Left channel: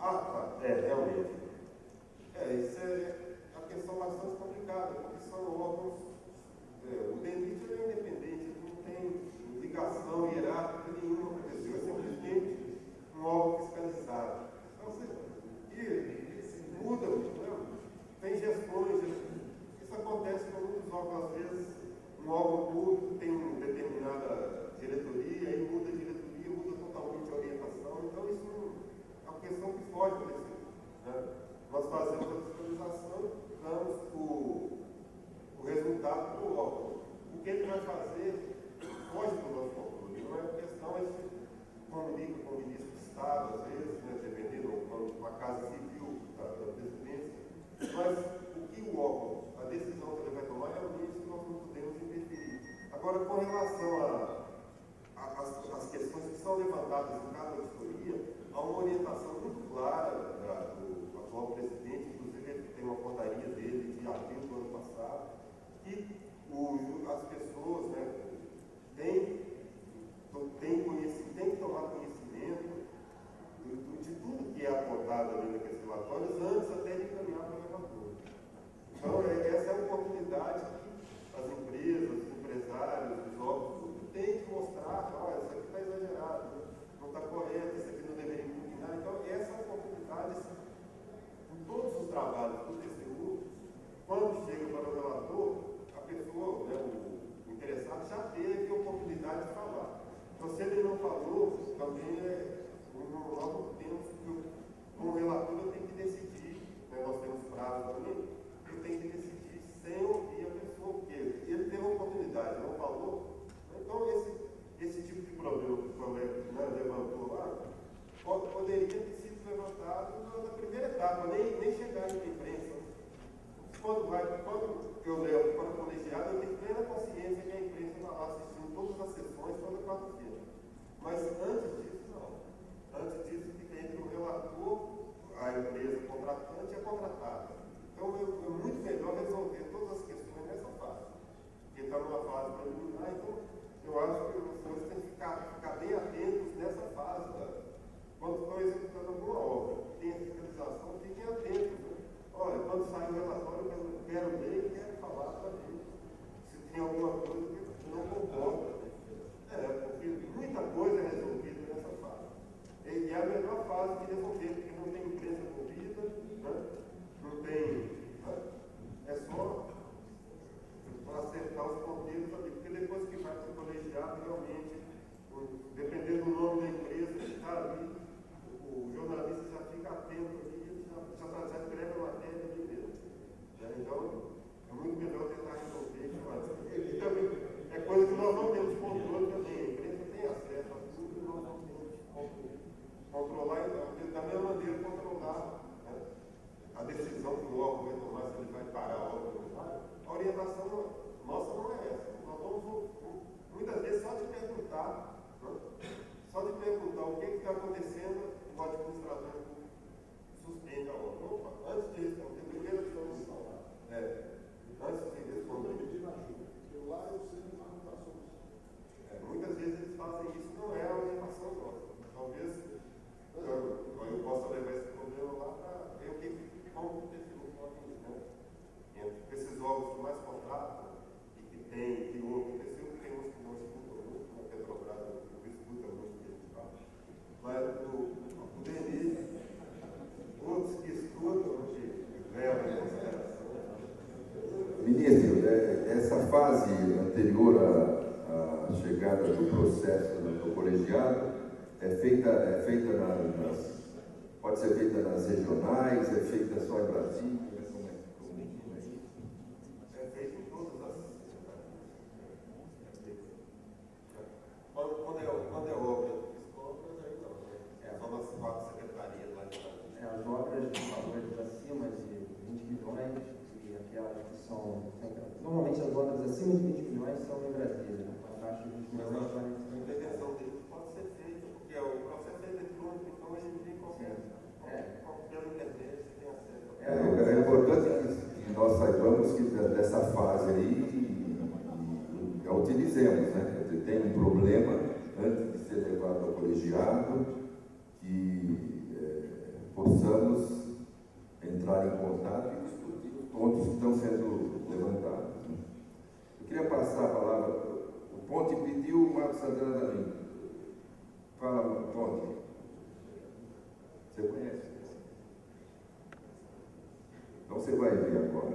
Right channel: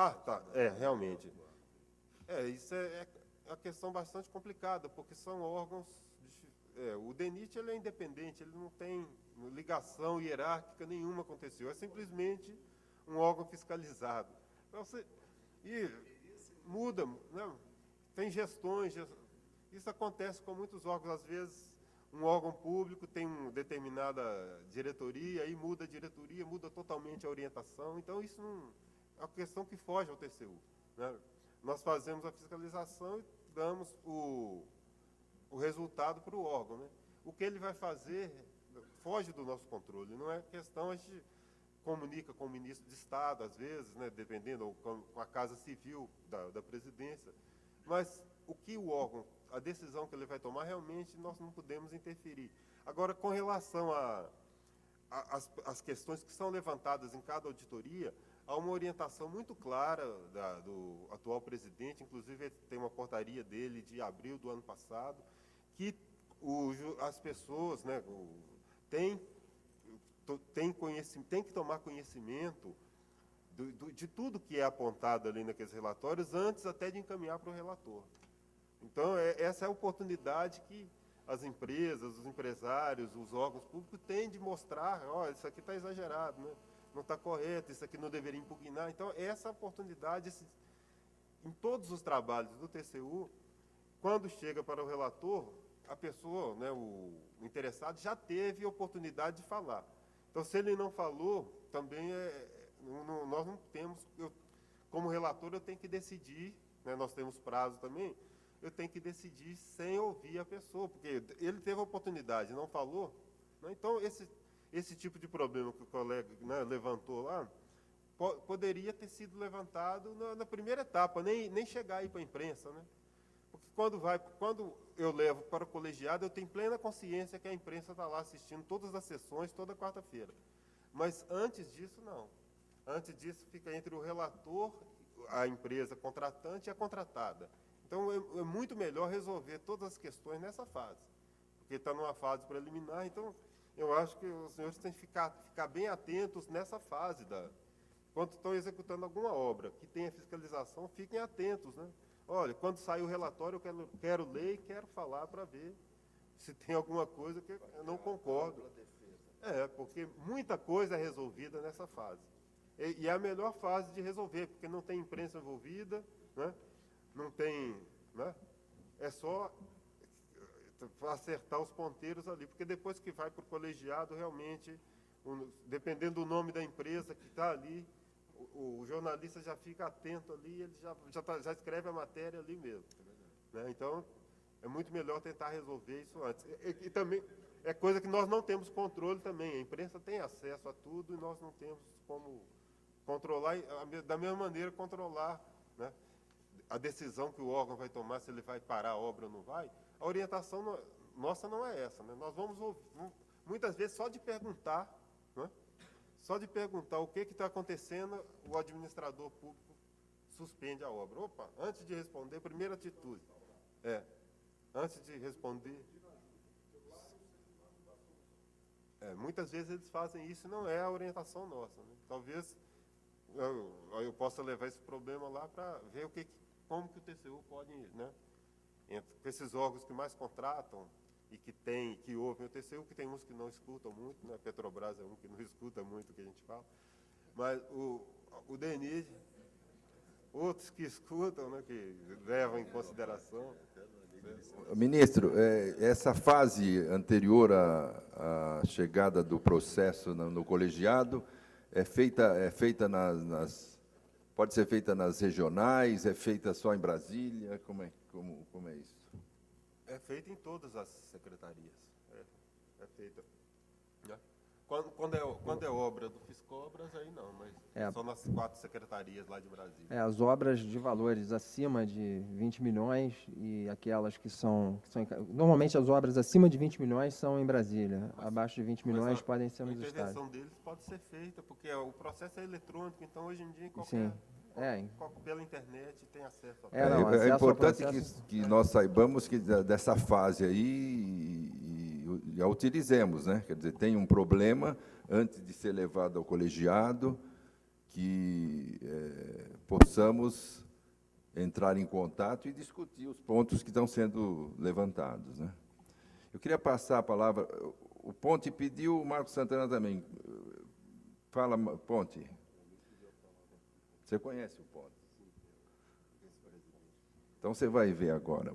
Ah, tá. Realmente. Isso é uma questão bastante complicada, porque são órgãos. O DENIT ele é independente, ele não tem ligação hierárquica nenhuma com o TCU, é simplesmente um órgão fiscalizado. Então, e muda, né? Tem gestões, isso acontece com muitos órgãos, às vezes um órgão público tem uma determinada diretoria, aí muda a diretoria, muda totalmente a orientação, então isso é uma questão que foge do TCU, né? Nós fazemos a fiscalização e damos o resultado para o órgão. O que ele vai fazer foge do nosso controle. Não é questão, a gente comunica com o ministro de Estado, às vezes, né, dependendo com a Casa Civil da Presidência, mas o que o órgão, a decisão que ele vai tomar, realmente nós não podemos interferir. Agora, com relação às questões que são levantadas em cada auditoria, há uma orientação muito clara do atual presidente, inclusive ele tem uma portaria dele de abril do ano passado, que as pessoas, né, têm que tomar conhecimento de tudo que é apontado ali naqueles relatórios antes até de encaminhar para o relator. Então, essa é a oportunidade que as empresas, os empresários, os órgãos públicos têm de mostrar, isso aqui está exagerado, não está correto, isso aqui não deveria impugnar. Então, essa oportunidade, em todos os trabalhos do TCU, quando chega para o relator, a pessoa, né, o interessado, já teve a oportunidade de falar. Então, se ele não falou, também nós não temos, como relator, eu tenho que decidir, né, nós temos prazo também, eu tenho que decidir sem ouvir a pessoa, porque ele teve a oportunidade, não falou. Então, esse tipo de problema que o colega, né, levantou lá, poderia ter sido levantado na primeira etapa, nem chegar aí para a imprensa. Né? Quando eu levo para o colegiado, eu tenho plena consciência que a imprensa está lá assistindo todas as sessões, toda quarta-feira. Mas antes disso, não. Antes disso, fica entre o relator, a empresa contratante e a contratada. Então, é muito melhor resolver todas as questões nessa fase. Porque está numa fase preliminar, então, eu acho que os senhores têm que ficar bem atentos nessa fase, quando estão executando alguma obra, que tem a fiscalização, fiquem atentos. Né? Olha, quando sair o relatório, eu quero ler e quero falar para ver se tem alguma coisa que eu não concordo. Porque muita coisa é resolvida nessa fase. E é a melhor fase de resolver, porque não tem imprensa envolvida, né? Não tem. Né? É só acertar os ponteiros ali, porque depois que vai para o colegiado, realmente, dependendo do nome da empresa que está ali, o jornalista já fica atento ali, ele já escreve a matéria ali mesmo. Né? Então, é muito melhor tentar resolver isso antes. E também é coisa que nós não temos controle também. A imprensa tem acesso a tudo e nós não temos como controlar, da mesma maneira, controlar, né, a decisão que o órgão vai tomar, se ele vai parar a obra ou não vai. A orientação nossa não é essa. Né? Nós vamos, muitas vezes, só de perguntar, né? Só de perguntar o que está acontecendo, o administrador suspende a obra. Opa, antes de responder, primeiro de tudo. Antes de responder. Muitas vezes eles fazem isso, não é a orientação nossa. Talvez eu possa levar esse problema lá para ver como o TCU pode, né? Entre esses órgãos que mais contratam e que ouvem o TCU, que tem uns que não escutam muito, a Petrobras não escuta muito o que a gente fala, mas o DENIT, outros que escutam, que levam em consideração. Ministro, essa fase anterior à chegada do processo no colegiado pode ser feita nas regionais, é feita só em Brasília? Como é isso? É feita em todas as secretarias. Quando é obra de obras, aí não. São nas 4 secretarias lá de Brasília. As obras de valores acima de 20 milhões e aquelas que são... Normalmente as obras acima de 20 milhões são em Brasília. Né? Abaixo de 20 milhões podem ser no Estado. A intervenção deles pode ser feita, porque o processo é eletrônico, então hoje em dia pela internet tem acesso. É importante que nós saibamos que dessa fase aí e a utilizemos, né? Quer dizer, tem um problema antes de ser levado ao colegiado que possamos entrar em contato e discutir os pontos que estão sendo levantados, né? Eu queria passar a palavra, o Ponte pediu, o Marcos Santana também. Fala, Ponte. Você conhece? Então você vai ver agora.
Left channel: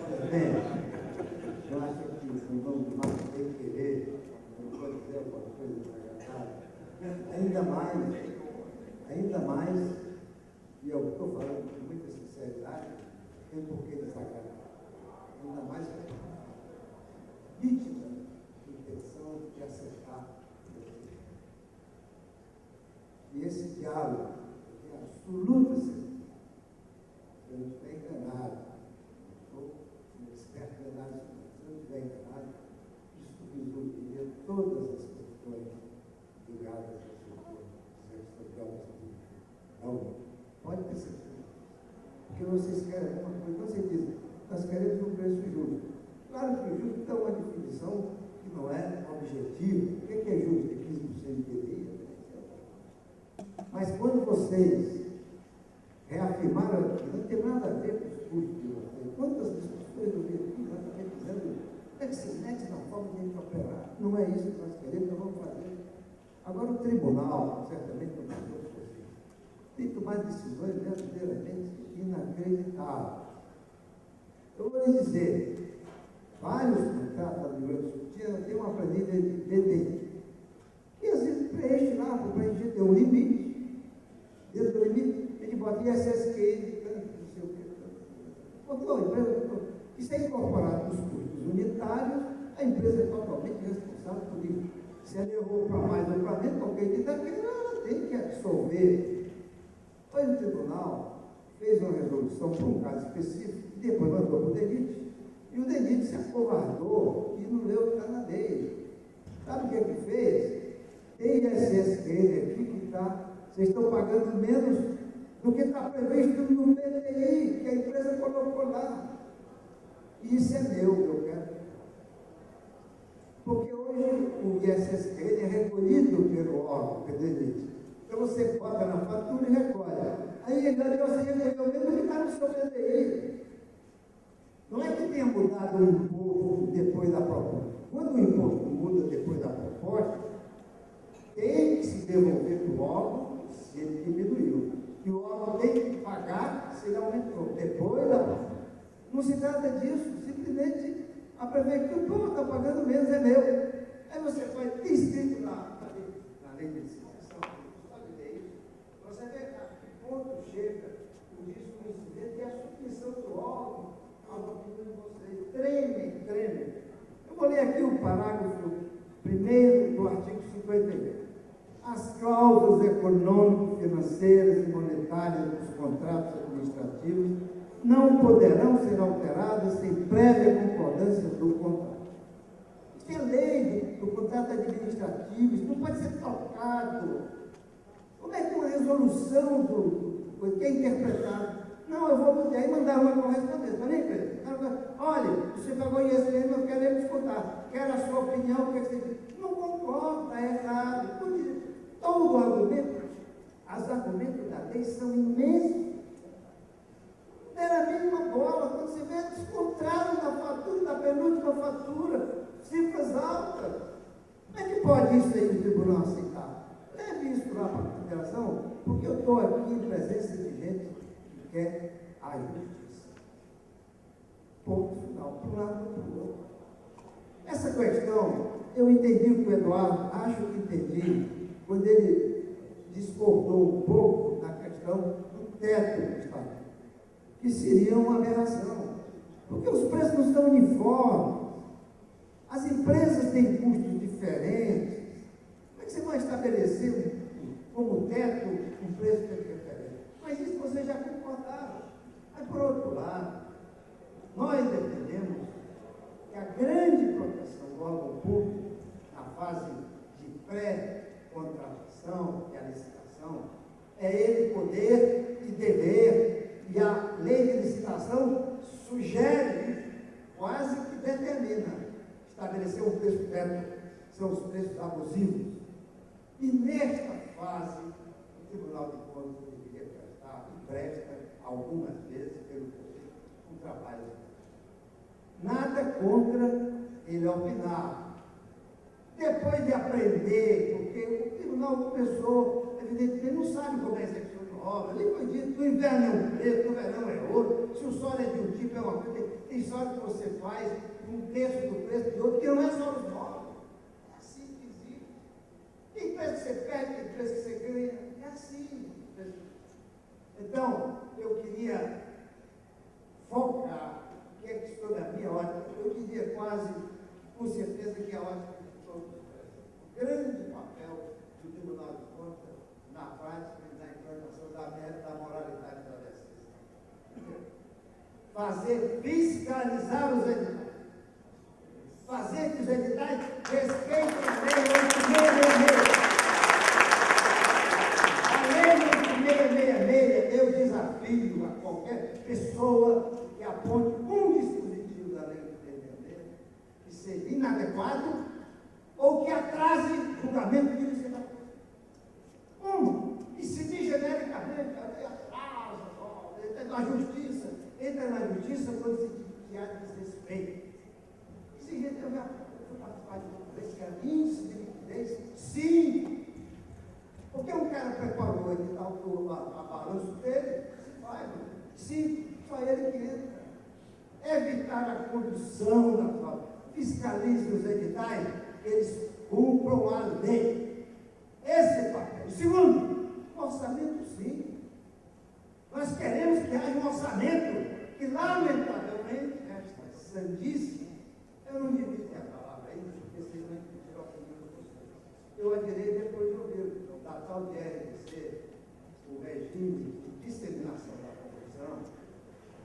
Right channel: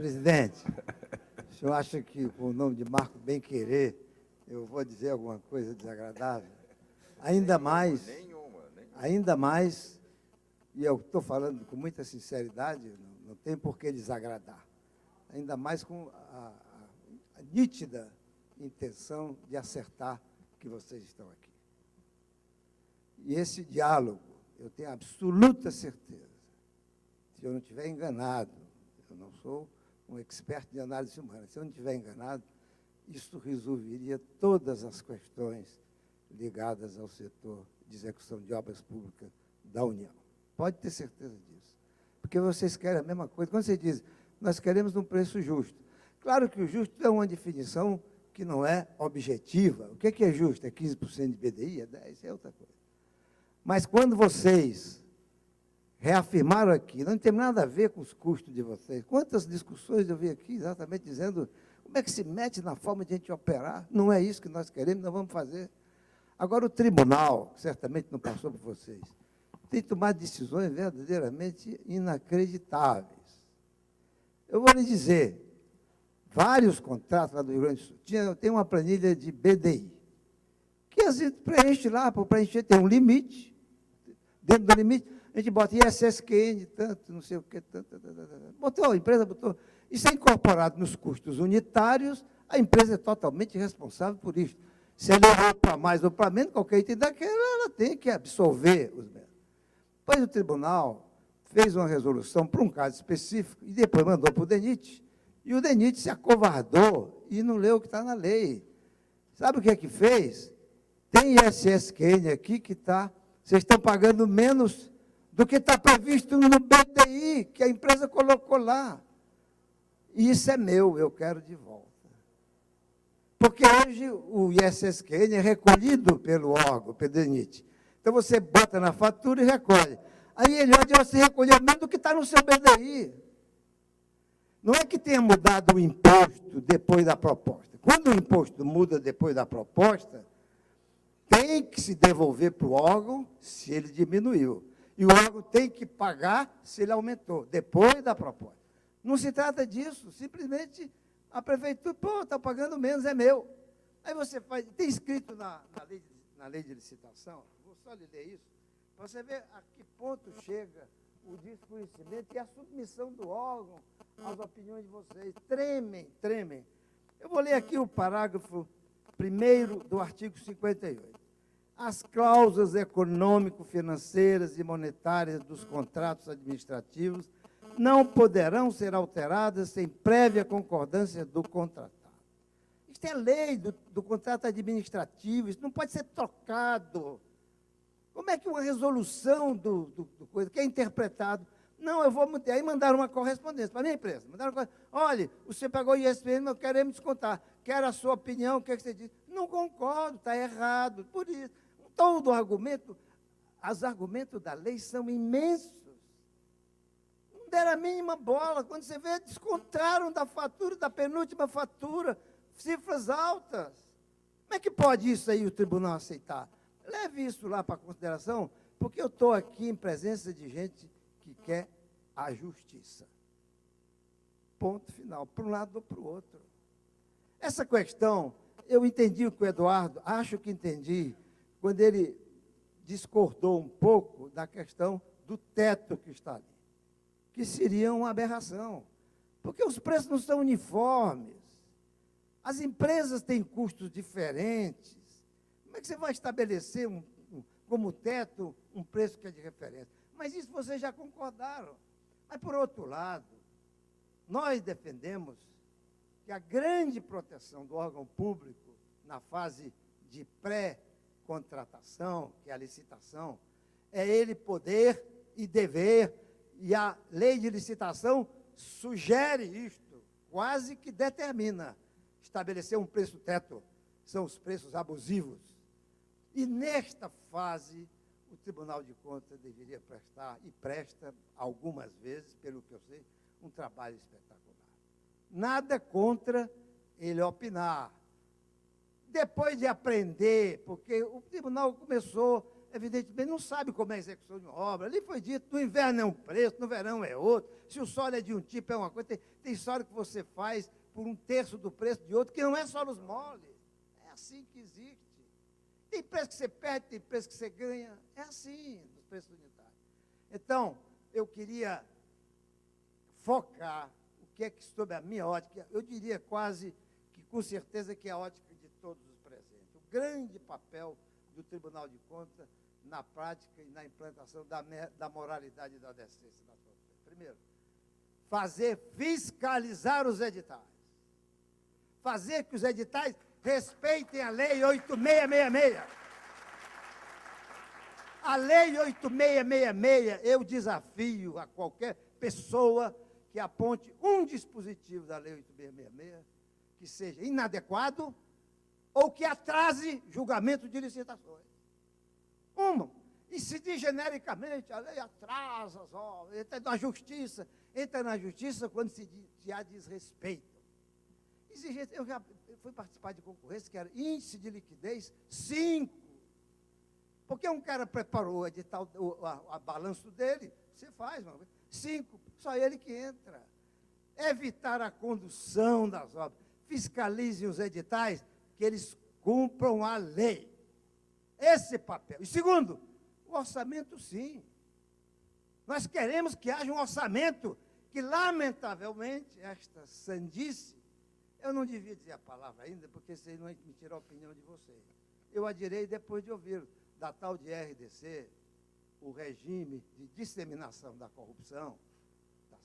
Presidente, o senhor acha que com o nome de Marco Bem Querer eu vou dizer alguma coisa desagradável? Ainda mais, e eu estou falando com muita sinceridade, não tem por que desagradar. Ainda mais com a nítida intenção de acertar que vocês estão aqui. E esse diálogo, eu tenho absoluta certeza, se eu não estiver enganado, eu não sou um expert de análise humana, se eu não estiver enganado, isso resolveria todas as questões ligadas ao setor de execução de obras públicas da União. Pode ter certeza disso. Porque vocês querem a mesma coisa. Quando você diz, nós queremos um preço justo. Claro que o justo é uma definição que não é objetiva. O que é justo? É 15% de PDI? É 10%? É outra coisa. Mas quando vocês reafirmaram aqui, não tem nada a ver com os custos de vocês. Quantas discussões eu vi aqui exatamente dizendo como é que se mete na forma de a gente operar? Não é isso que nós queremos, nós vamos fazer. Agora, o tribunal, certamente não passou por vocês, tem tomado decisões verdadeiramente inacreditáveis. Eu vou lhe dizer, vários contratos lá do Rio Grande do Sul, tem uma planilha de BDI, que a gente preenche lá, para preencher tem um limite, dentro do limite, a gente bota ISSQI de tanto, não sei o que, tanto, botou, a empresa botou. Isso é incorporado nos custos unitários, a empresa é totalmente responsável por isso. Se ela errou para mais ou para menos, qualquer item daquela, ela tem que absorver. Depois o tribunal fez uma resolução para um caso específico e depois mandou para o DENIT. E o DENIT se acovardou e não leu o que está na lei. Sabe o que é que fez? Tem ISSQN aqui que está, vocês estão pagando menos do que está previsto no PTI, que a empresa colocou lá. E isso é meu, eu quero de volta. Porque hoje o ISSQN é recolhido pelo órgão, pelo DENIT. Então você bota na fatura e recolhe. Aí ele olha, você recolheu menos do que está no seu PTI. Não é que tenha mudado o imposto depois da proposta. Quando o imposto muda depois da proposta, tem que se devolver para o órgão se ele diminuiu. E o órgão tem que pagar se ele aumentou, depois da proposta. Não se trata disso, simplesmente a prefeitura, pô, está pagando menos, é meu. Aí você pode ter escrito na lei de licitação, só de ler isso, você vê a que ponto chega o risco incidente e a submissão do órgão às opiniões de vocês. Treme. Eu vou ler aqui o parágrafo 1º do artigo 51. As cláusulas econômico-financeiras e monetárias dos contratos administrativos não poderão ser alteradas sem prévia concordância do contrato. Isso é lei do contrato administrativo, isso não pode ser trocado. Como é que uma resolução que é interpretada? Não, eu vou... Aí mandaram uma correspondência para a minha empresa. Olha, você pagou ISPM, não queremos descontar. Quero a sua opinião, o que você diz? Não concordo, está errado. Por isso, todo argumento, os argumentos da lei são imensos. Não deram a mínima bola. Quando você vê, descontaram da fatura, da penúltima fatura, cifras altas. Como é que pode isso aí o tribunal aceitar? Leve isso lá para consideração, porque eu estou aqui em presença de gente que quer a justiça. Ponto final, para um lado ou para o outro. Essa questão, eu entendi o que o Eduardo, acho que entendi, quando ele discordou um pouco da questão do teto do Estado, que seria uma aberração, porque os preços não são uniformes, as empresas têm custos diferentes. Como é que você vai estabelecer como teto um preço que é de referência? Mas isso vocês já concordaram. Mas, por outro lado, nós defendemos que a grande proteção do órgão público, na fase de pré-contratação, que é a licitação, é ele poder e dever, e a lei de licitação sugere, quase que determina, estabelecer um preço teto são os preços abusivos. E nesta fase, o Tribunal de Contas deveria prestar, e presta algumas vezes, pelo que eu sei, um trabalho exemplar. Nada contra ele opinar. Depois de aprender, porque o tribunal começou, evidentemente, não sabe como é a execução de obra. Ali foi dito, no inverno é um preço, no verão é outro. Se o solo é de um tipo, é uma coisa. Tem solo que você faz por um terço do preço de outro, que não é só os móveis. É assim que existe. Tem preço que você perde, tem preço que você ganha. É assim. Então, eu queria focar, que é que sobre a minha ótica, eu diria quase, com certeza, que é a ótica de todos os preços. O grande papel do Tribunal de Contas na prática e na implantação da moralidade e da decência. Fazer fiscalizar os editais. Fazer que os editais respeitem a Lei 8666. A Lei 8666, eu desafio a qualquer pessoa que aponte um dispositivo da Lei 8666 que seja inadequado ou que atrase julgamento de licitação. E se diz genericamente, a lei atrasa, entra na justiça quando se há desrespeito. Esse jeito eu já fui participar de um preço que era índice de liquidez 5. Porque um cara preparou o edital, a balanço dele, você faz, 5, só ele que entra. Evitar a condução das obras. Fiscalize os editais, que eles cumpram a lei. Esse papel. Segundo, orçamento sim. Nós queremos que haja um orçamento que, lamentavelmente, esta sandice, eu não devia dizer a palavra ainda, porque vocês vão impedir a opinião de vocês. Eu adirei depois de ouvir da tal de RDC, o regime de disseminação da confusão,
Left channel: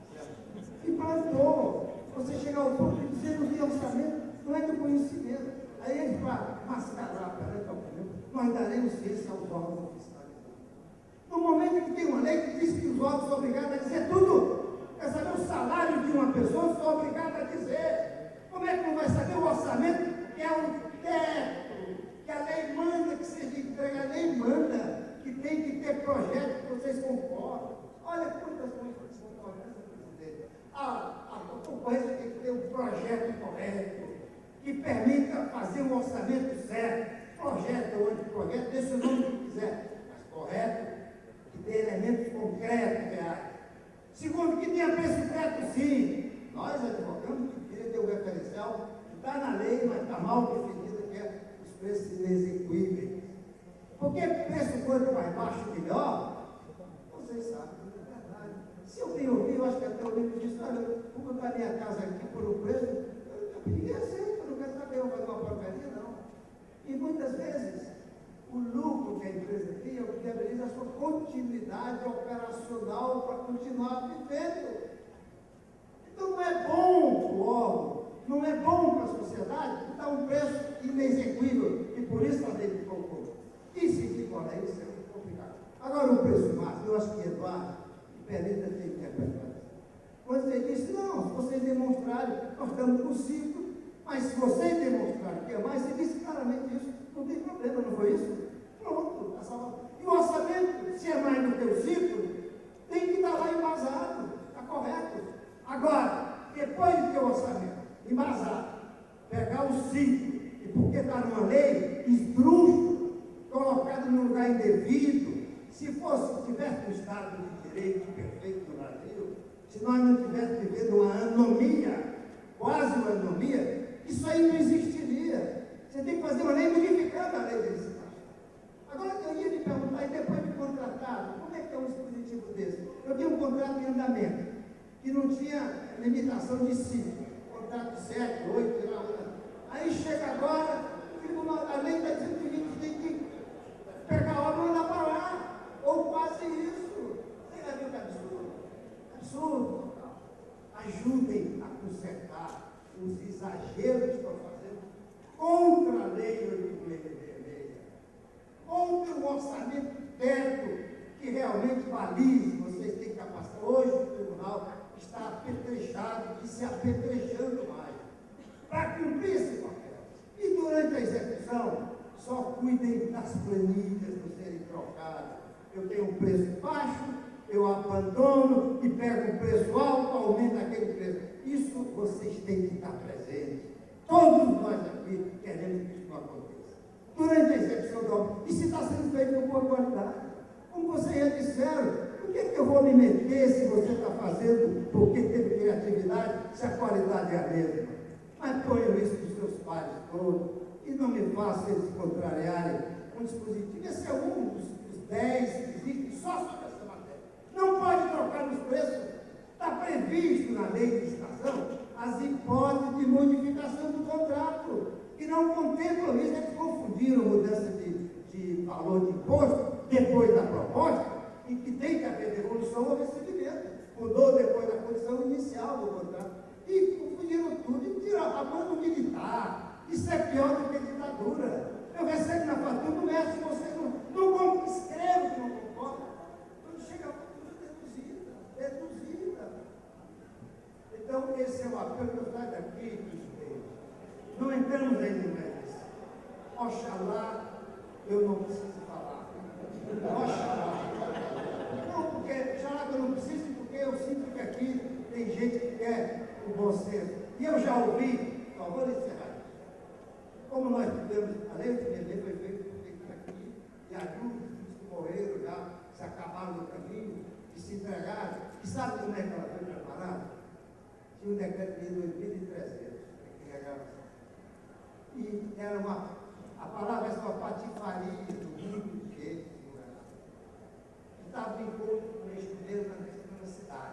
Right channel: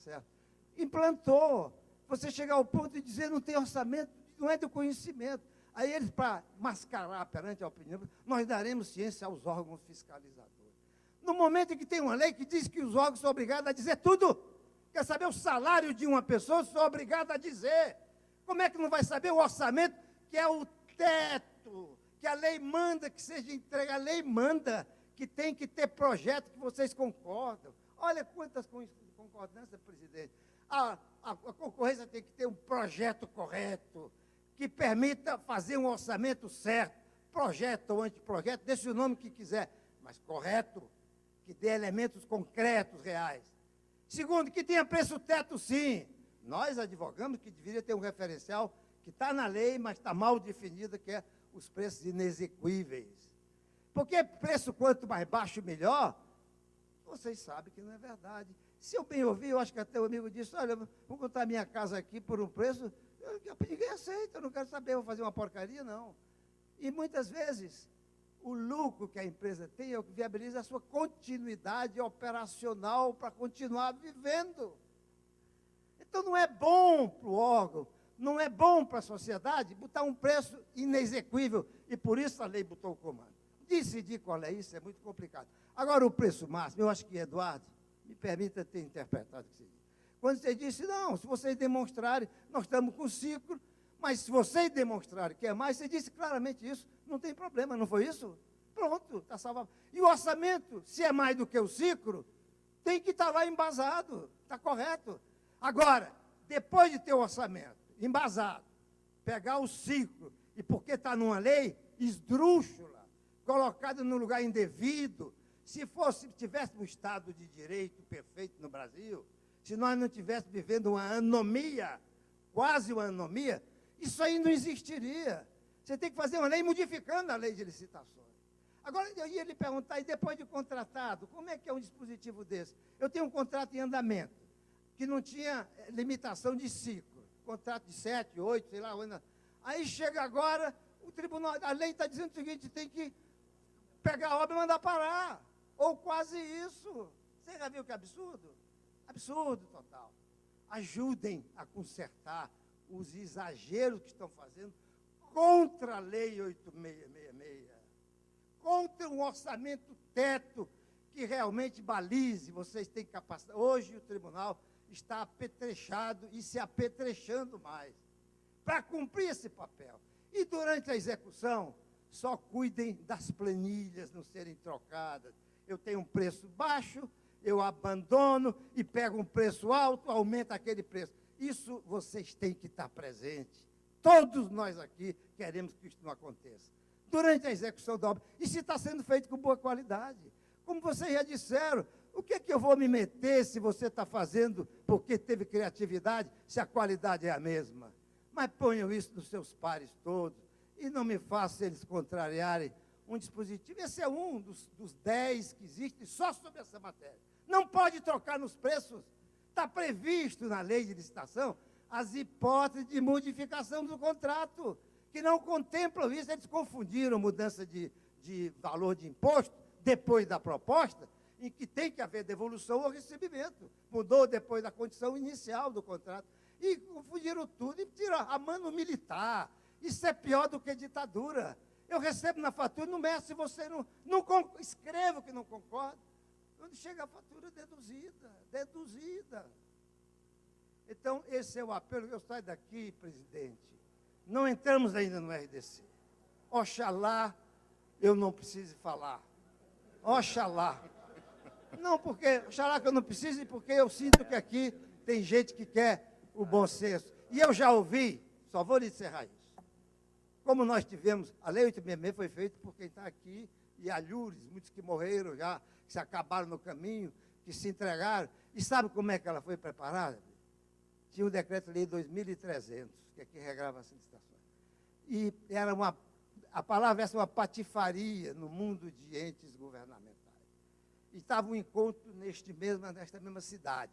certo? E plantou. Você chegar ao ponto de dizer não tem orçamento, não é do conhecimento. Aí eles, para mascarar perante a opinião, nós daremos ciência aos órgãos fiscalizadores. No momento em que tem uma lei que diz que os órgãos são obrigados a dizer tudo, quer saber o salário de uma pessoa, são obrigados a dizer. Como é que não vai saber o orçamento, que é um teto, que a lei manda que seja entregue, a lei manda que tem que ter projeto que vocês concordam. Olha quantas concordâncias, presidente. A concorrência tem que ter um projeto correto, que permita fazer um orçamento certo, projeto ou anteprojeto, deixa o nome que quiser, mas correto, que dê elementos concretos, reais. Segundo, que tenha preço teto sim. Nós advogamos que deveria ter um referencial que está na lei, mas está mal definido, que é os preços inexequíveis. Porque preço quanto mais baixo, melhor, vocês sabem que não é verdade. Se eu bem ouvi, eu acho que até o livro disse, olha, vou botar minha casa aqui por um preço, ninguém aceita, eu não quero saber, eu vou fazer uma porcaria, não. E muitas vezes, o lucro que a empresa tem é o que viabiliza a sua continuidade operacional para continuar vivendo. Então não é bom para o órgão, não é bom para a sociedade que dá um preço inexequível, e por isso a lei de concurso. Decidir qual é isso é muito complicado. Agora o preço máximo, eu acho que Eduardo, permita ter interpretado isso. Quando você disse, não, se vocês demonstrarem, nós estamos no ciclo, mas se vocês demonstrarem que é mais, você disse claramente isso, não tem problema, não foi isso? Pronto, está salvado. E o orçamento, se é mais do que o ciclo, tem que estar lá embasado, está correto. Agora, depois de ter o orçamento embasado, pegar o ciclo, e porque está numa lei, esdrúxulo, colocado no lugar indevido, se tivesse no Estado de Direito perfeito no Brasil, se nós não tivéssemos vivendo uma anomia, quase uma anomia, isso aí não existiria. Você tem que fazer uma lei modificando a lei de licitação. Agora, eu ia lhe perguntar, e depois de contratado, como é que é um dispositivo desse? Eu tenho um contrato em andamento, que não tinha limitação de ciclo, contrato de 7, 8, aí chega agora, o tribunal, a lei está dizendo que 20 tem que pegar a obra e mandar parar, ou quase isso. Você já viu que absurdo? Absurdo. Ajudem a consertar os exageros que estão fazendo contra a lei 8666, contra o orçamento teto que realmente balize. Vocês têm capacidade. Hoje o tribunal está apetrechado e se apetrechando mais para cumprir esse papel. E durante a execução só cuidem das planilhas não serem trocadas. Eu tenho um preço baixo, eu abandono e pego um preço alto, aumenta aquele preço. Isso vocês têm que estar presentes. Todos nós aqui queremos que isso não aconteça. Durante a execução da obra, e se está sendo feito com boa qualidade. Como vocês já disseram, por que eu vou me meter se você está fazendo porque teve criatividade, se a qualidade é a mesma? Mas ponham isso nos seus pares todos e não me façam eles contrariarem um dispositivo. Esse é um dos 10 que existe só sobre essa matéria. Não pode trocar os preços. Está previsto na lei de licitação as hipóteses de modificação do contrato, que não contemplam isso. Eles confundiram mudança de valor de imposto depois da proposta, em que tem que haver devolução ou recebimento. Mudou depois da condição inicial do contrato. E confundiram tudo e tiraram a mando militar. Isso é pior do que ditadura. Eu recebo na fatura do mestre, você não escreve que não concorda. Quando chega a fatura deduzida. Então, esse é o apelo que eu saio daqui, presidente. Não entramos ainda no RDC. Oxalá eu não preciso falar. Oxalá. Não, porque, oxalá que eu não preciso, porque eu sinto que aqui tem gente que quer o bom senso. E eu já ouvi, só vou lhe encerrar isso. Como nós tivemos, a lei do bebê foi feita por quem está aqui, e a Júlia, muitos que morreram já, que se acabaram no caminho, que se entregaram. E sabe como é que ela foi preparada? Tinha o decreto-lei 2300, que regrava assim. E era a palavra é uma patifaria do mundo de entes governados. Estava em encontro nesta mesma cidade,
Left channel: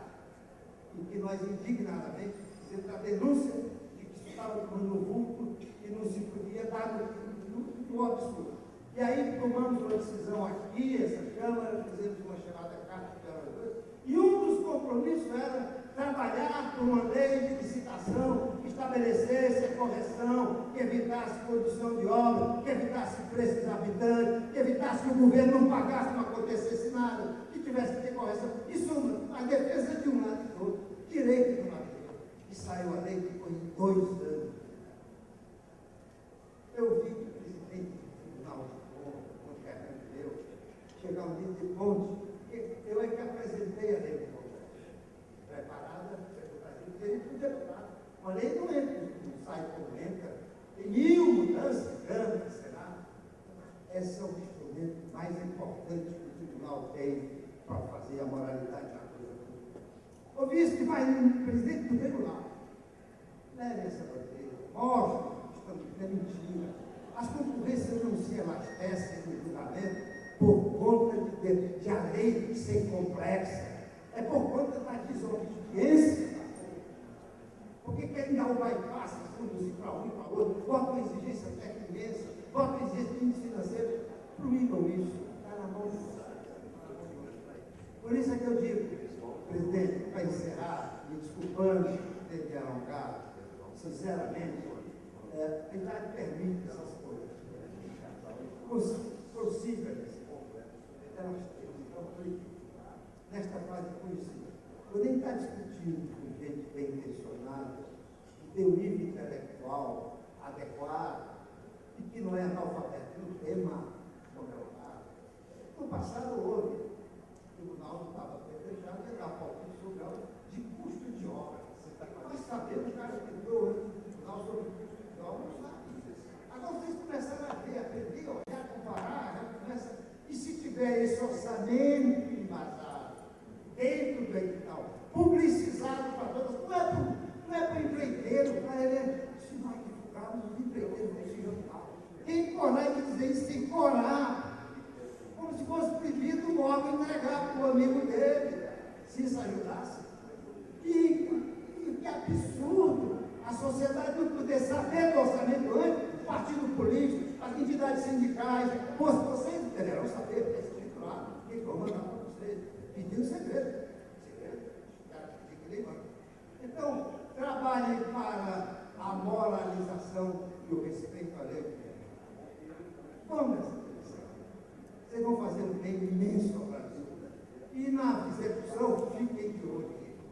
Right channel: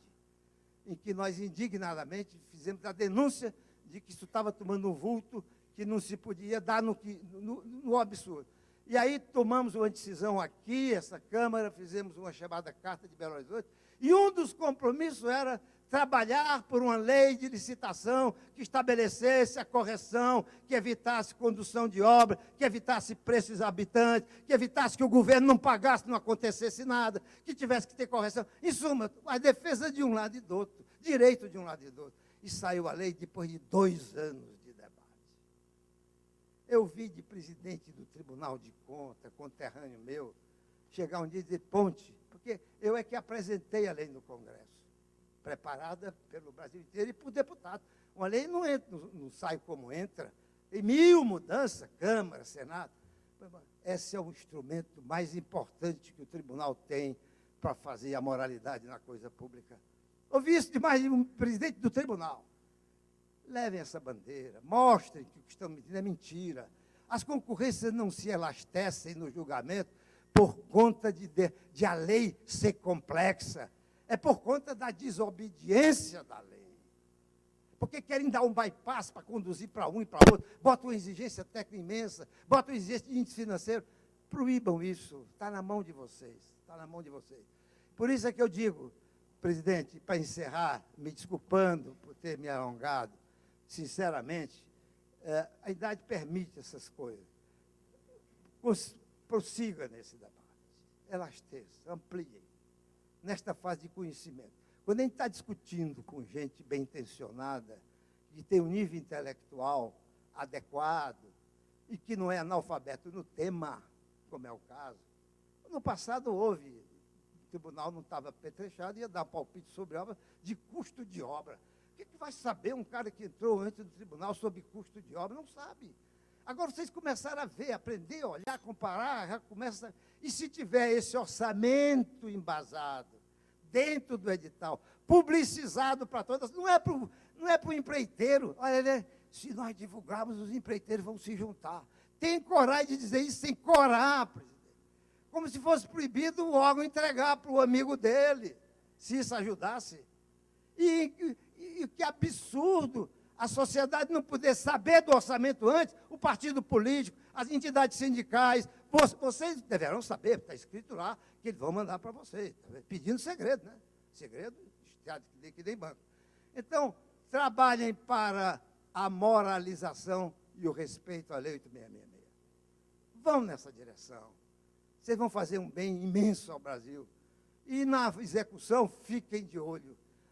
em que nós indignadamente fizemos a denúncia de que isso estava tomando um vulto que não se podia dar no absurdo. E aí tomamos uma decisão aqui, essa Câmara, fizemos uma chamada Carta de Belo Horizonte, e um dos compromissos era trabalhar por uma lei de licitação que estabelecesse a correção, que evitasse condução de obra, que evitasse preços exorbitantes, que evitasse que o governo não pagasse, não acontecesse nada, que tivesse que ter correção. Em suma, a defesa de um lado e do outro, direito de um lado e do outro. E saiu a lei depois de 2 anos. Eu vi que o presidente do Tribunal de Contas, conterrâneo meu, chegar um dia e dizer, Ponte, porque eu é que apresentei a lei no Congresso, preparada pelo Brasil inteiro e para o deputado. Uma lei não entra, não sai como entra, tem 1000 mudanças, Câmara, Senado. Esse é o instrumento mais importante que o tribunal tem para fazer a moralidade da coisa pública. Ouvi isso de mais um presidente do tribunal. Levem essa bandeira, mostrem que estamos dizendo, é mentira. As concorrências não se elastecem no julgamento por conta de a lei ser complexa. É por conta da desobediência da lei. Porque querem dar um bypass para conduzir para um e para outro, botam uma exigência técnica imensa, botam uma exigência de índice financeiro. Proíbam isso. Está na mão de vocês. Está na mão de vocês. Por isso é que eu digo, presidente, para encerrar, me desculpando por ter me alongado, sinceramente, a idade permite essas coisas. Possível nesse Congresso. Elastece, amplie. Nesta fase de conhecimento. Quando a gente está discutindo com gente bem intencionada, que tem um nível intelectual adequado e que não é analfabeto no tema, como é o caso, no passado houve. O tribunal não estava petrechado, ia dar palpite sobre obra de custo de obra. O que vai saber um cara que entrou antes do tribunal sobre custo de obra? Não sabe. Agora vocês começaram a ver, aprender, olhar, comparar, já começa. E se tiver esse orçamento embasado, dentro do edital, publicizado para todas, não é para o empreiteiro, se nós divulgarmos, os empreiteiros vão se juntar. Tem coragem de dizer isso sem corar, como se fosse proibido o órgão entregar para o amigo dele, se isso ajudasse. E que absurdo a sociedade não poder saber do orçamento antes, o partido político, as entidades sindicais, vocês deverão saber, porque está escrito lá, que eles vão mandar para vocês, pedindo segredo, tem que nem banco. Então, trabalhem para a moralização e o respeito à lei. Vão nessa direção. Vocês vão fazer um bem imenso ao Brasil. E na execução, fiquem de olho,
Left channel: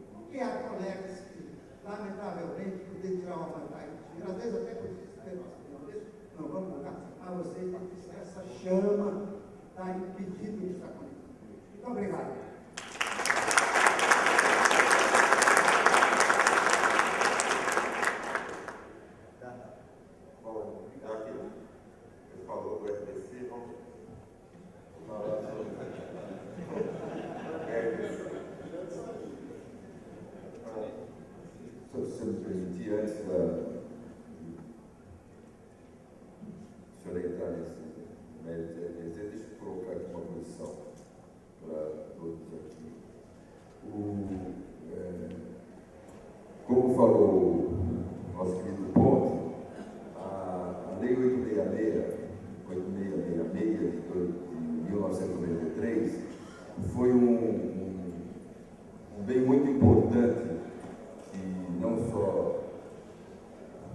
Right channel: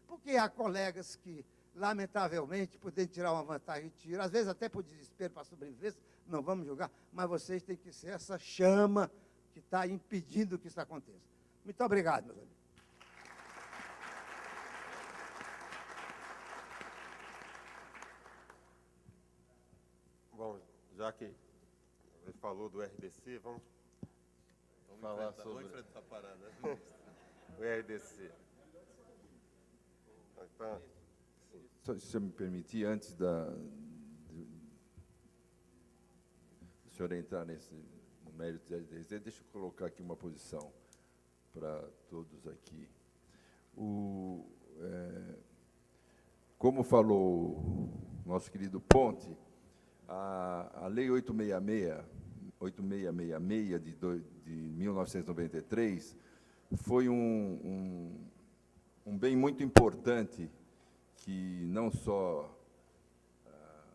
porque há colegas que, lamentavelmente, podem tirar uma vantagem, às vezes até por desespero, não vamos julgar, mas vocês têm que ser essa chama que está impedindo que isso aconteça. Muito obrigado. Bom, já que ele falou do RDC, vamos falar dos dois, né? Só se você me permitir, antes da senhor entrar nesse mérito, deixa eu colocar aqui uma condição para todos aqui. Como falou o nosso querido Ponte, a Lei 8666 de 1993 foi um bem muito importante que não só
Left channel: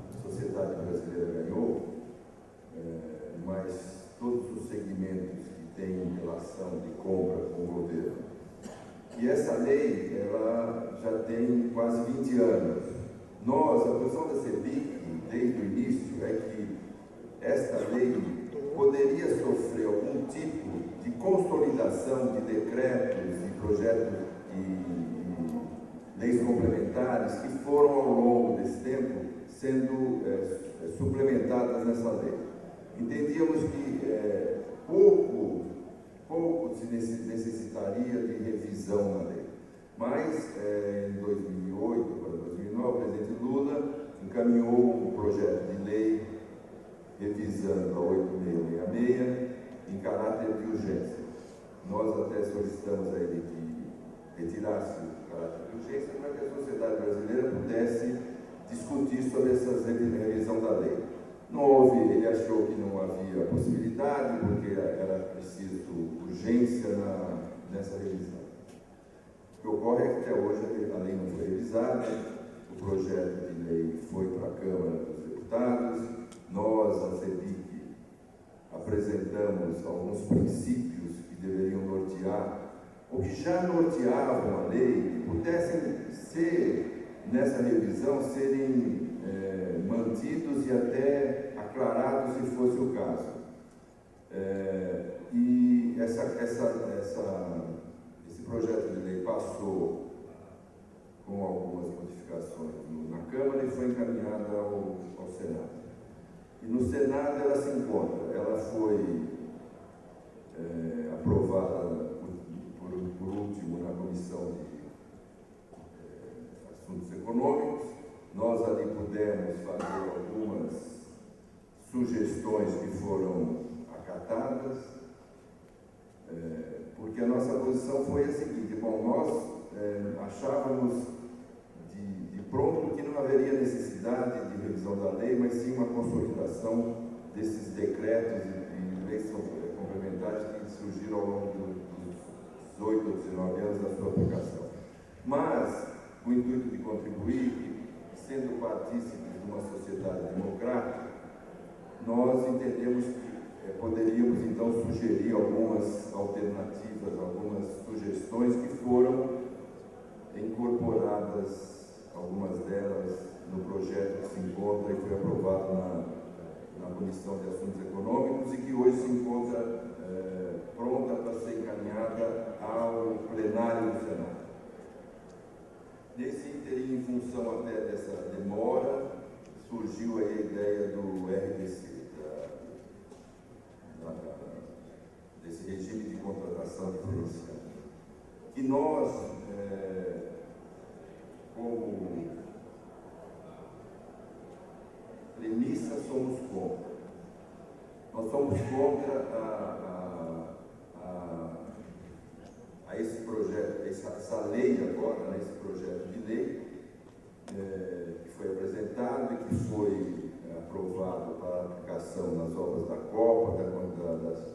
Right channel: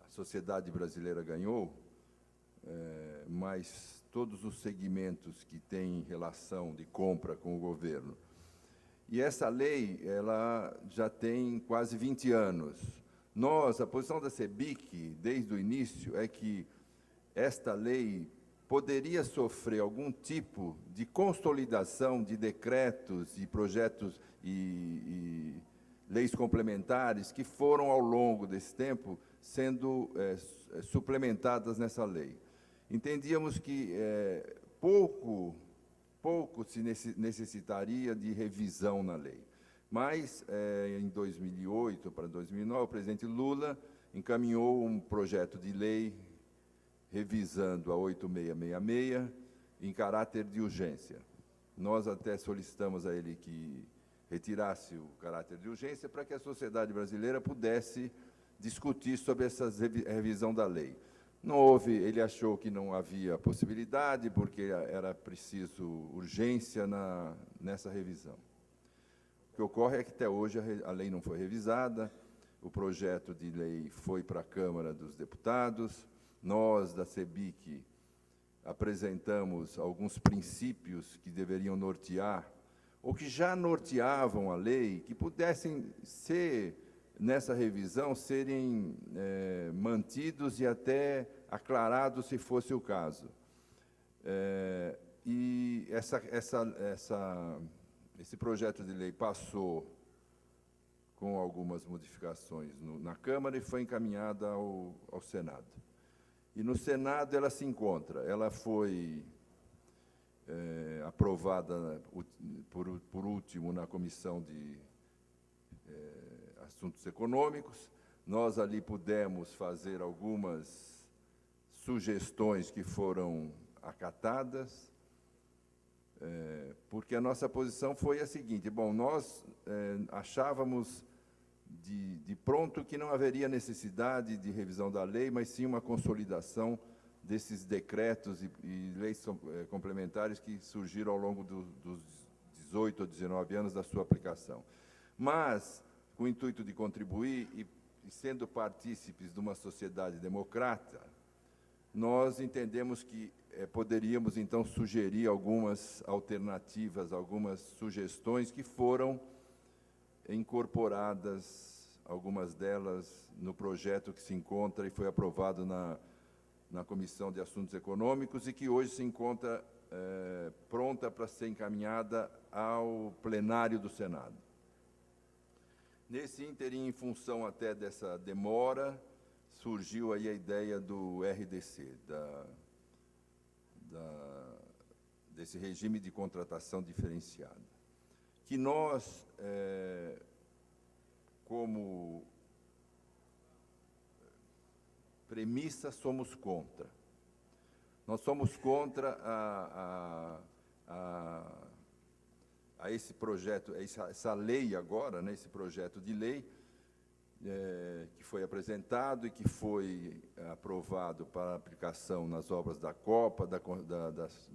a sociedade brasileira ganhou, mas todos os segmentos que têm relação de compra com o governo. E essa lei, ela já tem quase 20 anos. Nós, a posição da CEBIC, desde o início, é que esta lei poderia sofrer algum tipo de consolidação de decretos e projetos e leis complementares que foram, ao longo desse tempo, sendo suplementadas nessa lei. Entendíamos que pouco se necessitaria de revisão na lei. Mas, em 2008 para 2009, o presidente Lula encaminhou um projeto de lei revisando a 8666 em caráter de urgência. Nós até solicitamos a ele que retirasse o caráter de urgência para que a sociedade brasileira pudesse discutir sobre essa revisão da lei. Não houve, ele achou que não havia possibilidade, porque era preciso urgência nessa revisão. O que ocorre é que até hoje a lei não foi revisada, o projeto de lei foi para a Câmara dos Deputados, nós, da CEBIC, apresentamos alguns princípios que deveriam nortear, ou que já norteavam a lei, que pudessem ser, nessa revisão, serem mantidos e até aclarados se fosse o caso. E esse projeto de lei passou com algumas modificações na Câmara e foi encaminhada ao Senado. E no Senado ela se encontra, ela foi aprovada por último na Comissão de Assuntos Econômicos. Nós ali pudemos fazer algumas sugestões que foram acatadas, porque a nossa posição foi a seguinte: bom, nós achávamos de pronto que não haveria necessidade de revisão da lei, mas sim uma consolidação desses decretos e leis complementares que surgiram ao longo dos 18 ou 19 anos da sua aplicação. Mas o intuito de contribuir, sendo partícipes de uma sociedade democrática, nós entendemos que poderíamos então sugerir algumas alternativas, algumas sugestões que foram incorporadas, algumas delas no projeto que se encontra e foi aprovado na Comissão de Assuntos Econômicos e que hoje se encontra pronta para ser encaminhada ao plenário do Senado. Nesse interim, em função até dessa demora, surgiu aí a ideia do RDC, desse regime de contratação diferenciada, que nós, como premissa, somos contra. Nós somos contra a esse projeto, essa lei agora, né, esse projeto de lei que foi apresentado e que foi aprovado para aplicação nas obras da Copa, da Copa das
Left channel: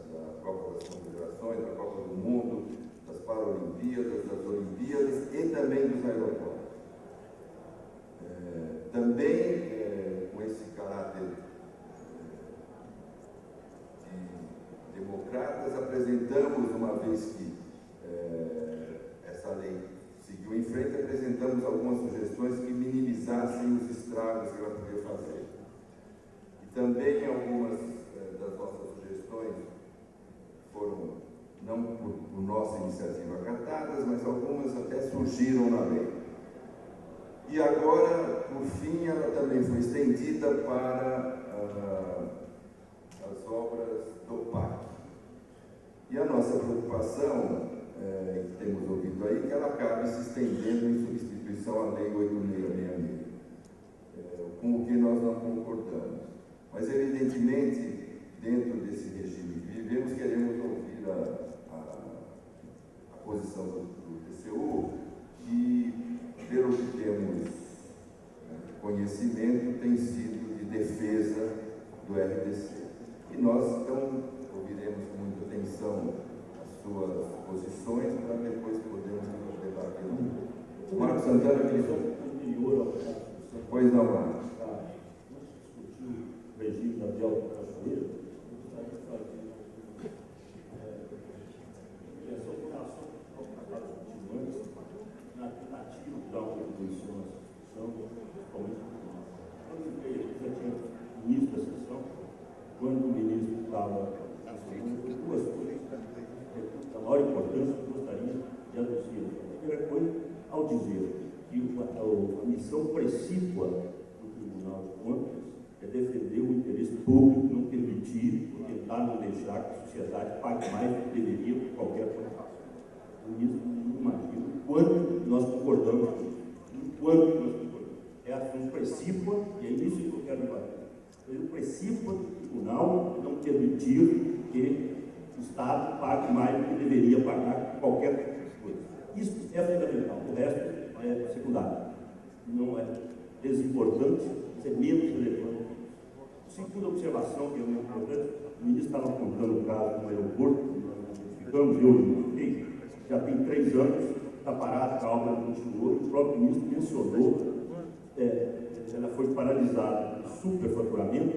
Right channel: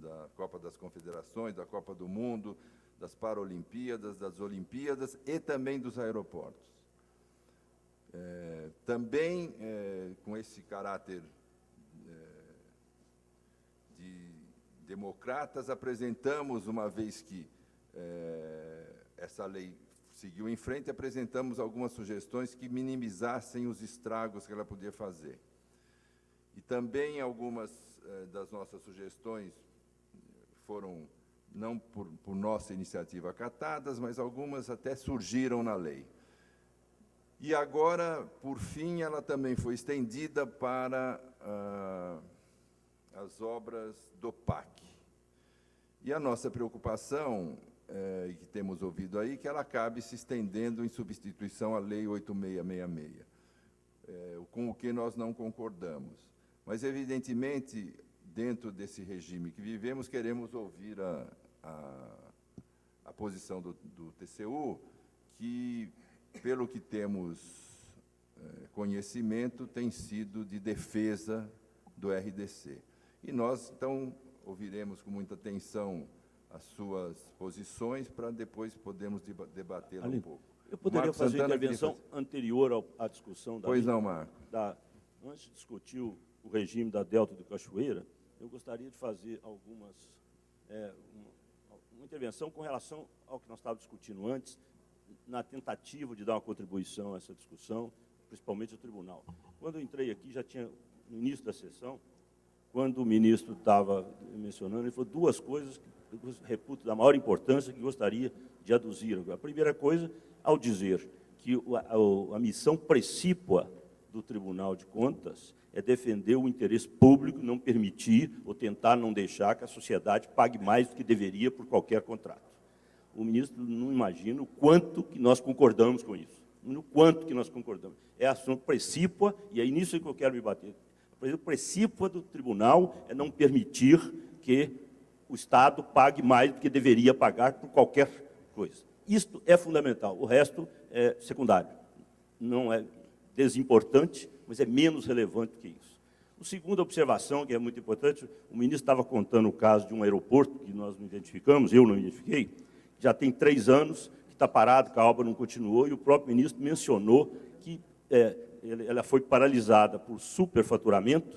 Confederações, da Copa do Mundo, das Paralimpíadas, das Olimpíadas e também dos aeroportos. Também com esse caráter de democratas, apresentamos, uma vez que essa lei seguiu em frente, apresentamos algumas sugestões que minimizassem os estragos que ela podia fazer. E Também algumas das nossas sugestões foram, não por nossa iniciativa, acatadas, mas algumas até surgiram na lei. E agora, por fim, ela também foi estendida para as obras do PAC. E a nossa preocupação, e temos ouvido aí, que ela acabe se estendendo em substituição à Lei 8666, com o que nós não concordamos. Mas, evidentemente, dentro desse regime que vivemos, queremos ouvir a posição do TCU, que, pelo que temos conhecimento, tem sido de defesa do RDC. E nós, então, ouviremos com muita atenção as suas posições para depois podermos debater. Eu poderia fazer uma intervenção anterior à discussão Pois não, antes de discutir o regime da Delta do Cachoeira, eu gostaria de fazer algumas intervenção com relação ao que nós estávamos discutindo antes, na tentativa de dar uma contribuição a essa discussão, principalmente no tribunal. Quando eu entrei aqui, já tinha o ministro da sessão, quando o ministro estava mencionando, ele falou duas coisas que eu reputo da maior importância que eu gostaria de aduzir. A primeira coisa, ao dizer que a missão precípua do Tribunal de Contas é defender o interesse público, não permitir ou tentar não deixar que a sociedade pague mais do que deveria por qualquer contrato. O ministro não imagina o quanto que nós concordamos com isso, no quanto que nós concordamos. É assunto precípua, e é nisso que eu quero me bater. O precípua do tribunal é não permitir que o Estado pague mais do que deveria pagar por qualquer coisa. Isso é fundamental, o resto é secundário. Não é desimportante, mas é menos relevante que isso. A segunda observação, que é muito importante, o ministro estava contando o caso de um aeroporto que nós identificamos, eu não identifiquei, já tem 3 anos que está parado, que a obra não continuou, e o próprio ministro mencionou que ela foi paralisada por superfaturamento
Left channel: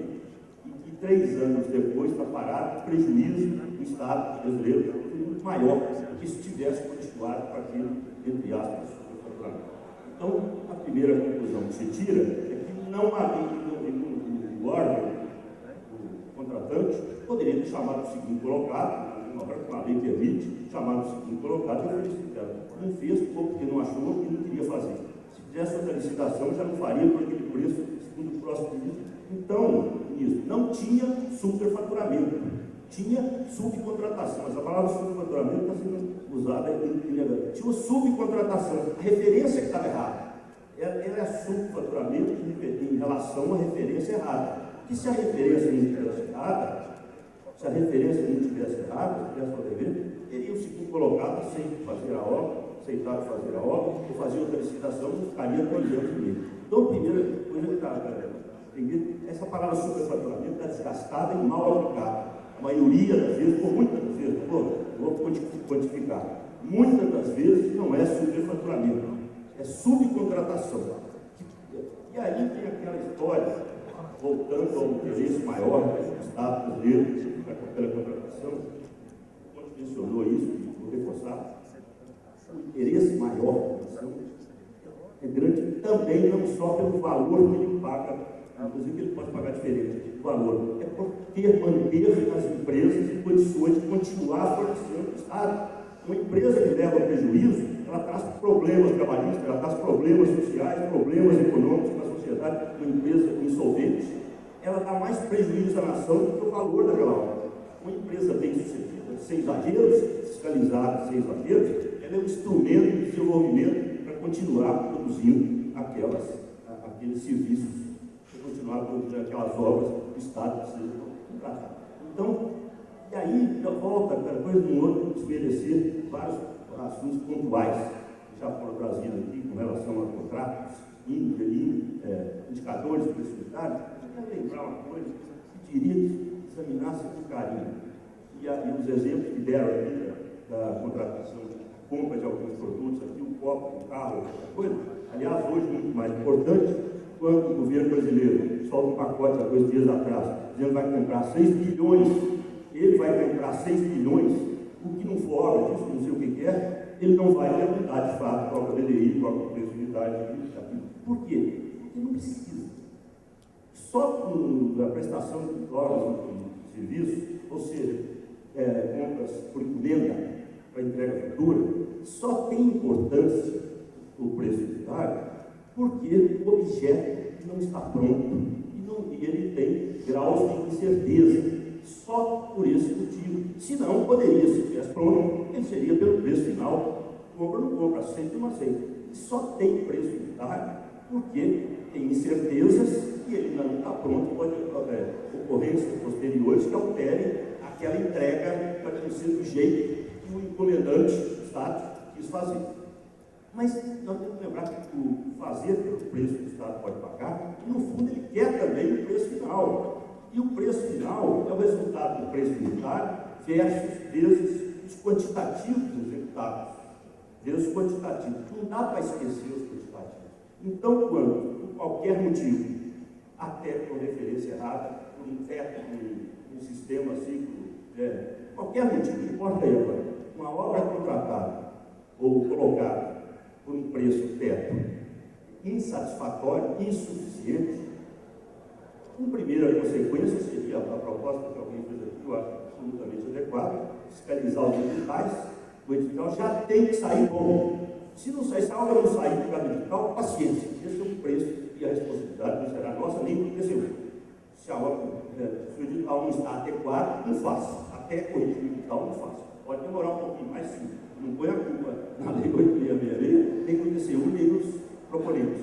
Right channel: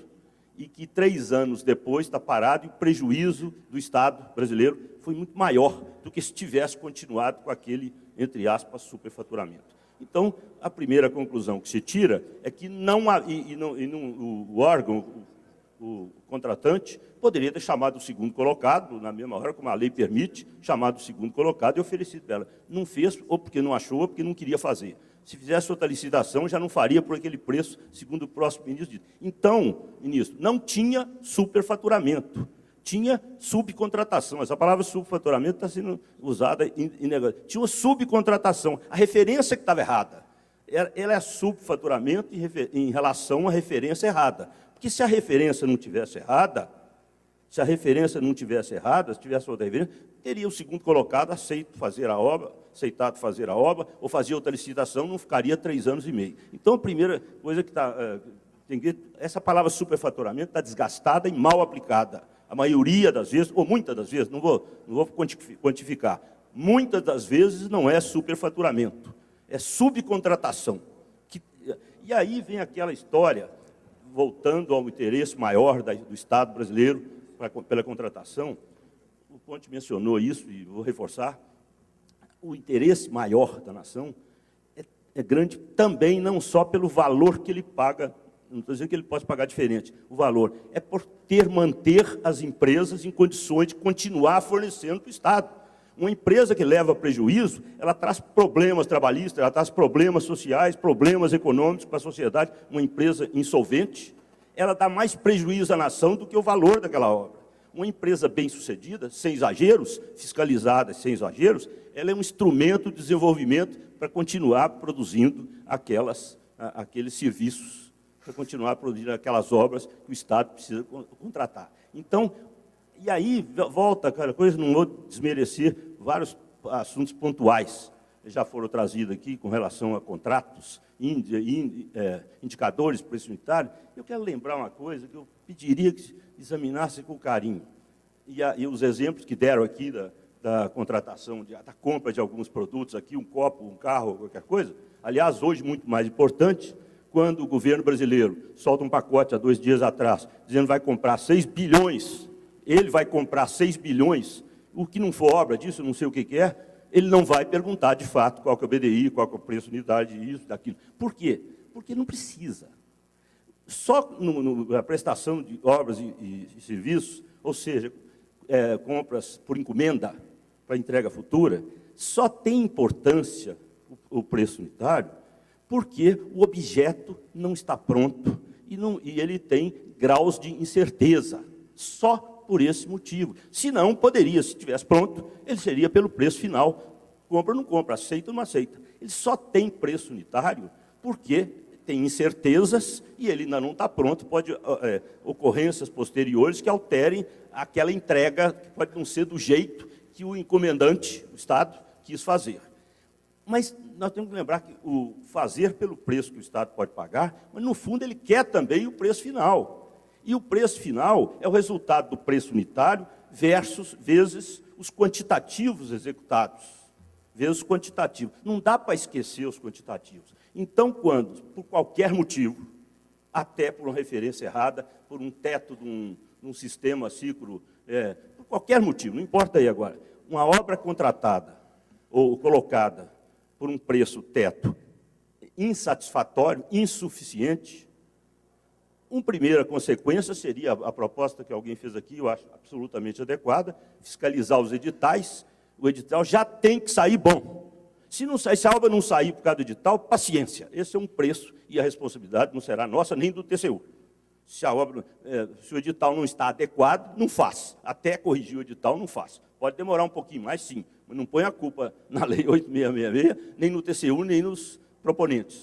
e que 3 anos depois está parado e o prejuízo do Estado brasileiro foi muito maior do que se tivesse continuado com aquele, entre aspas, superfaturamento. Então, a primeira conclusão que se tira é que o órgão, o contratante, poderia ter chamado o segundo colocado, na mesma hora, como a lei permite, chamado o segundo colocado e oferecido dela. Não fez, ou porque não achou, ou porque não queria fazer. Se fizesse outra licitação, já não faria por aquele preço, segundo o próximo ministro. Então, ministro, não tinha superfaturamento, tinha subcontratação. Essa palavra subfaturamento está sendo usada em negócio. Tinha uma subcontratação. A referência que estava errada. Ela é subfaturamento em relação à referência errada. Que se a referência não tivesse errada, se tivesse outra referência, teria o segundo colocado aceitado fazer a obra, ou fazia outra licitação, não ficaria 3 anos e meio. Então, a primeira coisa que essa palavra superfaturamento está desgastada e mal aplicada. A maioria das vezes, ou muitas das vezes, não vou quantificar, muitas das vezes não é superfaturamento, é subcontratação. E aí vem aquela história, voltando ao interesse maior do Estado brasileiro pela contratação, o Conte mencionou isso, e vou reforçar, o interesse maior da nação é grande também, não só pelo valor que ele paga, não estou dizendo que ele pode pagar diferente, o valor é por manter as empresas em condições de continuar fornecendo para o Estado. Uma empresa que leva prejuízo, ela traz problemas trabalhistas, ela traz problemas sociais, problemas econômicos para a sociedade. Uma empresa insolvente, ela dá mais prejuízo à nação do que o valor daquela obra. Uma empresa bem-sucedida, sem exageros, fiscalizada sem exageros, ela é um instrumento de desenvolvimento para continuar produzindo aqueles serviços, para continuar produzindo aquelas obras que o Estado precisa contratar. Então, e aí volta aquela coisa, não vou desmerecer vários assuntos pontuais que já foram trazidos aqui com relação a contratos, indicadores para preço unitário. Eu quero lembrar uma coisa que eu pediria que examinasse com carinho. E os exemplos que deram aqui da contratação, da compra de alguns produtos aqui, um copo, um carro, qualquer coisa. Aliás, hoje, muito mais importante, quando o governo brasileiro solta um pacote há 2 dias atrás, dizendo que vai comprar 6 bilhões, ele vai comprar 6 bilhões, o que não for obra disso, não sei o que é, ele não vai perguntar de fato qual que é o BDI, qual que é o preço de unidade, isso, daquilo. Por quê? Porque não precisa. Só a prestação de obras e serviços, ou seja, compras por encomenda para entrega futura, só tem importância o preço unitário porque o objeto não está pronto e ele tem graus de incerteza, só por esse motivo. Se não, poderia, se estivesse pronto, ele seria pelo preço final, compra ou não compra, aceita ou não aceita. Ele só tem preço unitário porque tem incertezas e ele ainda não está pronto, pode ocorrências posteriores que alterem aquela entrega, pode não ser do jeito que o encomendante, o Estado, quis fazer. Mas nós temos que lembrar que o fazer pelo preço que o Estado pode pagar, mas no fundo ele quer também o preço final. E o preço final é o resultado do preço unitário vezes os quantitativos executados, vezes os quantitativos. Não dá para esquecer os quantitativos. Então, quando, por qualquer motivo, até por uma referência errada, por um teto, um sistema ciclo, por qualquer motivo, não importa aí agora, uma obra contratada ou colocada por um preço teto insatisfatório, insuficiente, uma primeira consequência seria a proposta que alguém fez aqui, eu acho absolutamente adequada, fiscalizar os editais. O edital já tem que sair bom. Se a obra não sair por causa do edital, paciência, esse é um preço e a responsabilidade não será nossa nem do TCU. Se o edital não está adequado, não faça. Até corrigir o edital, não faça. Pode demorar um pouquinho mais, sim. Não põe a culpa na Lei 8666, nem no TCU, nem nos proponentes.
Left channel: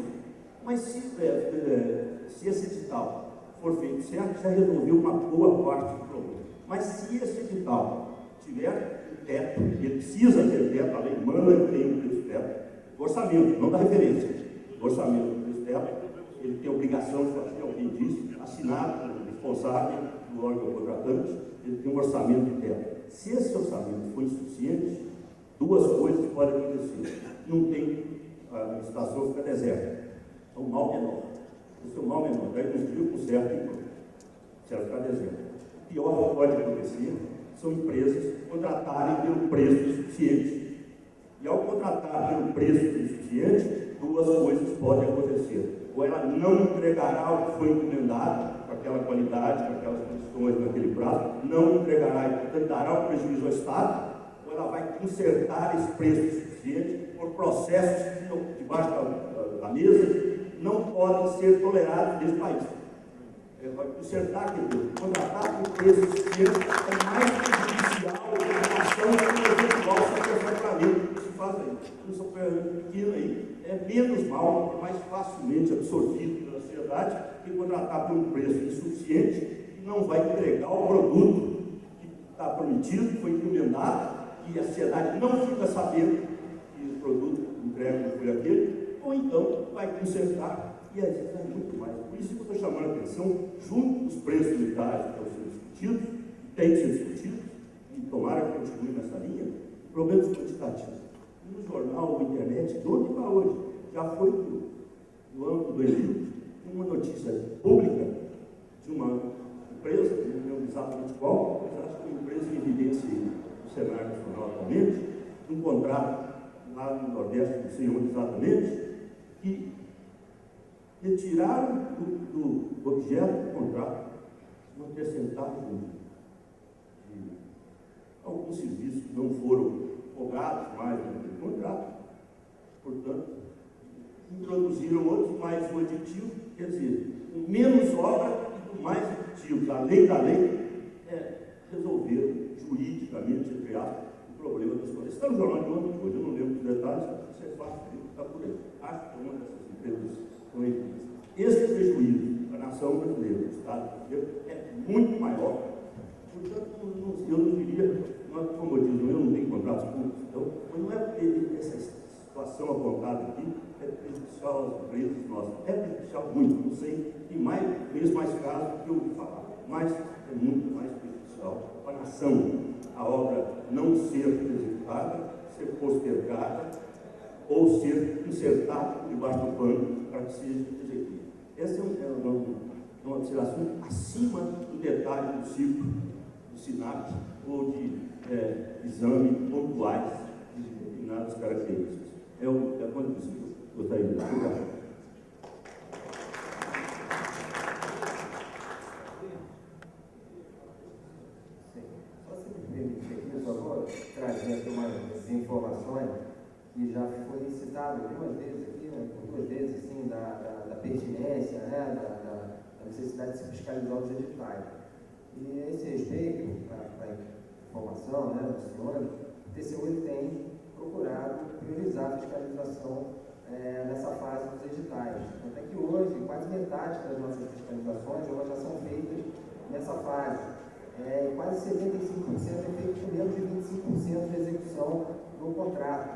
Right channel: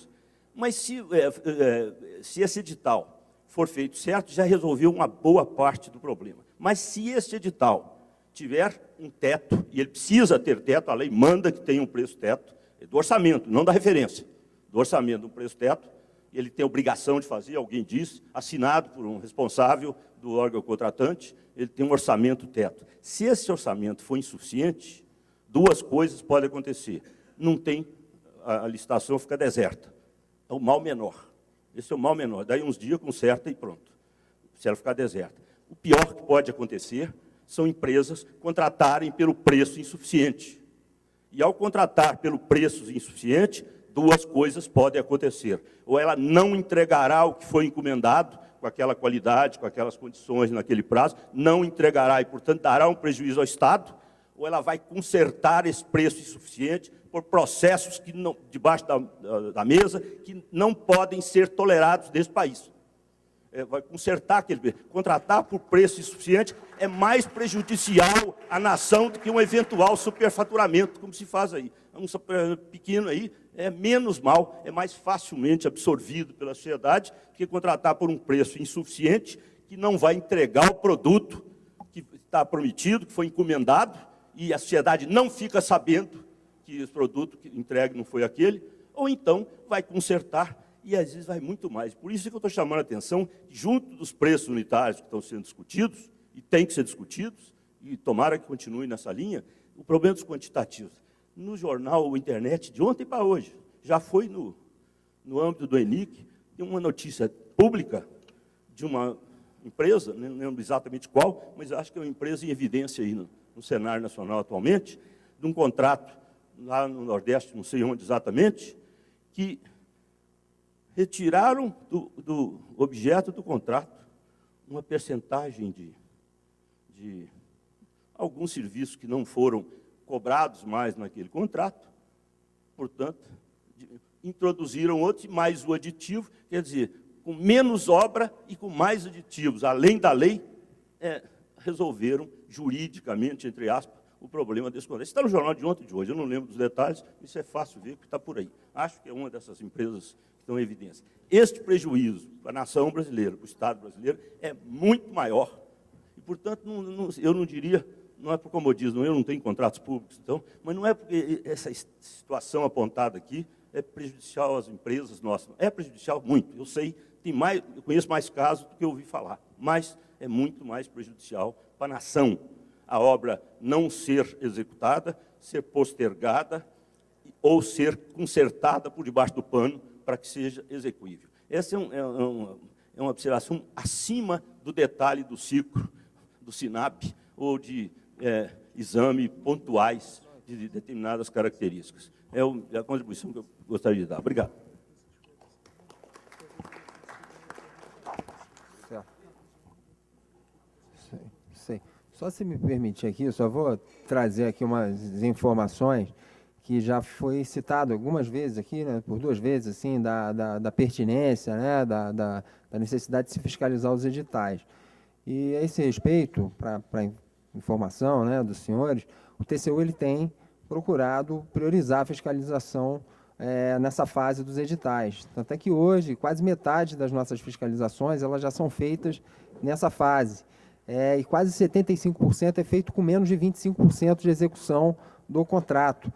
Mas se esse edital for feito certo, já resolveu uma boa parte do problema. Mas se esse edital tiver um teto, e ele precisa ter teto, a lei manda que tenha um preço teto, do orçamento, não da referência, do orçamento do preço teto, ele tem a obrigação de fazer, alguém disse, assinado pelo responsável do órgão contratante, ele tem um orçamento teto. Se esse orçamento for insuficiente, duas coisas podem acontecer. Não tem, a licitação fica deserta. É o mal menor. Esse é o mal menor. Daí uns dias conserta e pronto. Se ela ficar deserta. O pior que pode acontecer são empresas contratarem pelo preço insuficiente. E ao contratar pelo preço insuficiente, duas coisas podem acontecer. Ou ela não entregará o que foi encomendado, com aquela qualidade, com aquelas condições, naquele prazo, não entregará e, portanto, dará um prejuízo ao Estado, ou ela vai consertar esse preço insuficiente por processos que não, debaixo da mesa, que não podem ser tolerados nesse país. Vai consertar aquele preço. Contratar por preço insuficiente é mais prejudicial à nação do que um eventual superfaturamento que se faz aí. Um super pequeno aí é menos mal, é mais facilmente absorvido pela sociedade que contratar por um preço insuficiente que não vai entregar o produto que está prometido, que foi encomendado, e a sociedade não fica sabendo que o produto entregue não foi aquele, ou então vai consertar. E às vezes vai muito mais. Por isso que eu estou chamando a atenção, junto dos preços unitários que estão sendo discutidos, e tem que ser discutidos, e tomara que continue nessa linha, o problema dos quantitativos. No jornal, o internet, de ontem para hoje, já foi no âmbito do ENIC, tem uma notícia pública de uma empresa, não lembro exatamente qual, mas acho que é uma empresa em evidência aí no cenário nacional atualmente, num contrato lá no Nordeste, não sei onde exatamente, que retiraram do objeto do contrato uma percentagem de alguns serviços que não foram cobrados mais naquele contrato, portanto, introduziram outros, mais o aditivo, quer dizer, com menos obra e com mais aditivos, além da lei, resolveram juridicamente, entre aspas, o problema desse contrato. Está no jornal de ontem de hoje, eu não lembro dos detalhes, isso é fácil ver que está por aí. Acho que é uma dessas empresas estão em evidência. Este prejuízo para a nação brasileira, para o Estado brasileiro, é muito maior. Portanto, eu não diria, não é por comodismo, eu não tenho contratos públicos, então, mas não é porque essa situação apontada aqui é prejudicial às empresas nossas. É prejudicial muito, eu sei, conheço mais casos do que eu ouvi falar, mas é muito mais prejudicial para a nação. A obra não ser executada, ser postergada, ou ser consertada por debaixo do pano para que seja execuível. Essa é uma observação acima do detalhe do ciclo, do SINAP, ou de exame pontuais de determinadas características. É a contribuição que eu gostaria de dar. Obrigado. Sim. Só se me permitir aqui, só vou trazer aqui umas informações que já foi citado algumas vezes aqui, né, por 2 vezes, assim, da pertinência, né, da necessidade de se fiscalizar os editais. E a esse respeito, para informação, né, dos senhores, o TCU ele tem procurado priorizar a fiscalização nessa fase dos editais. Tanto é que hoje, quase metade das nossas fiscalizações elas já são feitas nessa fase. E quase 75% é feito com menos de 25% de execução do contrato.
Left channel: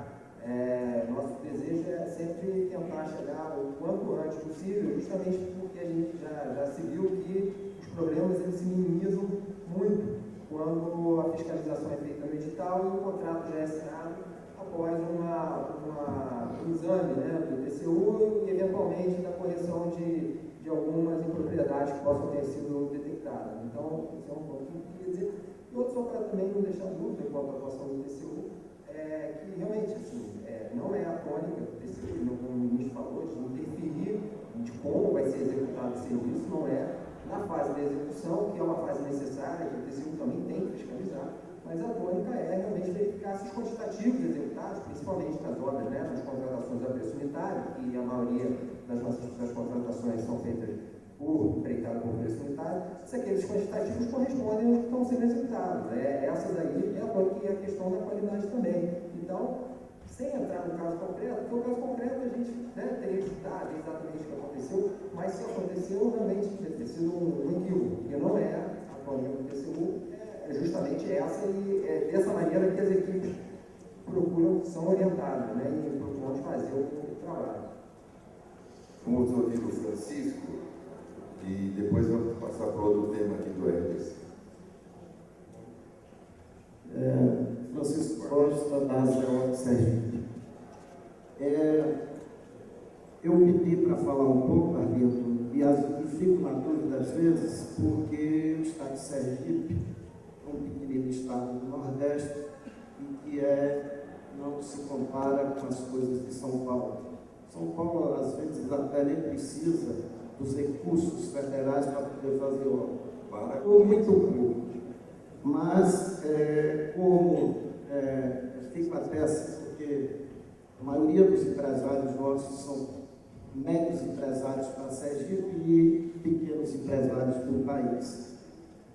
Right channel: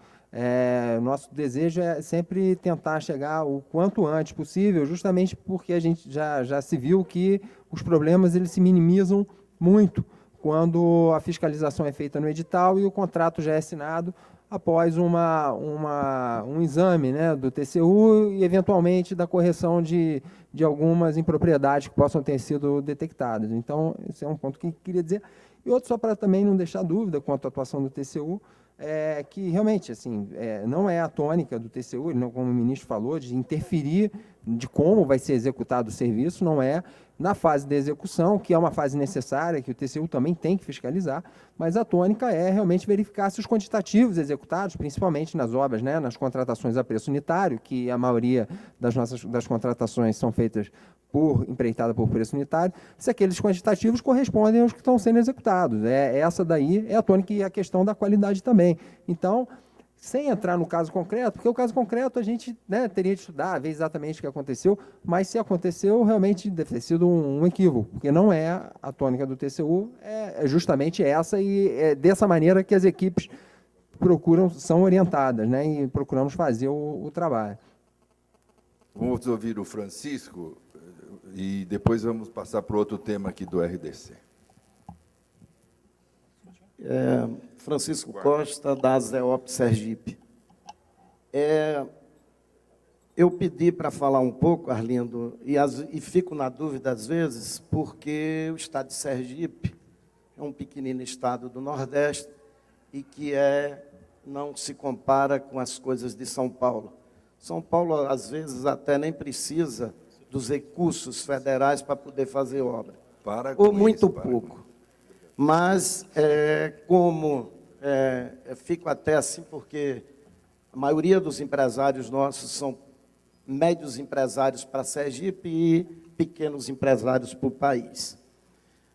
Nosso desejo é sempre tentar chegar o quanto antes possível, justamente porque a gente já se viu que os problemas eles se minimizam muito quando a fiscalização é feita no edital e o contrato já é assinado após um exame, né, do TCU e, eventualmente, da correção de algumas impropriedades que possam ter sido detectadas. Então, esse é um ponto que eu queria dizer. E outro, só para também não deixar dúvida quanto à atuação do TCU, que realmente assim, não é a tônica do TCU, não, como o ministro falou, de interferir de como vai ser executado o serviço, não é na fase de execução, que é uma fase necessária, que o TCU também tem que fiscalizar, mas a tônica é realmente verificar se os quantitativos executados, principalmente nas obras, né, nas contratações a preço unitário, que a maioria das contratações são feitas empreitada por preço unitário, se aqueles quantitativos correspondem aos que estão sendo executados. Essa daí é a tônica e a questão da qualidade também. Então, sem entrar no caso concreto, porque o caso concreto a gente, né, teria de estudar, ver exatamente o que aconteceu, mas se aconteceu, realmente deve ter sido um equívoco, porque não é a tônica do TCU, é justamente essa, e é dessa maneira que as equipes são orientadas, né, e procuramos fazer o trabalho. Vamos ouvir o Francisco e depois vamos passar para outro tema aqui do RDC. Francisco Costa, da ASEOP Sergipe. Eu pedi para falar um pouco, Arlindo, e fico na dúvida às vezes, porque o estado de Sergipe é um pequenino estado do Nordeste e que não se compara com as coisas de São Paulo. São Paulo, às vezes, até nem precisa dos recursos federais para poder fazer obra, ou muito pouco. Mas, fico até assim, porque a maioria dos empresários nossos são médios empresários para Sergipe e pequenos empresários para o país.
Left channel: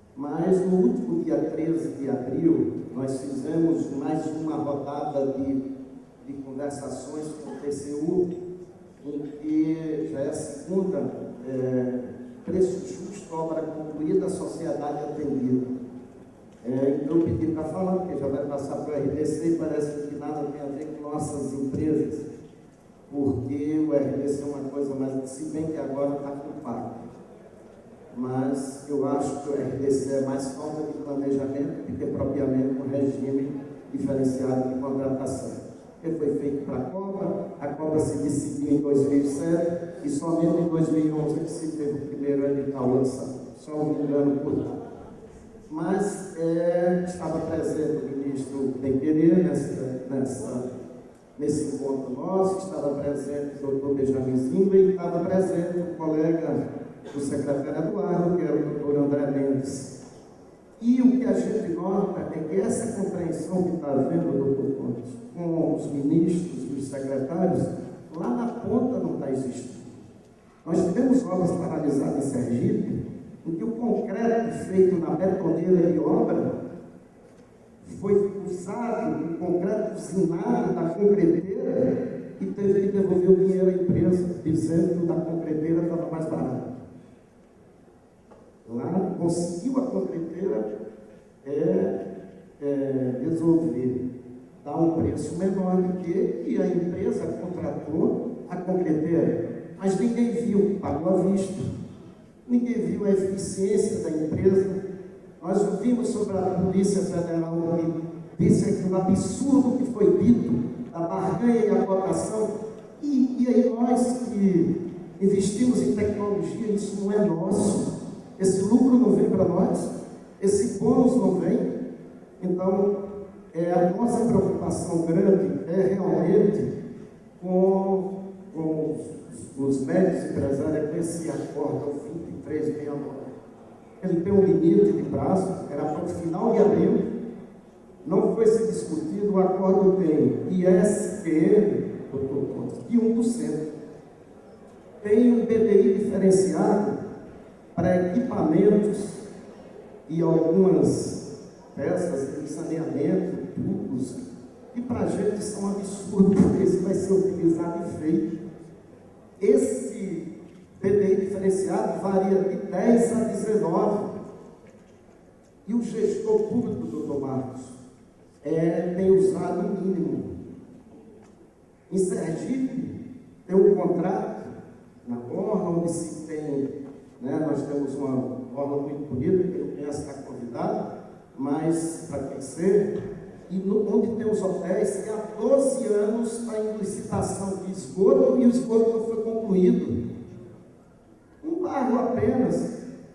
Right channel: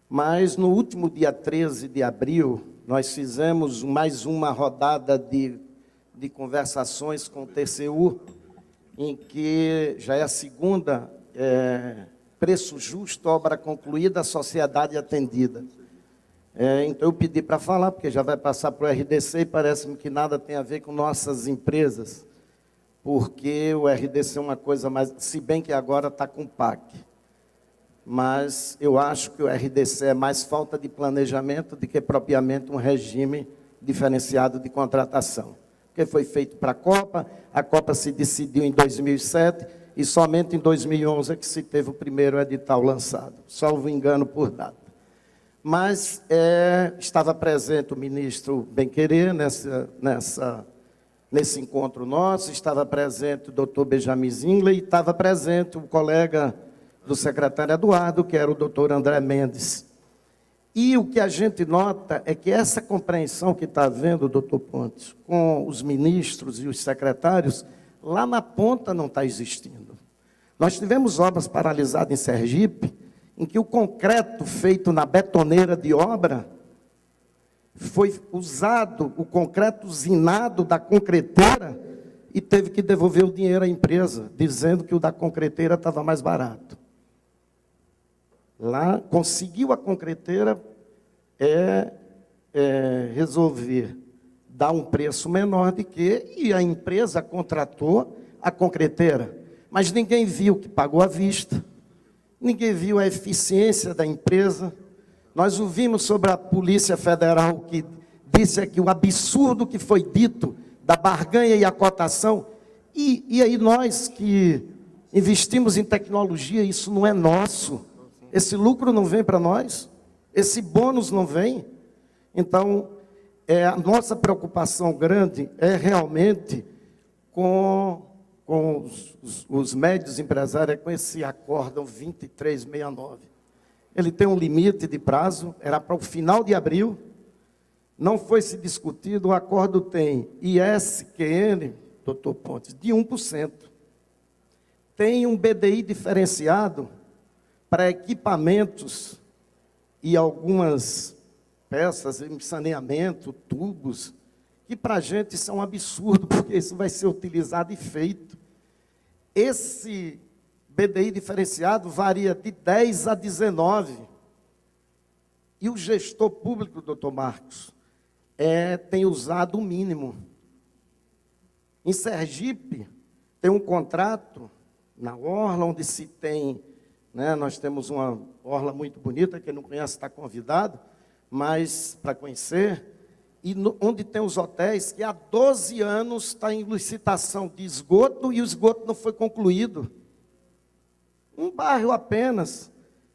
Mas, no último dia 13 de abril, nós fizemos mais uma rodada de conversações com o TCU, em que já é a segunda, preço justo, obra concluída, sociedade atendida. Então, eu pedi para falar, porque já vai passar para o RDC e parece que nada tem a ver com nossas empresas, porque o RDC é uma coisa mais, se bem que agora está com o PAC. Mas eu acho que o RDC é mais falta de planejamento do que propriamente um regime diferenciado de contratação. Porque foi feito para a Copa se decidiu em 2007 e somente em 2011 é que se teve o primeiro edital lançado, salvo engano por nada. Mas estava presente o ministro Benquerê nesse encontro nosso, estava presente o doutor Benjamin Zingley, e estava presente o colega do secretário Eduardo, que era o doutor André Mendes. E o que a gente nota é que essa compreensão que está havendo, doutor Pontes, com os ministros e os secretários, lá na ponta não está existindo. Nós tivemos obras paralisadas em Sergipe, em que o concreto feito na betoneira de obra foi usado, o concreto usinado da concreteira, e teve que devolver o dinheiro à empresa, dizendo que o da concreteira estava mais barato. Lá conseguiu a concreteira resolver dar um preço menor do que, e a empresa contratou a concreteira, mas ninguém viu que pagou à vista, ninguém viu a eficiência da empresa. Nós ouvimos sobre a Polícia Federal, que disse que o absurdo que foi dito da barganha e a cotação, e aí nós que investimos em tecnologia, isso não é nosso, esse lucro não vem para nós, esse bônus não vem. Então, a nossa preocupação grande é realmente com os médios empresários, com esse acórdão 2369. ele tem um limite de prazo, era para o final de abril, não foi se discutido, o acordo tem ISQN, doutor Pontes, de 1%. Tem um BDI diferenciado para equipamentos e algumas peças de saneamento, tubos, e para a gente isso é um absurdo, porque isso vai ser utilizado e feito. Esse BDI diferenciado varia de 10 a 19. E o gestor público, doutor Marcos, tem usado o mínimo. Em Sergipe, tem um contrato na orla, onde se tem, né, nós temos uma orla muito bonita, quem não conhece está convidado, mas para conhecer, e onde tem os hotéis, que há 12 anos está em licitação de esgoto, e o esgoto não foi concluído. Um bairro apenas,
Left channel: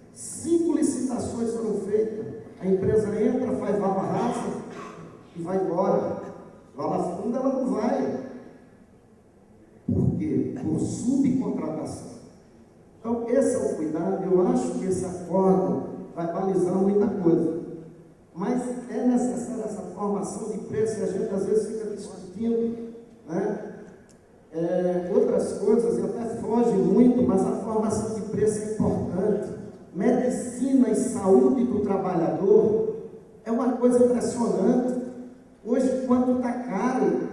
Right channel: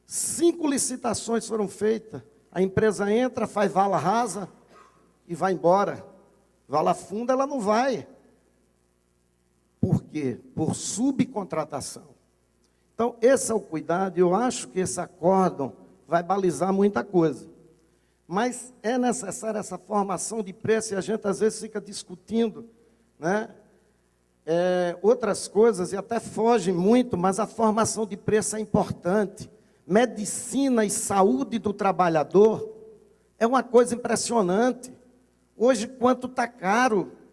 5 licitações foram feitas, a empresa entra, faz vala rasa e vai embora. Vala funda ela não vai. Por quê? Por subcontratação. Então, esse é o cuidado. Eu acho que esse acordo vai balizar muita coisa. Mas é necessária essa formação de preço, e a gente às vezes fica discutindo, né? Outras coisas, e até foge muito, mas a formação de preço é importante. Medicina e saúde do trabalhador é uma coisa impressionante. Hoje, quanto está caro.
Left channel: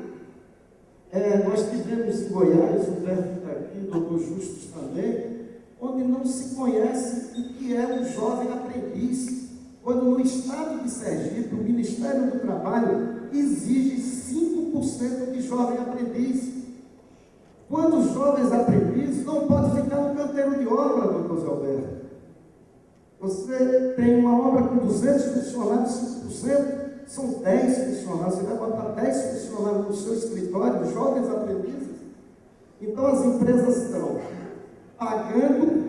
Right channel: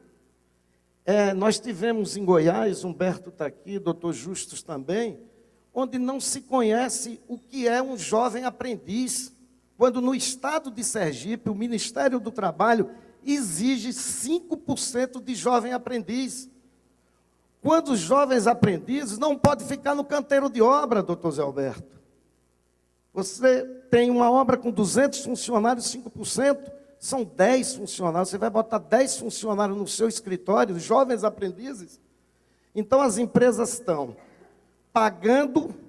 Nós tivemos em Goiás, Humberto está aqui, doutor Justus também, onde não se conhece o que é um jovem aprendiz, quando no estado de Sergipe, o Ministério do Trabalho exige 5% de jovem aprendiz. Quando os jovens aprendizes não podem ficar no canteiro de obra, doutor Zé Alberto. Você tem uma obra com 200 funcionários, 5%, são 10 funcionários, você vai botar 10 funcionários no seu escritório, jovens aprendizes. Então as empresas estão pagando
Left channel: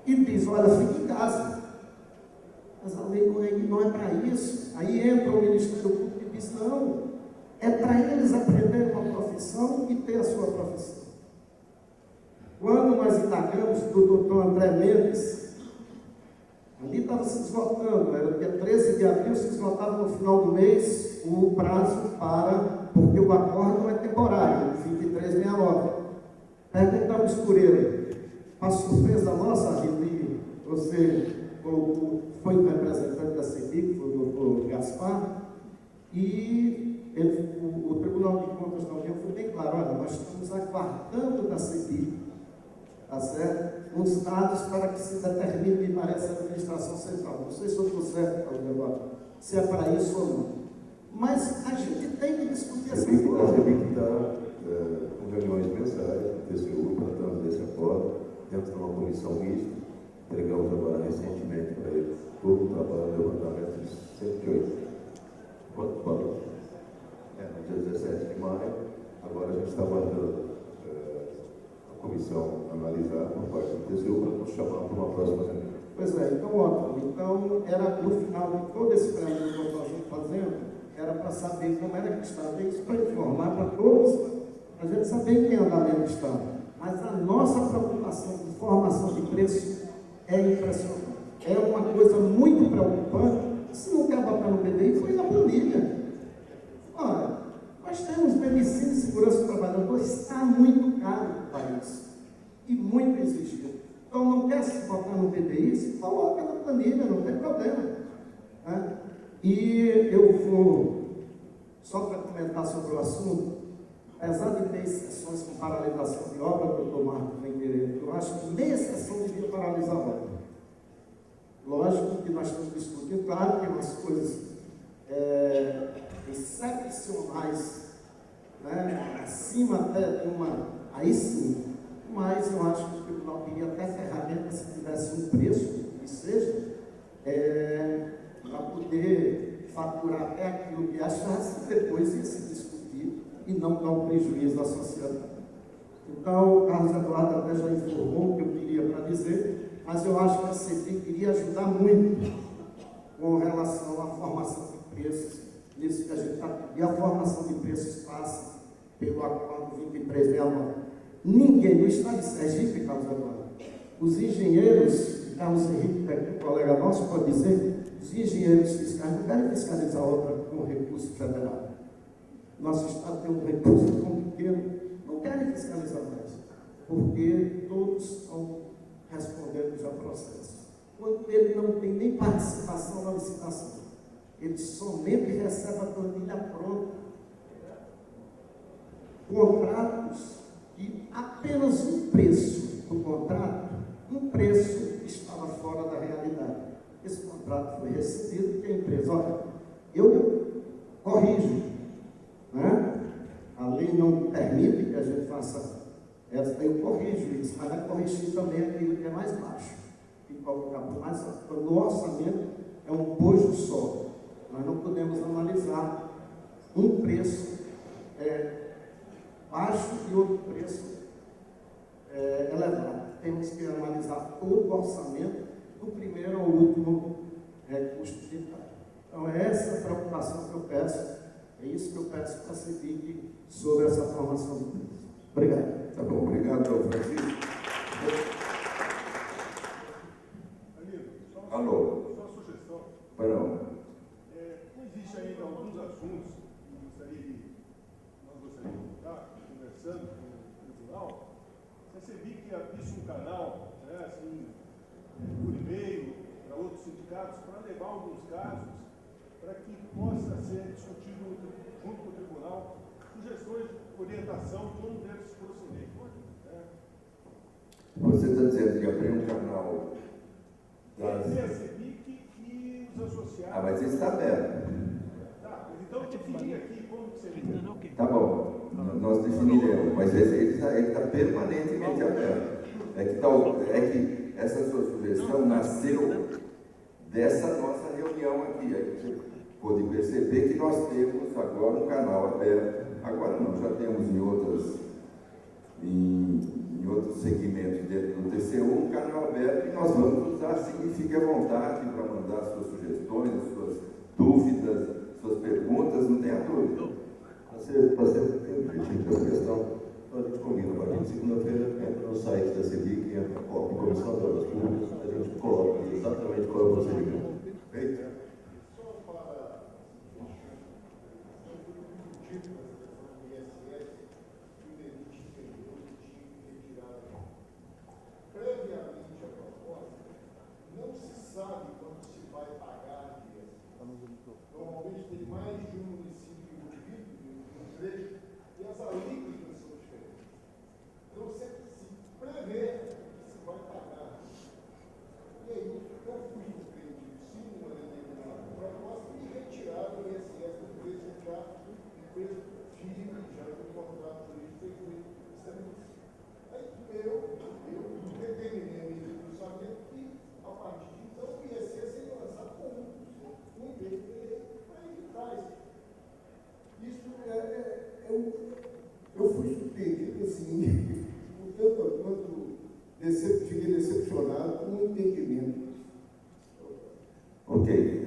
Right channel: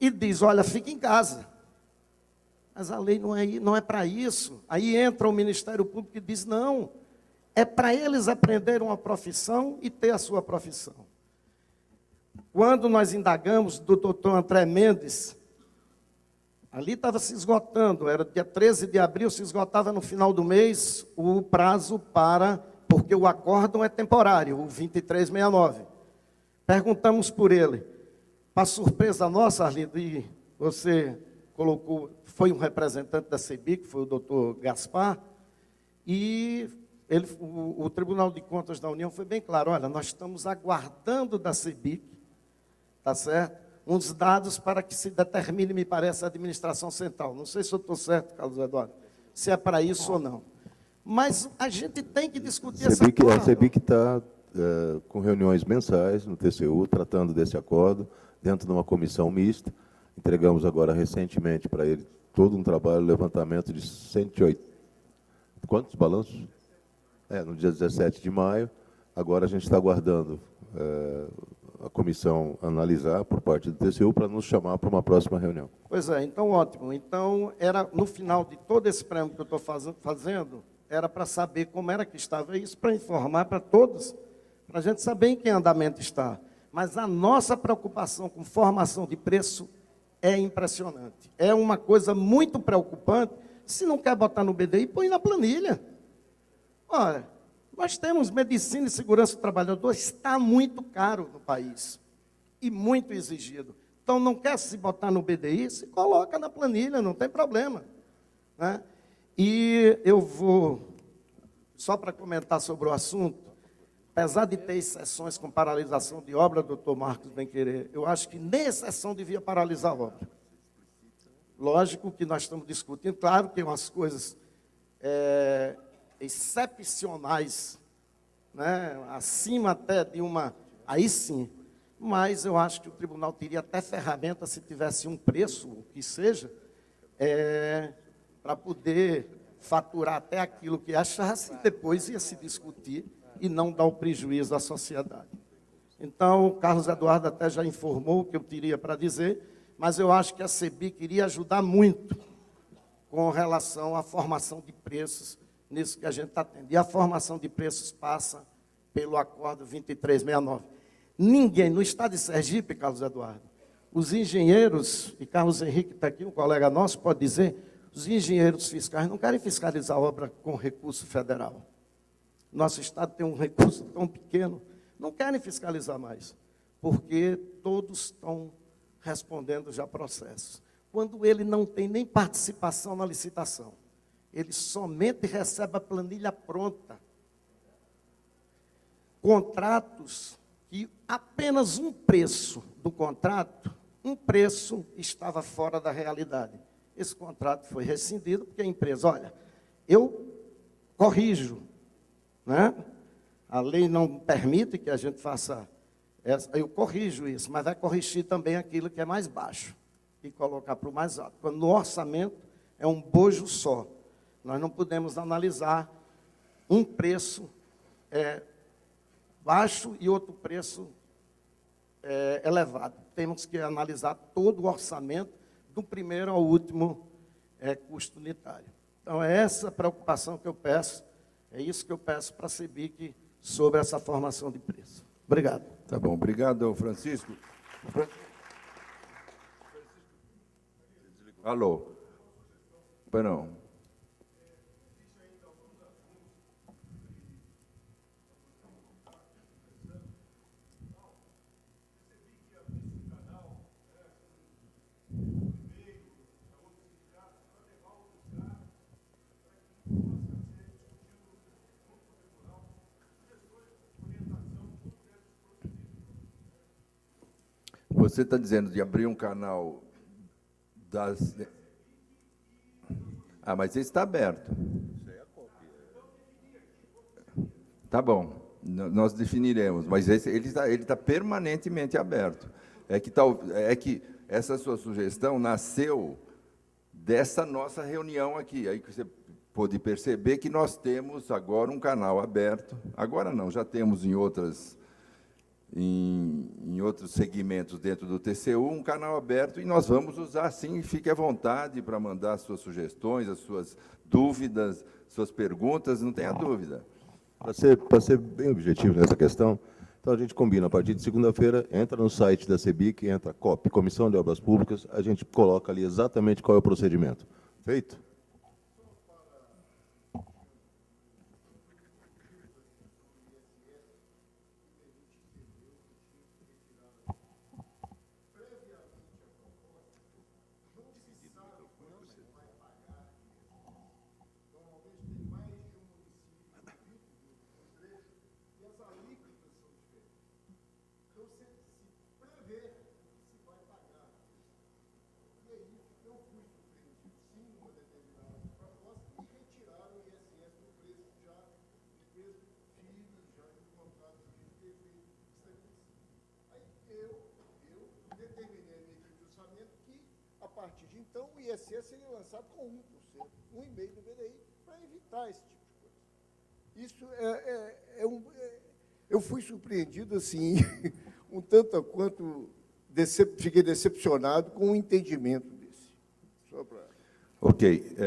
e diz, olha, fique em casa. Mas a lei não é para isso. Aí entra o Ministério Público e diz, não, é para eles aprenderem uma profissão e ter a sua profissão. Quando nós indagamos do doutor André Mendes, ali estava se esgotando, era dia 13 de abril, se esgotava no final do mês o prazo porque o acórdão é temporário, 2369. Perguntamos por ele. Para surpresa nossa, ali, você colocou, foi um representante da CEBIC, que foi o doutor Gaspar, e o Tribunal de Contas da União foi bem claro, olha, nós estamos aguardando da CEBIC, tá certo? Uns dados para que se determine, me parece, a administração central. Não sei se eu estou certo, Carlos Eduardo, se é para isso ou não. Mas a gente tem que discutir essa coisa. A CEBIC está com reuniões mensais no TCU, tratando desse acordo, dentro de uma comissão mista. Entregamos agora recentemente para ele todo um trabalho, levantamento de 108. Quantos balanços? No dia 17 de maio. Agora a gente está aguardando a comissão analisar por parte do TCU para nos chamar para uma próxima reunião. Pois é, então ótimo. Então, era no final de todo esse prêmio que eu estou fazendo, era para saber como era que estava isso, para informar para todos, para a gente saber em que andamento está. Mas a nossa preocupação com formação de preço é impressionante. É uma coisa muito preocupante. Se não quer botar no BDI, põe na planilha. Olha, nós temos medicina e segurança do trabalhador, está muito caro para o país e muito exigido. Então, não quer se botar no BDI, se coloca na planilha, não tem problema, né? E eu vou, só para comentar sobre o assunto, apesar de ter exceções com paralisação de obra, doutor Marcos bem querer, eu acho que nem exceção devia paralisar a obra. Lógico que nós estamos discutindo, claro que tem umas coisas excepcionais, né, acima até de uma, aí sim, mas eu acho que o tribunal teria até ferramenta, se tivesse um preço, que seja, para poder faturar até aquilo que achasse, depois ia se discutir e não dar um prejuízo à sociedade. Então, o Carlos Eduardo até já informou o que eu teria para dizer, mas eu acho que a CEBIC iria ajudar muito com relação à formação de preços, nisso que a gente está. E a formação de preços passa pelo acordo 2369. Ninguém, no estado de Sergipe, Carlos Eduardo, os engenheiros, e Carlos Henrique está aqui, um colega nosso, pode dizer, os engenheiros fiscais não querem fiscalizar a obra com recurso federal. Nosso Estado tem um recurso tão pequeno, não querem fiscalizar mais, porque todos estão respondendo já processos. Quando ele não tem nem participação na licitação, ele somente recebe a planilha pronta. Contratos que apenas um preço do contrato, um preço estava fora da realidade. Esse contrato foi rescindido porque a empresa, olha, eu corrijo, né? A lei não permite que a gente faça essa, eu corrijo isso, mas vai corrigir também aquilo que é mais baixo e colocar para o mais alto. Quando no orçamento é um bojo só, nós não podemos analisar um preço baixo e outro preço elevado. Temos que analisar todo o orçamento, do primeiro ao último custo unitário. Então, é essa preocupação que eu peço, é isso que eu peço para a CEBIC sobre essa formação de preço. Obrigado. Tá bom, obrigado, Francisco. Alô? Perdão. Existe ainda alguns assuntos que nós gostaríamos de estar conversando com o tribunal. A CEBIC abrisse um canal, assim, por e-mail, para outros sindicatos, para levar alguns casos, para que possa ser discutido junto com o tribunal sugestões de orientação de como deve se proceder. Você está dizendo de abrir um canal das... Ah, mas ele está aberto. Então, definir aqui como que seria. Tá bom, nós definiremos, mas ele está permanentemente aberto. É que essa sua sugestão nasceu dessa nossa reunião aqui. Aí você pôde perceber que nós temos agora um canal aberto. Agora não, já temos em outros segmentos dentro do TCU um canal aberto e nós vamos usar sim. Fique à vontade para mandar as suas sugestões, as suas dúvidas, suas perguntas, não tenha dúvida. Para ser bem objetivo nessa questão, então a gente combina, a partir de segunda-feira, entra no site da CEBIC, entra COP, Comissão de Obras Públicas, a gente coloca ali exatamente qual é o procedimento. Feito? Eu fui surpreendido, assim, um tanto quanto fiquei decepcionado com o entendimento. Ok,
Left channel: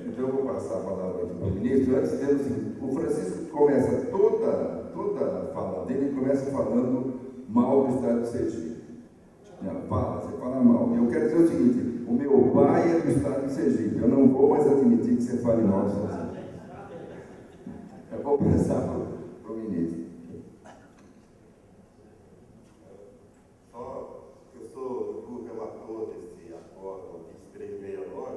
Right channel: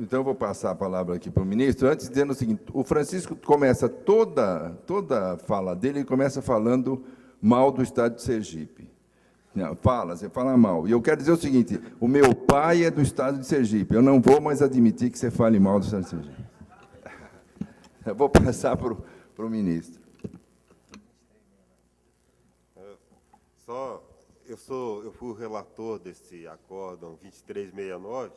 então eu vou passar a palavra aqui para o ministro, antes dizendo o seguinte, o Francisco começa toda a fala dele, ele começa falando mal do Estado de Sergipe. Não, você fala mal. E eu quero dizer o seguinte, o meu pai é do Estado de Sergipe, eu não vou mais admitir que você fale mal do Estado de Sergipe. Eu vou passar para o ministro. Eu fui o relator desse acórdão 2369,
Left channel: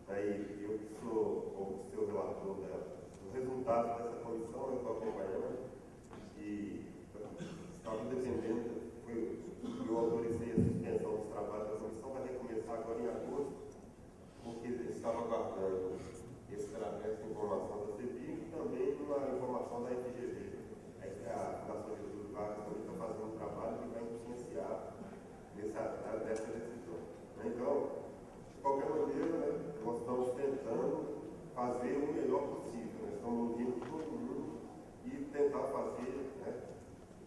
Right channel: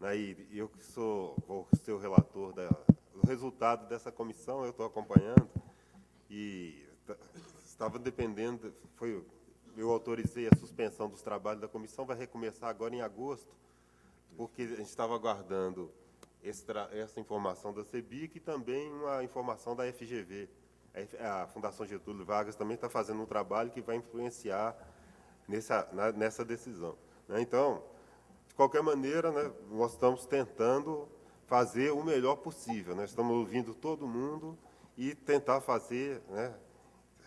né, e eu que sou o seu relator do resultado dessa comissão, eu estou acompanhando, que estava dependendo, eu autorizei a suspensão dos trabalhos da comissão, vai recomeçar agora em agosto, porque a gente estava aguardando essa informação da CEBIC e também uma informação da FGV. A Fundação Getúlio Vargas também está fazendo um trabalho que vai influenciar nessa decisão. Né? Então, de qualquer maneira, né, nós estamos tentando fazer o melhor possível. Né? Estamos ouvindo todo mundo e tentar fazer, né,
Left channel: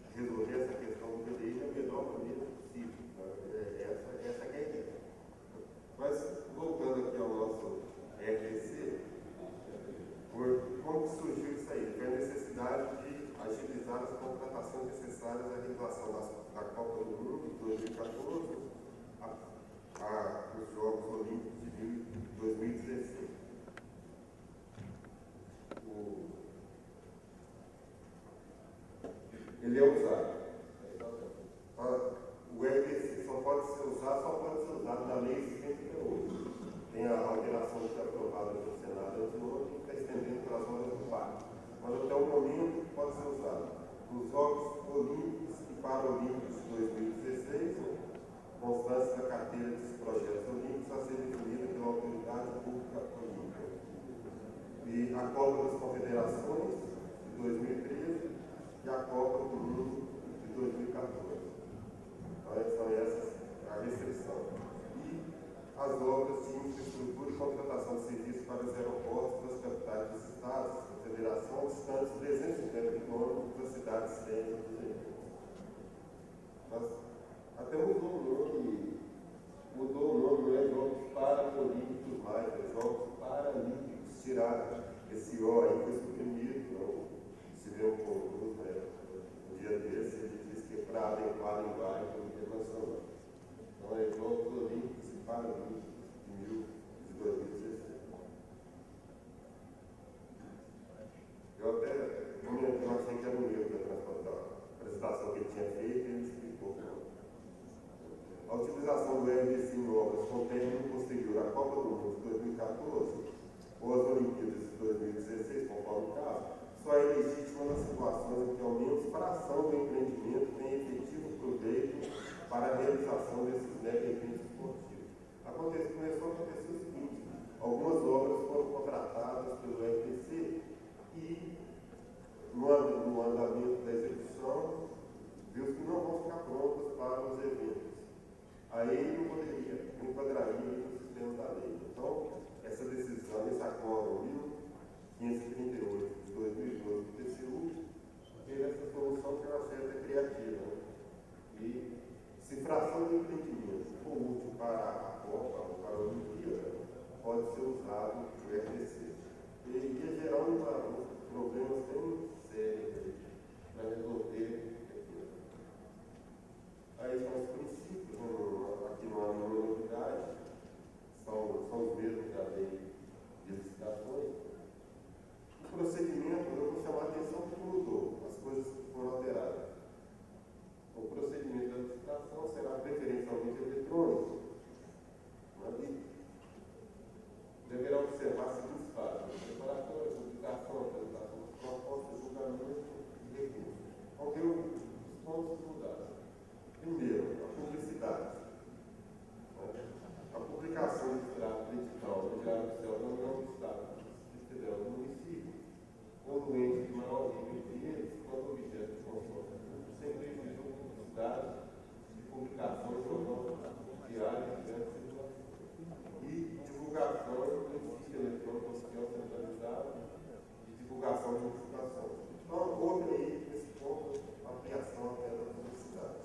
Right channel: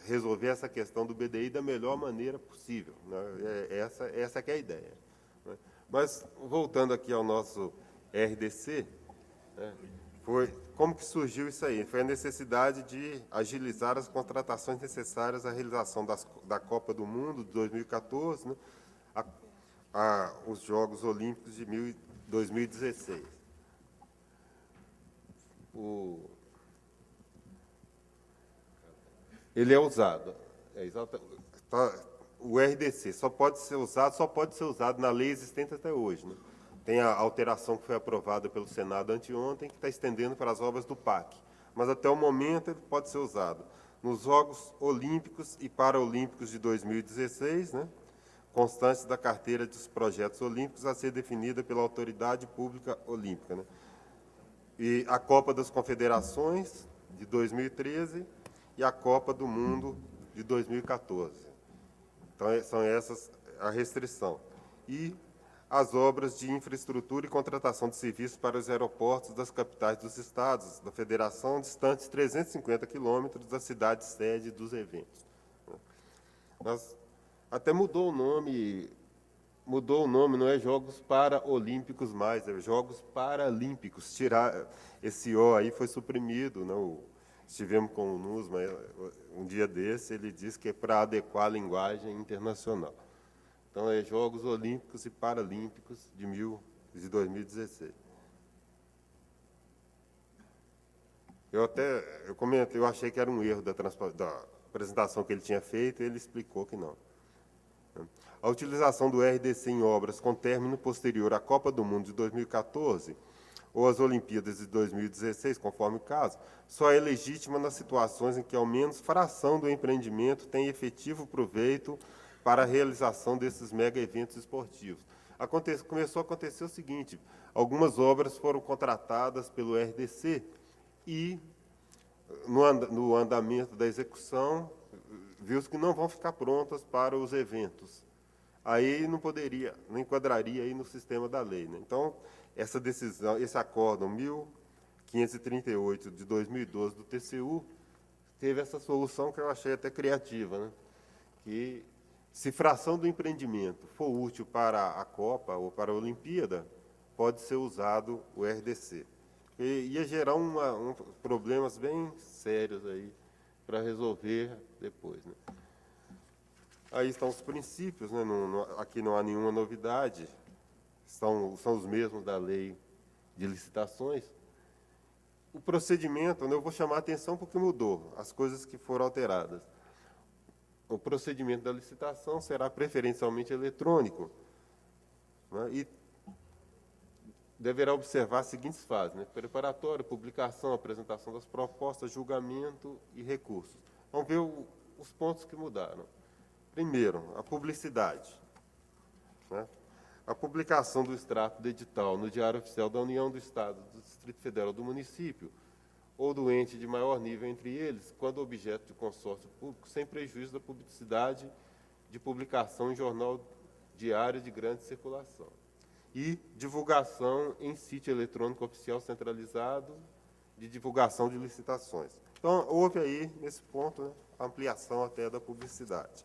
resolver essa questão do BDI da melhor maneira possível. Né? Essa que é a ideia. Né? Mas, voltando aqui ao nosso RDC, né, como que surgiu isso aí? Foi a necessidade de agilizar as contratações necessárias à realização da Copa do Mundo de 2014, né? os Jogos Olímpicos de 2016. Ele é usado. O RDC só pode ser usado na lei existente até hoje. Tem a alteração que foi aprovada pelo Senado anteontem, que está estendendo para as obras do PAC. Mas até o momento ele pode ser usado nos Jogos Olímpicos e Paralímpicos de 2016, né, constantes da carteira dos projetos olímpicos a ser definida pela Autoridade Pública Olímpica. Né? E a Copa das Confederações de 2013 e a Copa do Mundo de 2014. Então, são essas a restrição. E as obras de infraestrutura e contratação de serviços para os aeroportos das capitais dos estados da federação, distantes 350 quilômetros da cidade sede dos eventos. Até mudou o nome, não é Jogos Paralímpicos mais, é Jogos Paralímpicos. Tirar esse O aí foi suprimido, não? Estivemos com o NUSMA um dia desse, ele disse que é para adequar a linguagem internacional. Então, é Jogos Olímpicos e Paralímpicos de 2016. Eu comentei, eu achei que era um erro da apresentação que ele tinha feito, e ele explicou que não. A utilização do RDC em obras com término posterior à Copa do Mundo de 2014 ou às Olimpíadas de 2016, conforme o caso, só é legítima nas situações em que ao menos fração do empreendimento tem efetivo proveito para a realização desses mega eventos esportivos. Começou a acontecer o seguinte: algumas obras foram contratadas pelo RDC e, no andamento da execução, viu-se que não vão ficar prontas para os eventos. Aí não enquadraria aí no sistema da lei. Né? Então, essa decisão, esse acórdão 1538 de 2012 do TCU, teve essa solução que eu achei até criativa, né? Que, se fração do empreendimento for útil para a Copa ou para a Olimpíada, pode ser usado o RDC. E ia gerar problemas bem sérios aí para resolver depois. Né? Aí estão os princípios, né? Aqui não há nenhuma novidade, são os mesmos da lei de licitações. O procedimento, né, eu vou chamar a atenção porque mudou, as coisas que foram alteradas. O procedimento da licitação será preferencialmente eletrônico, né, e deverá observar as seguintes fases: né, preparatório, publicação, apresentação das propostas, julgamento e recurso. Vamos ver os pontos que mudaram. Primeiro, a publicidade. Né? A publicação do extrato do edital no Diário Oficial da União, do Estado, do Distrito Federal, do município ou do ente de maior nível entre eles, quando objeto de consórcio público, sem prejuízo da publicidade de publicação em jornal diário de grande circulação. E divulgação em sítio eletrônico oficial centralizado de divulgação de licitações. Então, houve aí, nesse ponto, ampliação até da publicidade.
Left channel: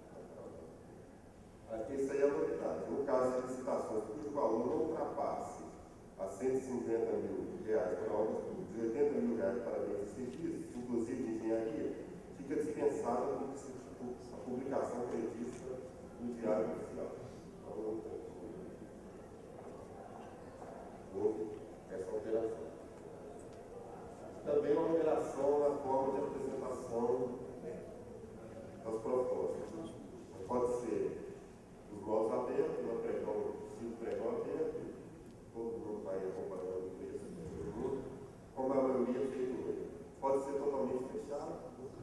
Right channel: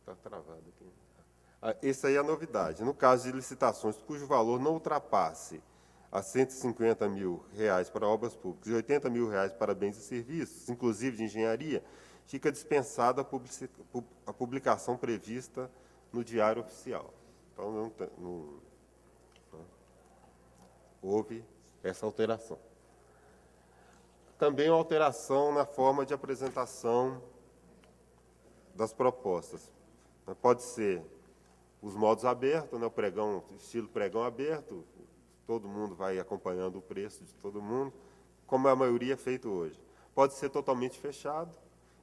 Está travado aqui. Essa aí é a novidade. No caso de licitações cujo valor não ultrapasse a R$150 mil para obras públicas e R$80 mil para bens e serviços, inclusive de engenharia, fica dispensada a publicação prevista no Diário Oficial. Então, houve essa alteração. Também a alteração na forma de apresentação das propostas. Pode ser os modos abertos, né, o pregão, estilo pregão aberto, todo mundo vai acompanhando o preço de todo mundo, como a maioria é feito hoje. Pode ser totalmente fechado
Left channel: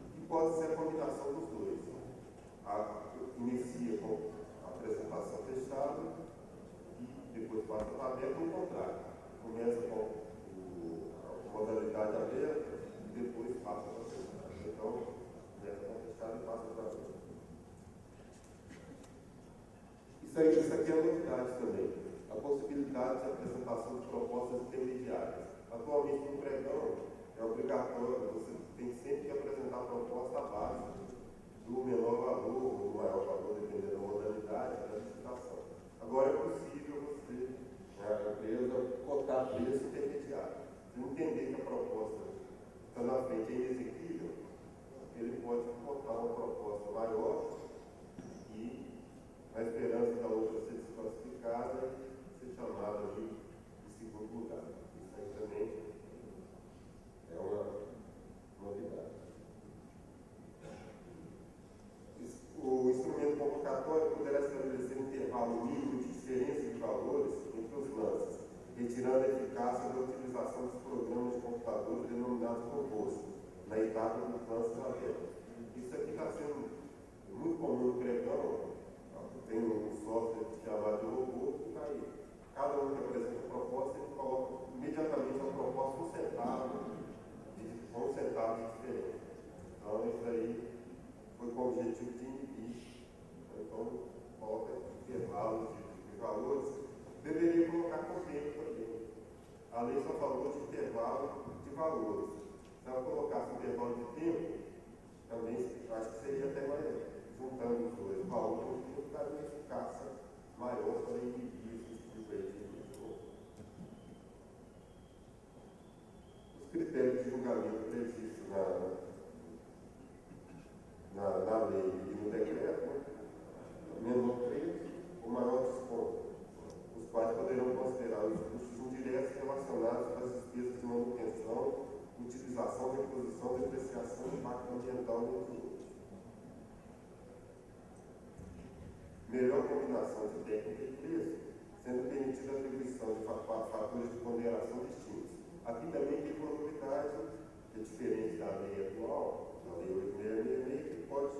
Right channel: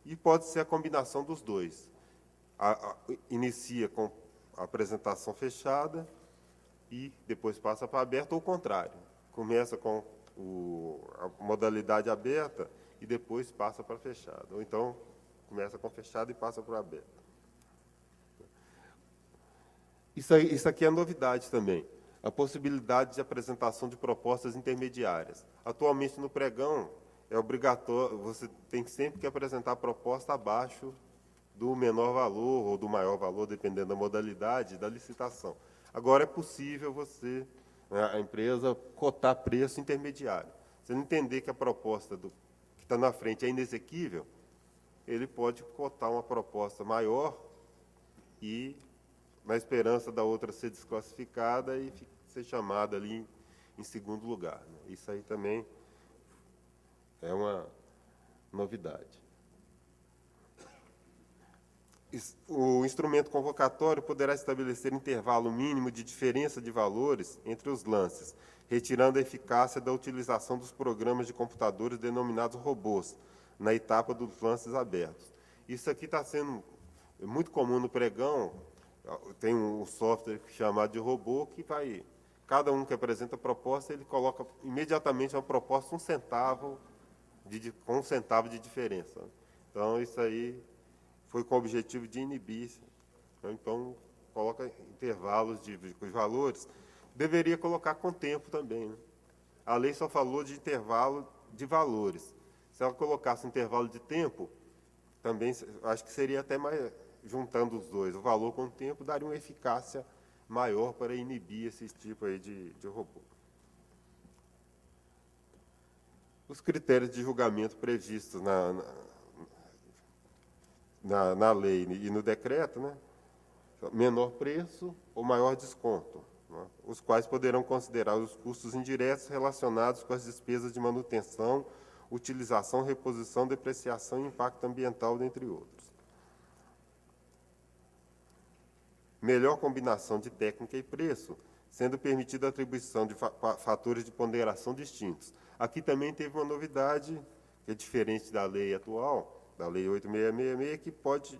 e pode ser a combinação dos dois. Inicia com a apresentação fechada e depois passa para aberto, ou o contrário. Começa com a modalidade aberta e depois passa para fechado. Ou então, começa com fechado e passa para aberto. Isso aqui é novidade também. A possibilidade de apresentação de propostas intermediárias. Atualmente, no pregão, é obrigatório, você tem sempre que apresentar a proposta abaixo do menor valor ou do maior valor, dependendo da modalidade da licitação. Agora é possível a empresa, cotar preço intermediário. Você não entender que a proposta está na frente é inexequível, ele pode cotar uma proposta maior e, na esperança da outra ser desclassificada e ser chamada ali em segundo lugar. Isso aí também é uma novidade. O instrumento convocatório poderá estabelecer intervalo mínimo de diferença de valores entre os lances, retirando a eficácia da utilização dos programas de computadores denominados robôs, na etapa dos lances abertos. Isso aqui está sendo muito comum no pregão. Tem um software chamado de robô que vai, cada um que apresenta a proposta, ele coloca imediatamente uma proposta com um centavo de diferença. Então, isso aí foi com o objetivo de inibir. Então, coloca intervalos de valores. Deveria colocar com tempo também. Né? A lei só falou de intervalo de valores. Se ela colocasse um intervalo de tempo, também acho que seria até mais, juntando os dois, o valor com o tempo, daria uma eficácia maior para inibir esse tipo aí de robô. Os critérios de julgamento previstos na lei e no decreto, né? Menor preço ou maior desconto, né? Os quais poderão considerar os custos indiretos relacionados com as despesas de manutenção, utilização, reposição, depreciação e impacto ambiental, dentre outros. Melhor combinação de técnica e preço, sendo permitida a atribuição de fatores de ponderação distintos. Aqui também teve uma novidade, que é diferente da lei atual, da lei 8666, que pode,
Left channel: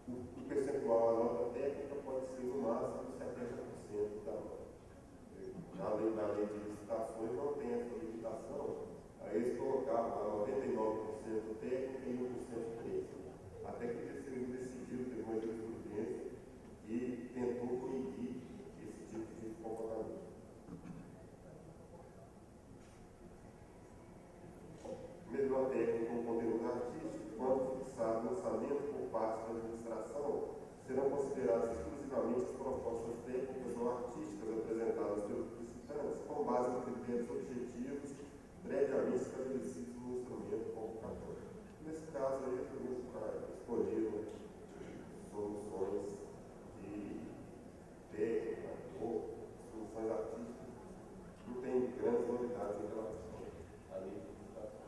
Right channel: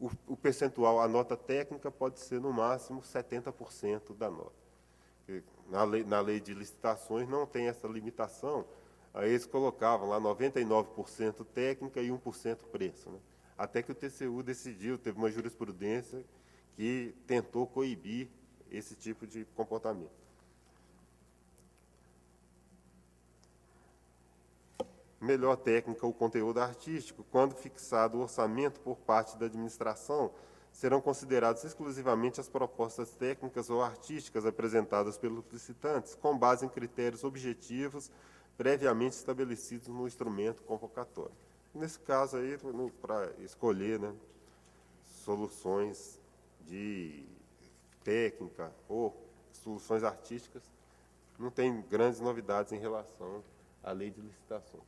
o percentual, a nota técnica pode ser no máximo 70% da nota. Na lei de licitações não tem essa limitação. Aí eles colocavam lá 99% técnica e 1% preço. Até que o TCU decidiu, teve uma jurisprudência que tentou coibir esse tipo de comportamento. Melhor técnica ou conteúdo artístico, quando fixado o orçamento por parte da administração, serão consideradas exclusivamente as propostas técnicas ou artísticas apresentadas pelos licitantes, com base em critérios objetivos previamente estabelecidos no instrumento convocatório. Nesse caso aí, para escolher, né, soluções de técnica ou soluções artísticas, não tem grandes novidades em relação à lei de licitações.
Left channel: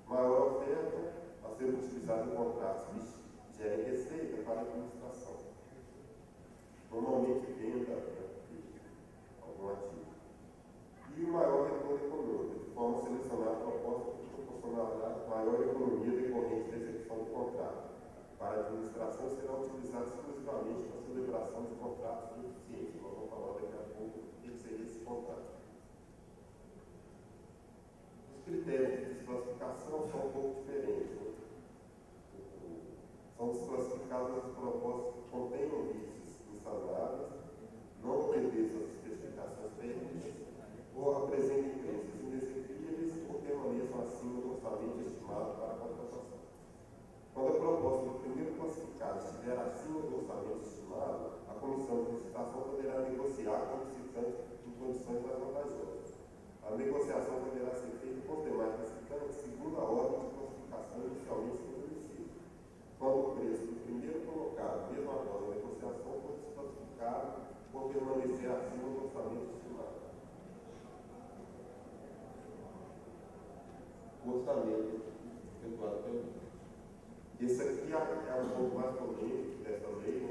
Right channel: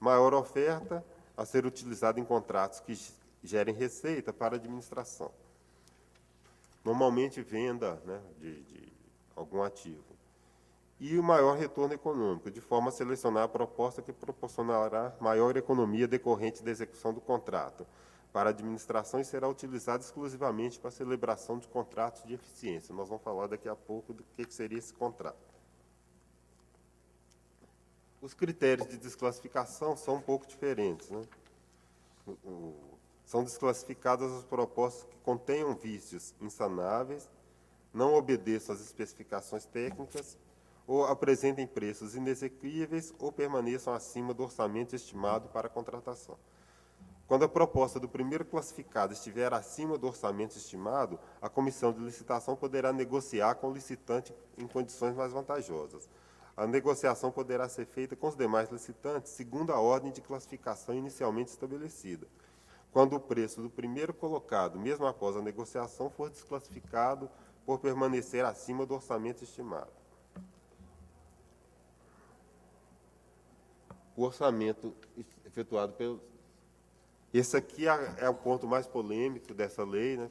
Maior oferta a ser utilizada em contratos que gerem receita para a administração. Normalmente venda, né, de algum ativo. E o maior retorno econômico, de forma a selecionar a proposta que proporcionará maior economia decorrente da execução do contrato para a administração e será utilizado exclusivamente para a celebração de contratos de eficiência. Nós vamos falar daqui a pouco do que seria esse contrato. Os critérios de desclassificação são um pouco diferentes, né? São desclassificadas as propostas que contenham vícios insanáveis, não obedeçam às especificações técnicas, ou apresentem preços inexequíveis ou permaneçam acima do orçamento estimado para a contratação. Quando a proposta do primeiro classificado estiver acima do orçamento estimado, a comissão de licitação poderá negociar com o licitante em condições mais vantajosas. A negociação poderá ser feita com os demais licitantes segundo a ordem de classificação inicialmente estabelecida. Quando o preço do primeiro colocado, mesmo após a negociação, for desclassificado por permanecer acima do orçamento estimado. O orçamento efetuado pelo... Esse aqui é o ponto mais polêmico dessa lei, né?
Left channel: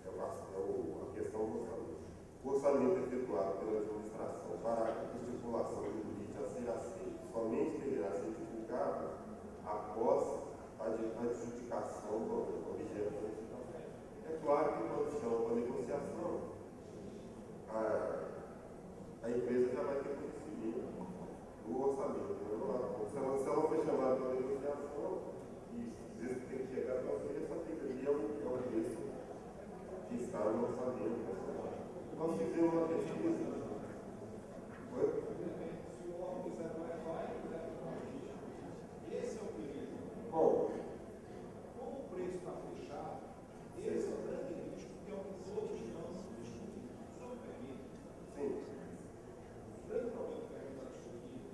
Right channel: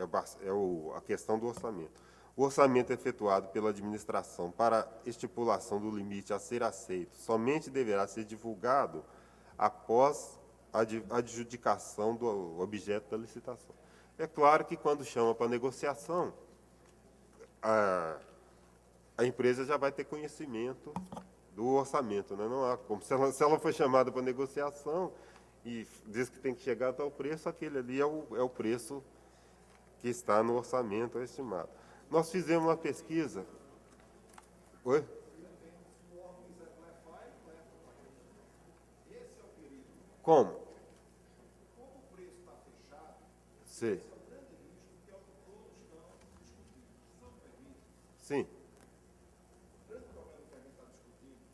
A questão do orçamento. O orçamento efetuado pela administração para estipulação do limite a ser aceito somente deverá ser divulgado após a adjudicação do objeto da licitação. É claro que quando chama para negociação, a empresa já vai ter conhecimento do orçamento, né? Não há como. Se ela for chamada para negociação e diz que tem que chegar a tal preço, aquele ali é o preço que está no orçamento estimado. Nós fizemos uma pesquisa. Oi? Como? Como o preço está fechado, sei. Sim. O grande problema que a gente está discutindo,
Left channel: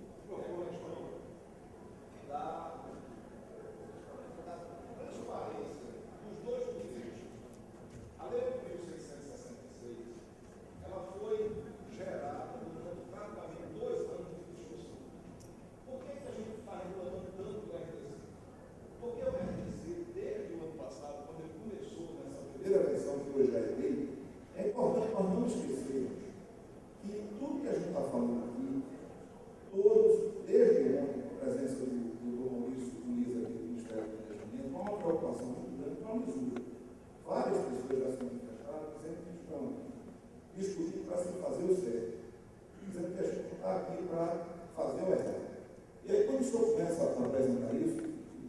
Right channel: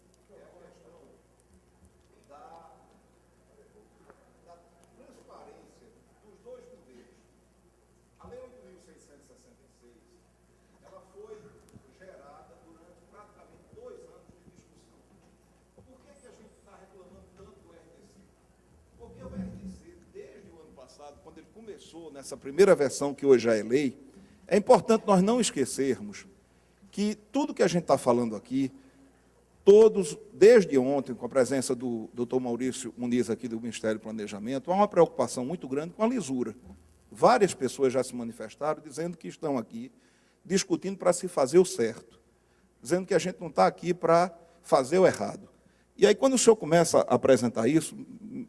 essa primeira versão que hoje já é lei, é importante nós não esquecermos que tudo que a gente está falando aqui, todos, desde ontem, com a presença do Dr. Maurício Muniz aqui do Ministério do Planejamento, há uma preocupação muito grande com a lisura. Várias pessoas já se manifestaram dizendo que estão aqui discutindo para se fazer o certo, dizendo que a gente não está aqui para fazer o errado. E aí, quando o senhor começa a apresentar isso,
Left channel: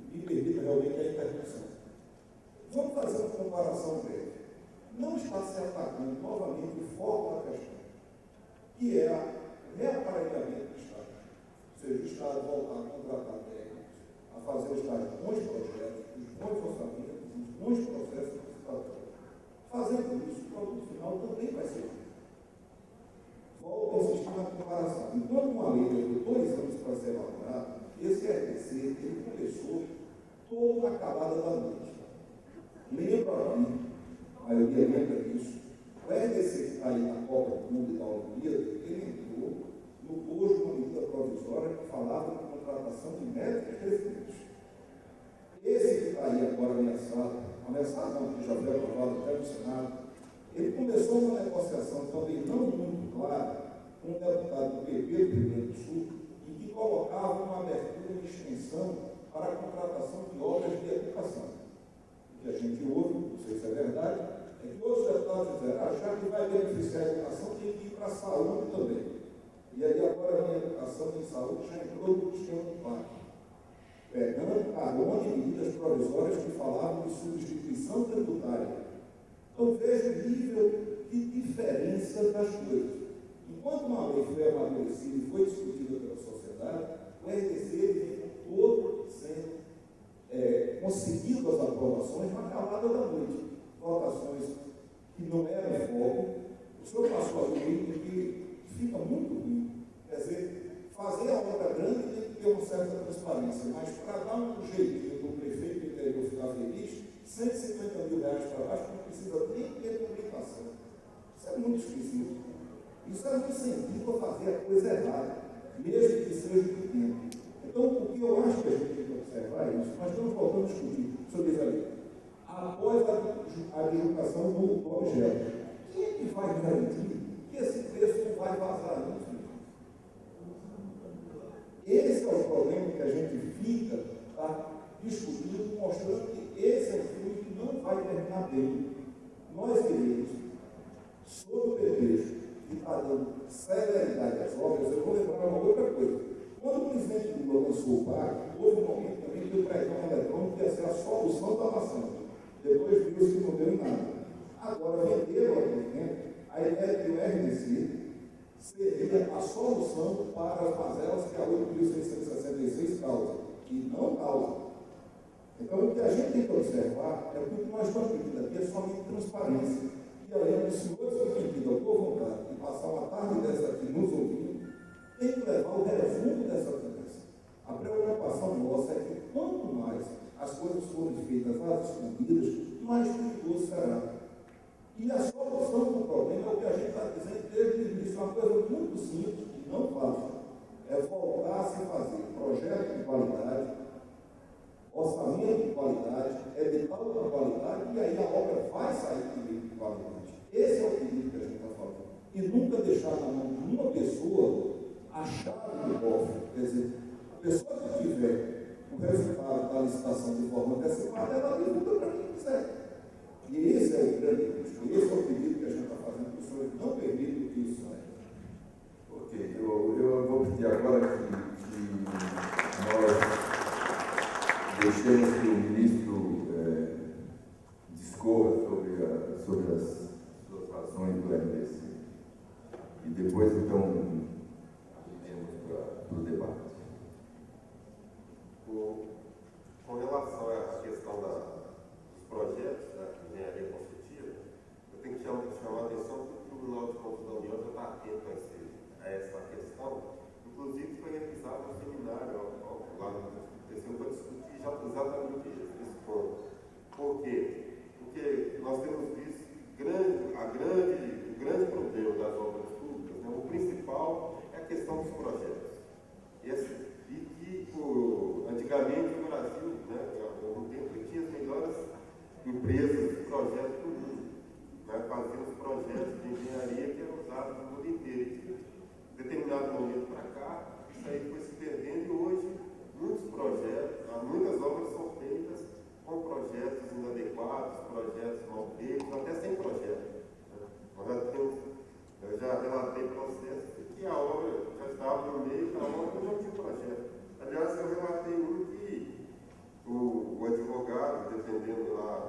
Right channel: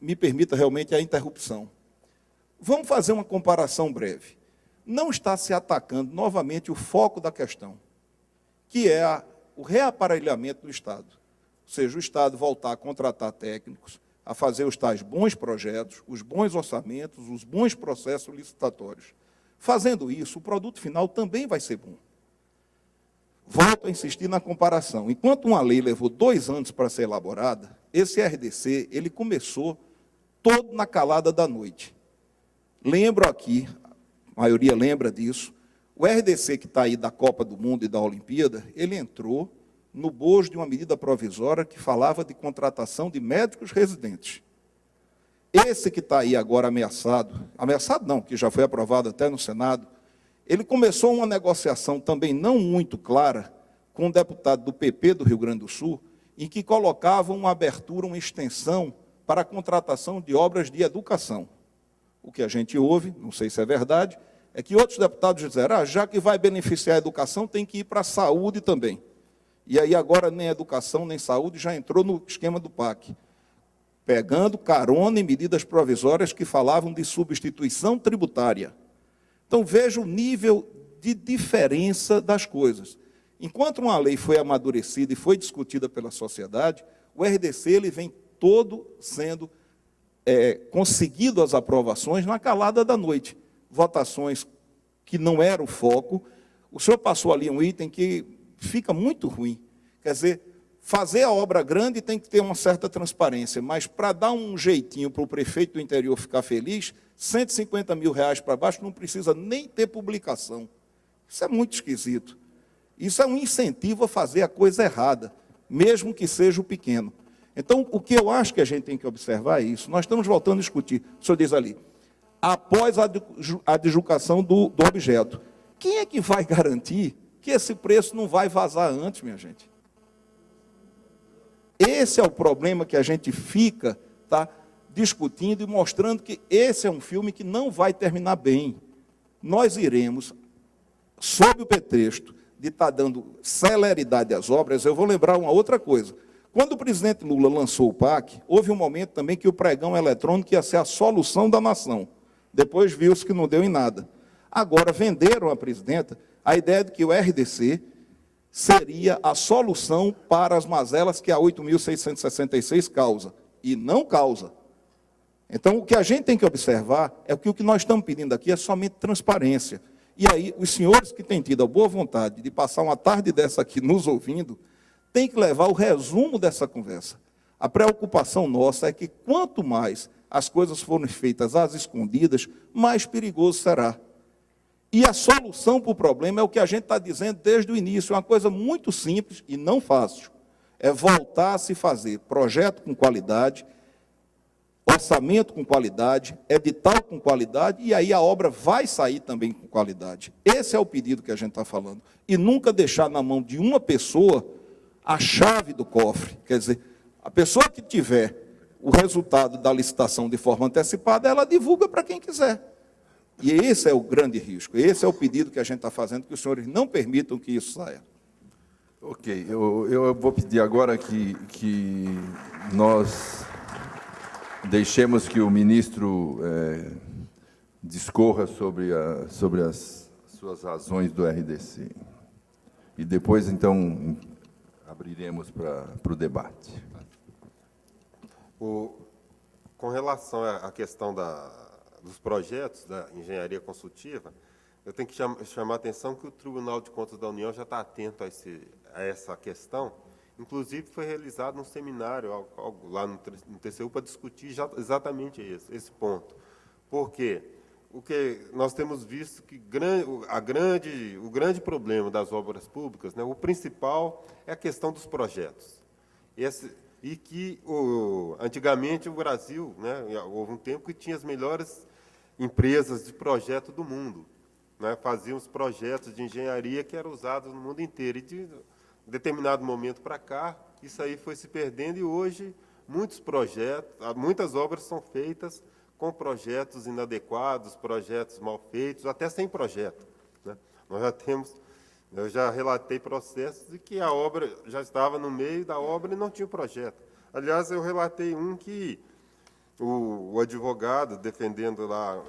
me permita realmente a interrupção. Vamos fazer uma comparação breve. Não está se atacando novamente o foco da questão, que é o reaparelhamento do Estado. Ou seja, o Estado voltar a contratar técnicos, a fazer os tais bons projetos, os bons orçamentos, os bons processos licitatórios. Fazendo isso, o produto final também vai ser bom. Volto a insistir na comparação. Enquanto uma lei levou 2 anos para ser elaborada, esse RDC, ele começou todo na calada da noite. Lembro aqui, a maioria lembra disso, o RDC que está aí da Copa do Mundo e da Olimpíada, ele entrou no bojo de uma medida provisória que falava de contratação de médicos residentes. Esse que está aí agora ameaçado não, que já foi aprovado até no Senado, ele começou uma negociação também não muito clara com um deputado do PP do Rio Grande do Sul, em que colocava uma abertura, uma extensão para a contratação de obras de educação. O que a gente ouve, não sei se é verdade, é que outros deputados disseram, já que vai beneficiar a educação, tem que ir para a saúde também. E aí agora nem educação, nem saúde já entrou no esquema do PAC, pegando carona em medidas provisórias que falavam de substituição tributária. Então, veja o nível de diferença das coisas. Enquanto uma lei foi amadurecida e foi discutida pela sociedade, o RDC ele vem todo sendo conseguido as aprovações na calada da noite. Votações que não era o foco. O senhor passou ali um item que fica muito ruim. Quer dizer, fazer a obra grande tem que ter uma certa transparência, mas para dar um jeitinho para o prefeito do interior ficar feliz, R$150 mil para baixo não precisa nem ter publicação. Isso é muito esquisito. Isso é um incentivo a fazer a coisa errada, mesmo que seja o pequeno. Então, o que eu acho que a gente tem que observar é isso. Nós estamos voltando a discutir. O senhor diz ali, após a adjudicação do objeto. Quem é que vai garantir que esse preço não vai vazar antes, minha gente? Esse é o problema que a gente fica discutindo e mostrando que esse é um filme que não vai terminar bem. Nós iremos, sob o pretexto de estar dando celeridade às obras, eu vou lembrar uma outra coisa. Quando o presidente Lula lançou o PAC, houve um momento também que o pregão eletrônico ia ser a solução da nação. Depois viu-se que não deu em nada. Agora venderam à presidenta a ideia de que o RDC seria a solução para as mazelas que a 8.666 causa. E não causa. Então, o que a gente tem que observar é que o que nós estamos pedindo aqui é somente transparência. E aí, os senhores que têm tido a boa vontade de passar uma tarde dessa aqui nos ouvindo, têm que levar o resumo dessa conversa. A preocupação nossa é que quanto mais as coisas forem feitas às escondidas, mais perigoso será. E a solução para o problema é o que a gente está dizendo desde o início, uma coisa muito simples e não fácil. É voltar a se fazer projeto com qualidade, orçamento com qualidade, edital com qualidade, e aí a obra vai sair também com qualidade. Esse é o pedido que a gente está falando. E nunca deixar na mão de uma pessoa a chave do cofre. Quer dizer, a pessoa que tiver o resultado da licitação de forma antecipada, ela divulga para quem quiser. E esse é o grande risco, esse é o pedido que a gente está fazendo, que os senhores não permitam que isso saia. Ok, eu vou pedir agora que nós deixemos que o ministro discorra sobre as suas razões do RDC. E depois, então, abriremos para o debate. Com relação à questão dos projetos da engenharia consultiva, eu tenho que chamar a atenção que o Tribunal de Contas da União já está atento a essa questão. Inclusive, foi realizado um seminário lá no TCU para discutir exatamente esse ponto. Porque o que nós temos visto que o grande problema das obras públicas, né, o principal é a questão dos projetos. Antigamente o Brasil, né, houve um tempo que tinha as melhores empresas de projeto do mundo, né? Faziam os projetos de engenharia que eram usados no mundo inteiro. E de determinado momento para cá, isso aí foi se perdendo e hoje muitos projetos, muitas obras são feitas com projetos inadequados, projetos mal feitos, até sem projeto, né? Eu já relatei processos de que a obra já estava no meio da obra e não tinha projeto. Aliás, eu relatei um que o advogado, defendendo lá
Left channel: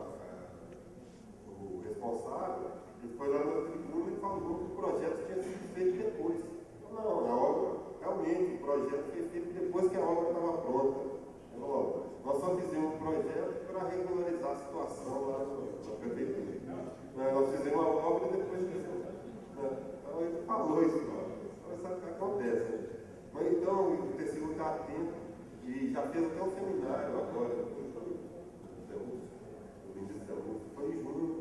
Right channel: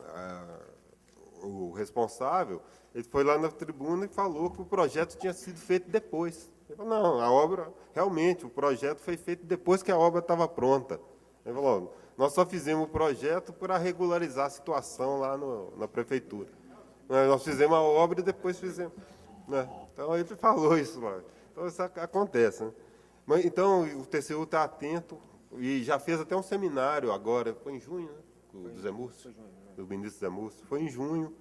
o responsável, ele foi lá na tribuna e falou que o projeto tinha sido feito depois. Ele falou, não, a obra, realmente, o projeto foi feito depois que a obra estava pronta. Ele falou, nós só fizemos o projeto para regularizar a situação lá na prefeitura. Nós fizemos a obra e depois fizemos. Né? Então, ele falou isso. Mano. Então, isso acontece. Né? Mas, então, o TCU está atento e já fez até um seminário agora, foi em junho, do Zé Múcio, do ministro Zé Múcio, foi em junho,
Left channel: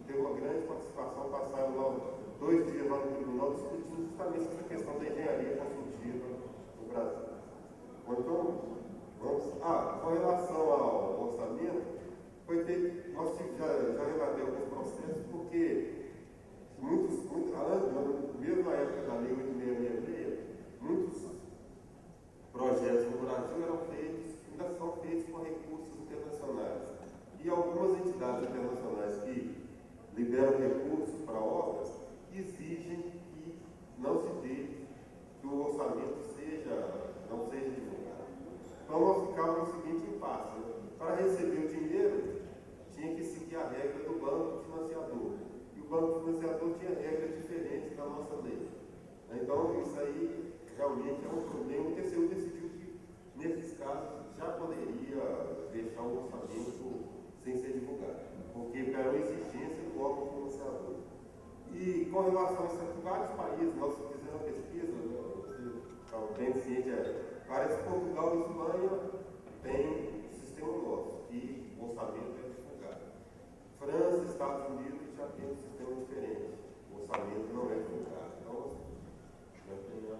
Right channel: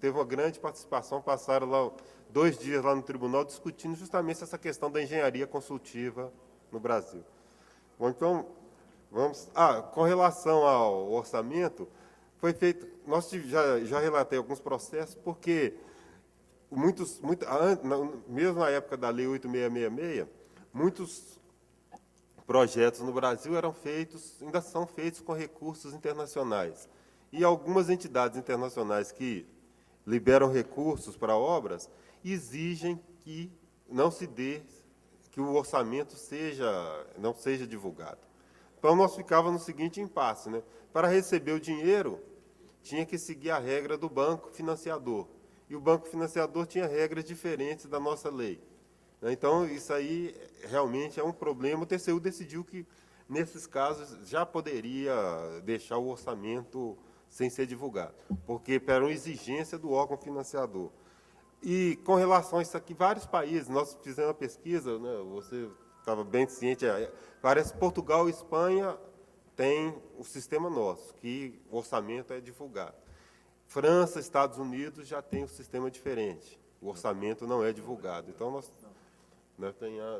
teve uma grande participação, passaram lá 2 dias lá no tribunal discutindo justamente essa questão da engenharia consultiva no Brasil. Bom, então, vamos... com relação ao orçamento, foi feito... Já relatei alguns processos, porque mesmo na época da Lei 8666, muitos projetos no Brasil ainda são feitos com recursos internacionais. E algumas entidades internacionais que liberam recursos para obras exigem que não se dê, que o orçamento não seja divulgado. Então, nós ficávamos no seguinte impasse, né? Para receber o dinheiro, tinha que seguir a regra do banco financiador. E o banco financiador tinha regras diferentes da nossa lei. Então, isso aí realmente é um problema. O TCU decidiu que, nesses casos, já poderia deixar o orçamento sem ser divulgado, porque era uma exigência do órgão financiador. E, com relação a isso aqui, vários países, nós fizemos uma pesquisa, né, você estava bem ciente, parece que Portugal e Espanha têm o sistema nosso, que o orçamento é divulgado. França, Estados Unidos já tem um sistema diferente, o orçamento não é divulgado. Então, nós...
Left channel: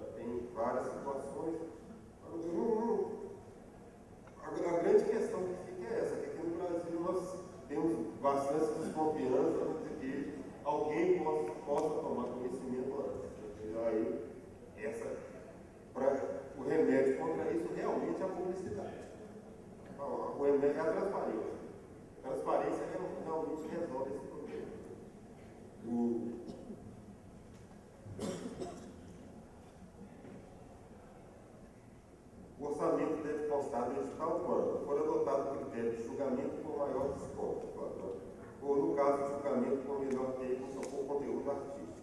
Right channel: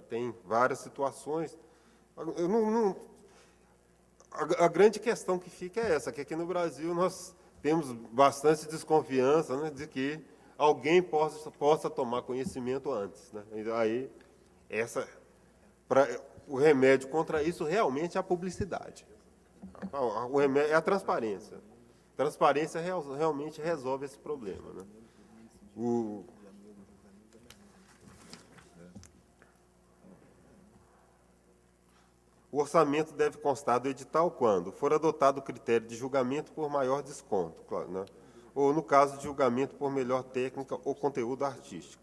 Tem várias situações. A grande questão que fica é essa, que aqui no Brasil nós temos bastante desconfiança, né, de que alguém possa tomar conhecimento antes. Né? E aí, o remédio contra isso realmente é a publicidade. O remédio é a transparência. Transparência realmente resolve esse problema. Né? O orçamento deve constar do edital quando for adotado o critério de julgamento por maior desconto, claro, né? Ou no caso de julgamento por melhor técnica ou conteúdo artístico.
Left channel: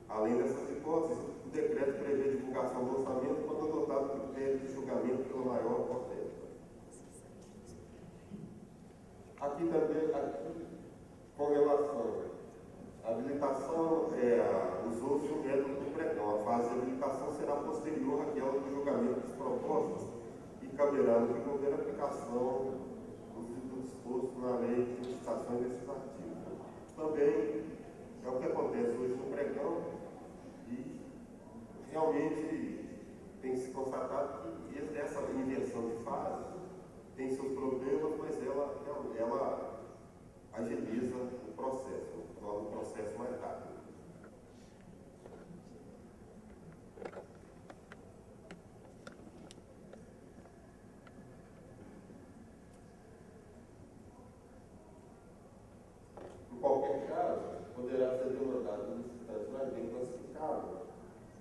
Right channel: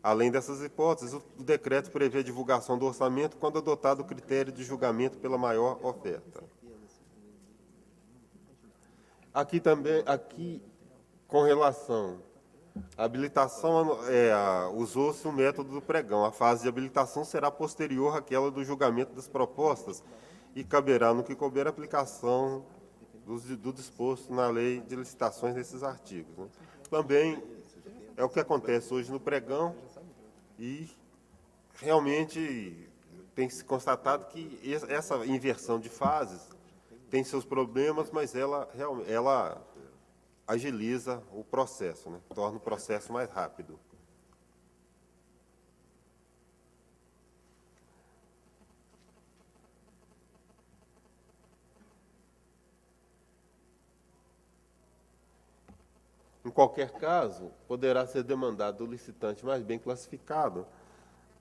Além dessas hipóteses, o decreto prevê a divulgação do orçamento quando adotado o critério de julgamento pela maior oferta. Aqui, com relação à habilitação, usou-se o método do pregão. A fase de habilitação será posterior àquela do julgamento das propostas e caberá, no que couber, a aplicação do disposto na lei de licitações desses artigos. Também é o que acontece hoje no pregão e realmente tem se constatado que essa inversão de fases tem seus problemas, mas ela agiliza o processo, né? Torna o processo mais rápido. Em qualquer caso, poderá ser demandado do licitante mais bem classificado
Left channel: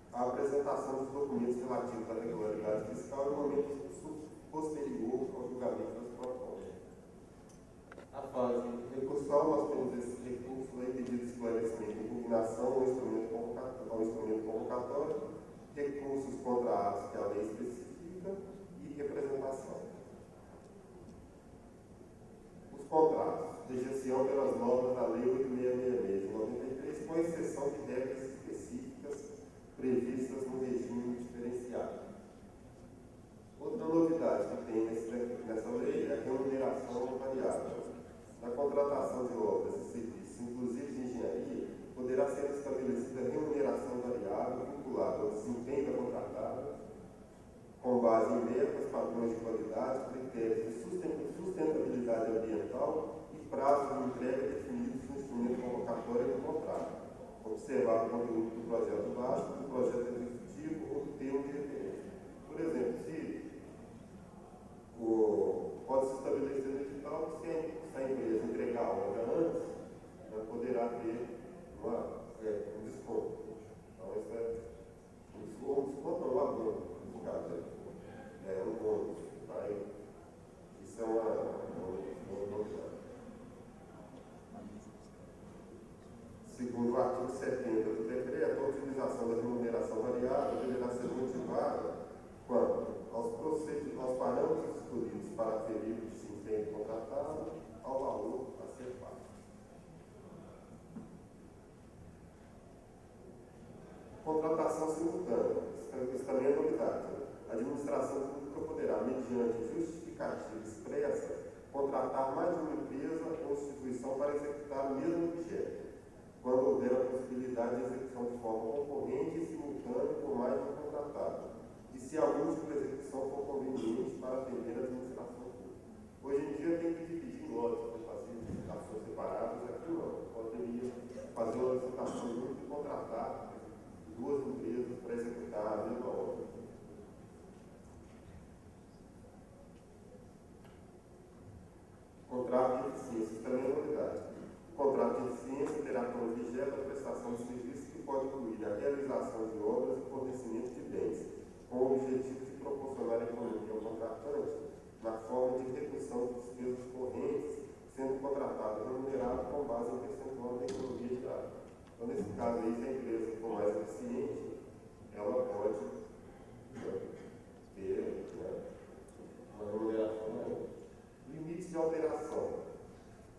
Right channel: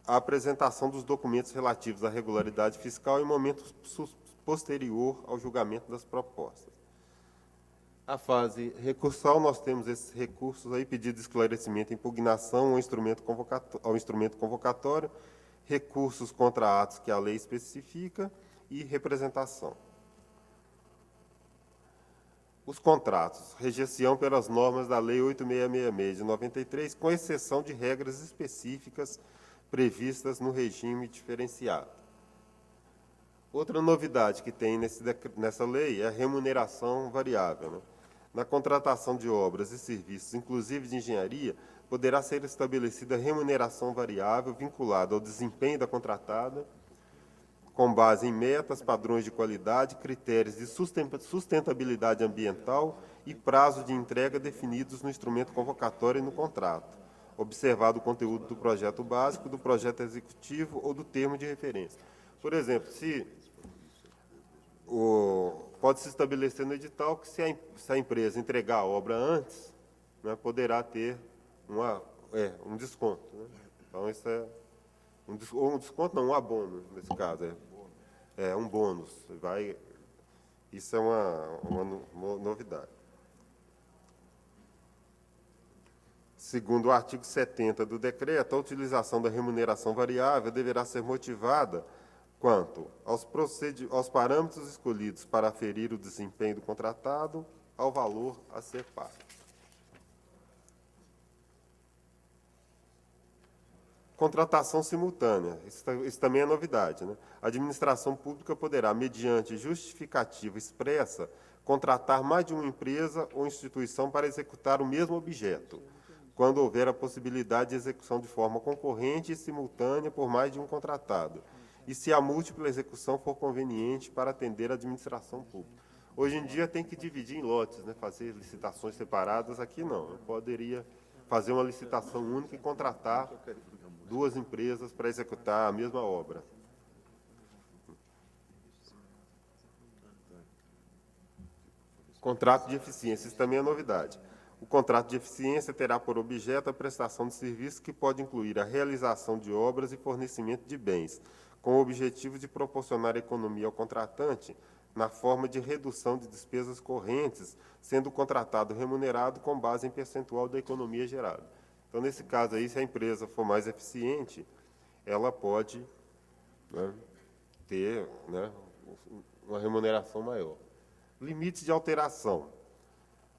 a apresentação dos documentos relativos à regularidade fiscal em momento posterior ao julgamento das propostas. A fase recursal, nós temos esses recursos aí, pedido de esclarecimento, impugnação ao instrumento convocatório, recursos contra atos que a lei especifica e representação. Os contratos, rejeição pelas normas da Lei 8666 de 93, com exceção de regras específicas previstas no regime diferenciado. Outra novidade que tem nessa lei é a remuneração variável. Na contratação de obras e serviços, inclusive de engenharia, poderá ser estabelecida remuneração variável vinculada ao desempenho da contratada, com base em metas, padrões de qualidade, critérios de sustentabilidade ambiental e prazo de entrega definidos no instrumento convocatório e no contrato, observado o conteúdo do projeto básico, do projeto executivo ou do termo de referência. Por exemplo, pode-se estabelecer no edital que se a empresa entregar a obra antes, né, poderá ter um desconto. Né? Então, isso é um desconto, não, um abono, nesse caso, é um bônus. Isso é uma novidade. Segundo o artigo 70 do decreto, a utilização da remuneração variável deverá ser motivada quanto aos parâmetros escolhidos para aferir o desempenho do contratado, ao valor a ser pago. Contratação simultânea, isso também é novidade, né? A administração pública poderá, mediante justificativa expressa, contratar mais de uma empresa ou instituição para executar o mesmo objeto, quando houver a possibilidade de execução de forma concorrente e simultânea por mais de um contratado, e se a múltipla execução for conveniente para atender a administração pública. Hoje em dia tem que dividir em lotes, né? Fazer licitações separadas, aqui não. Eu poderia fazer uma licitação única e contratar duas empresas para executar a mesma obra. Contrato de eficiência, isso também é novidade. O contrato de eficiência terá por objeto a prestação de serviços que pode incluir a realização de obras e fornecimento de bens, com o objetivo de proporcionar economia ao contratante na forma de redução de despesas correntes, sendo o contratado remunerado com base em percentual da economia gerada. Então, nesse caso aí, se a empresa for mais eficiente, ela pode, né, ter, né, uma remuneração maior. Limites de alteração.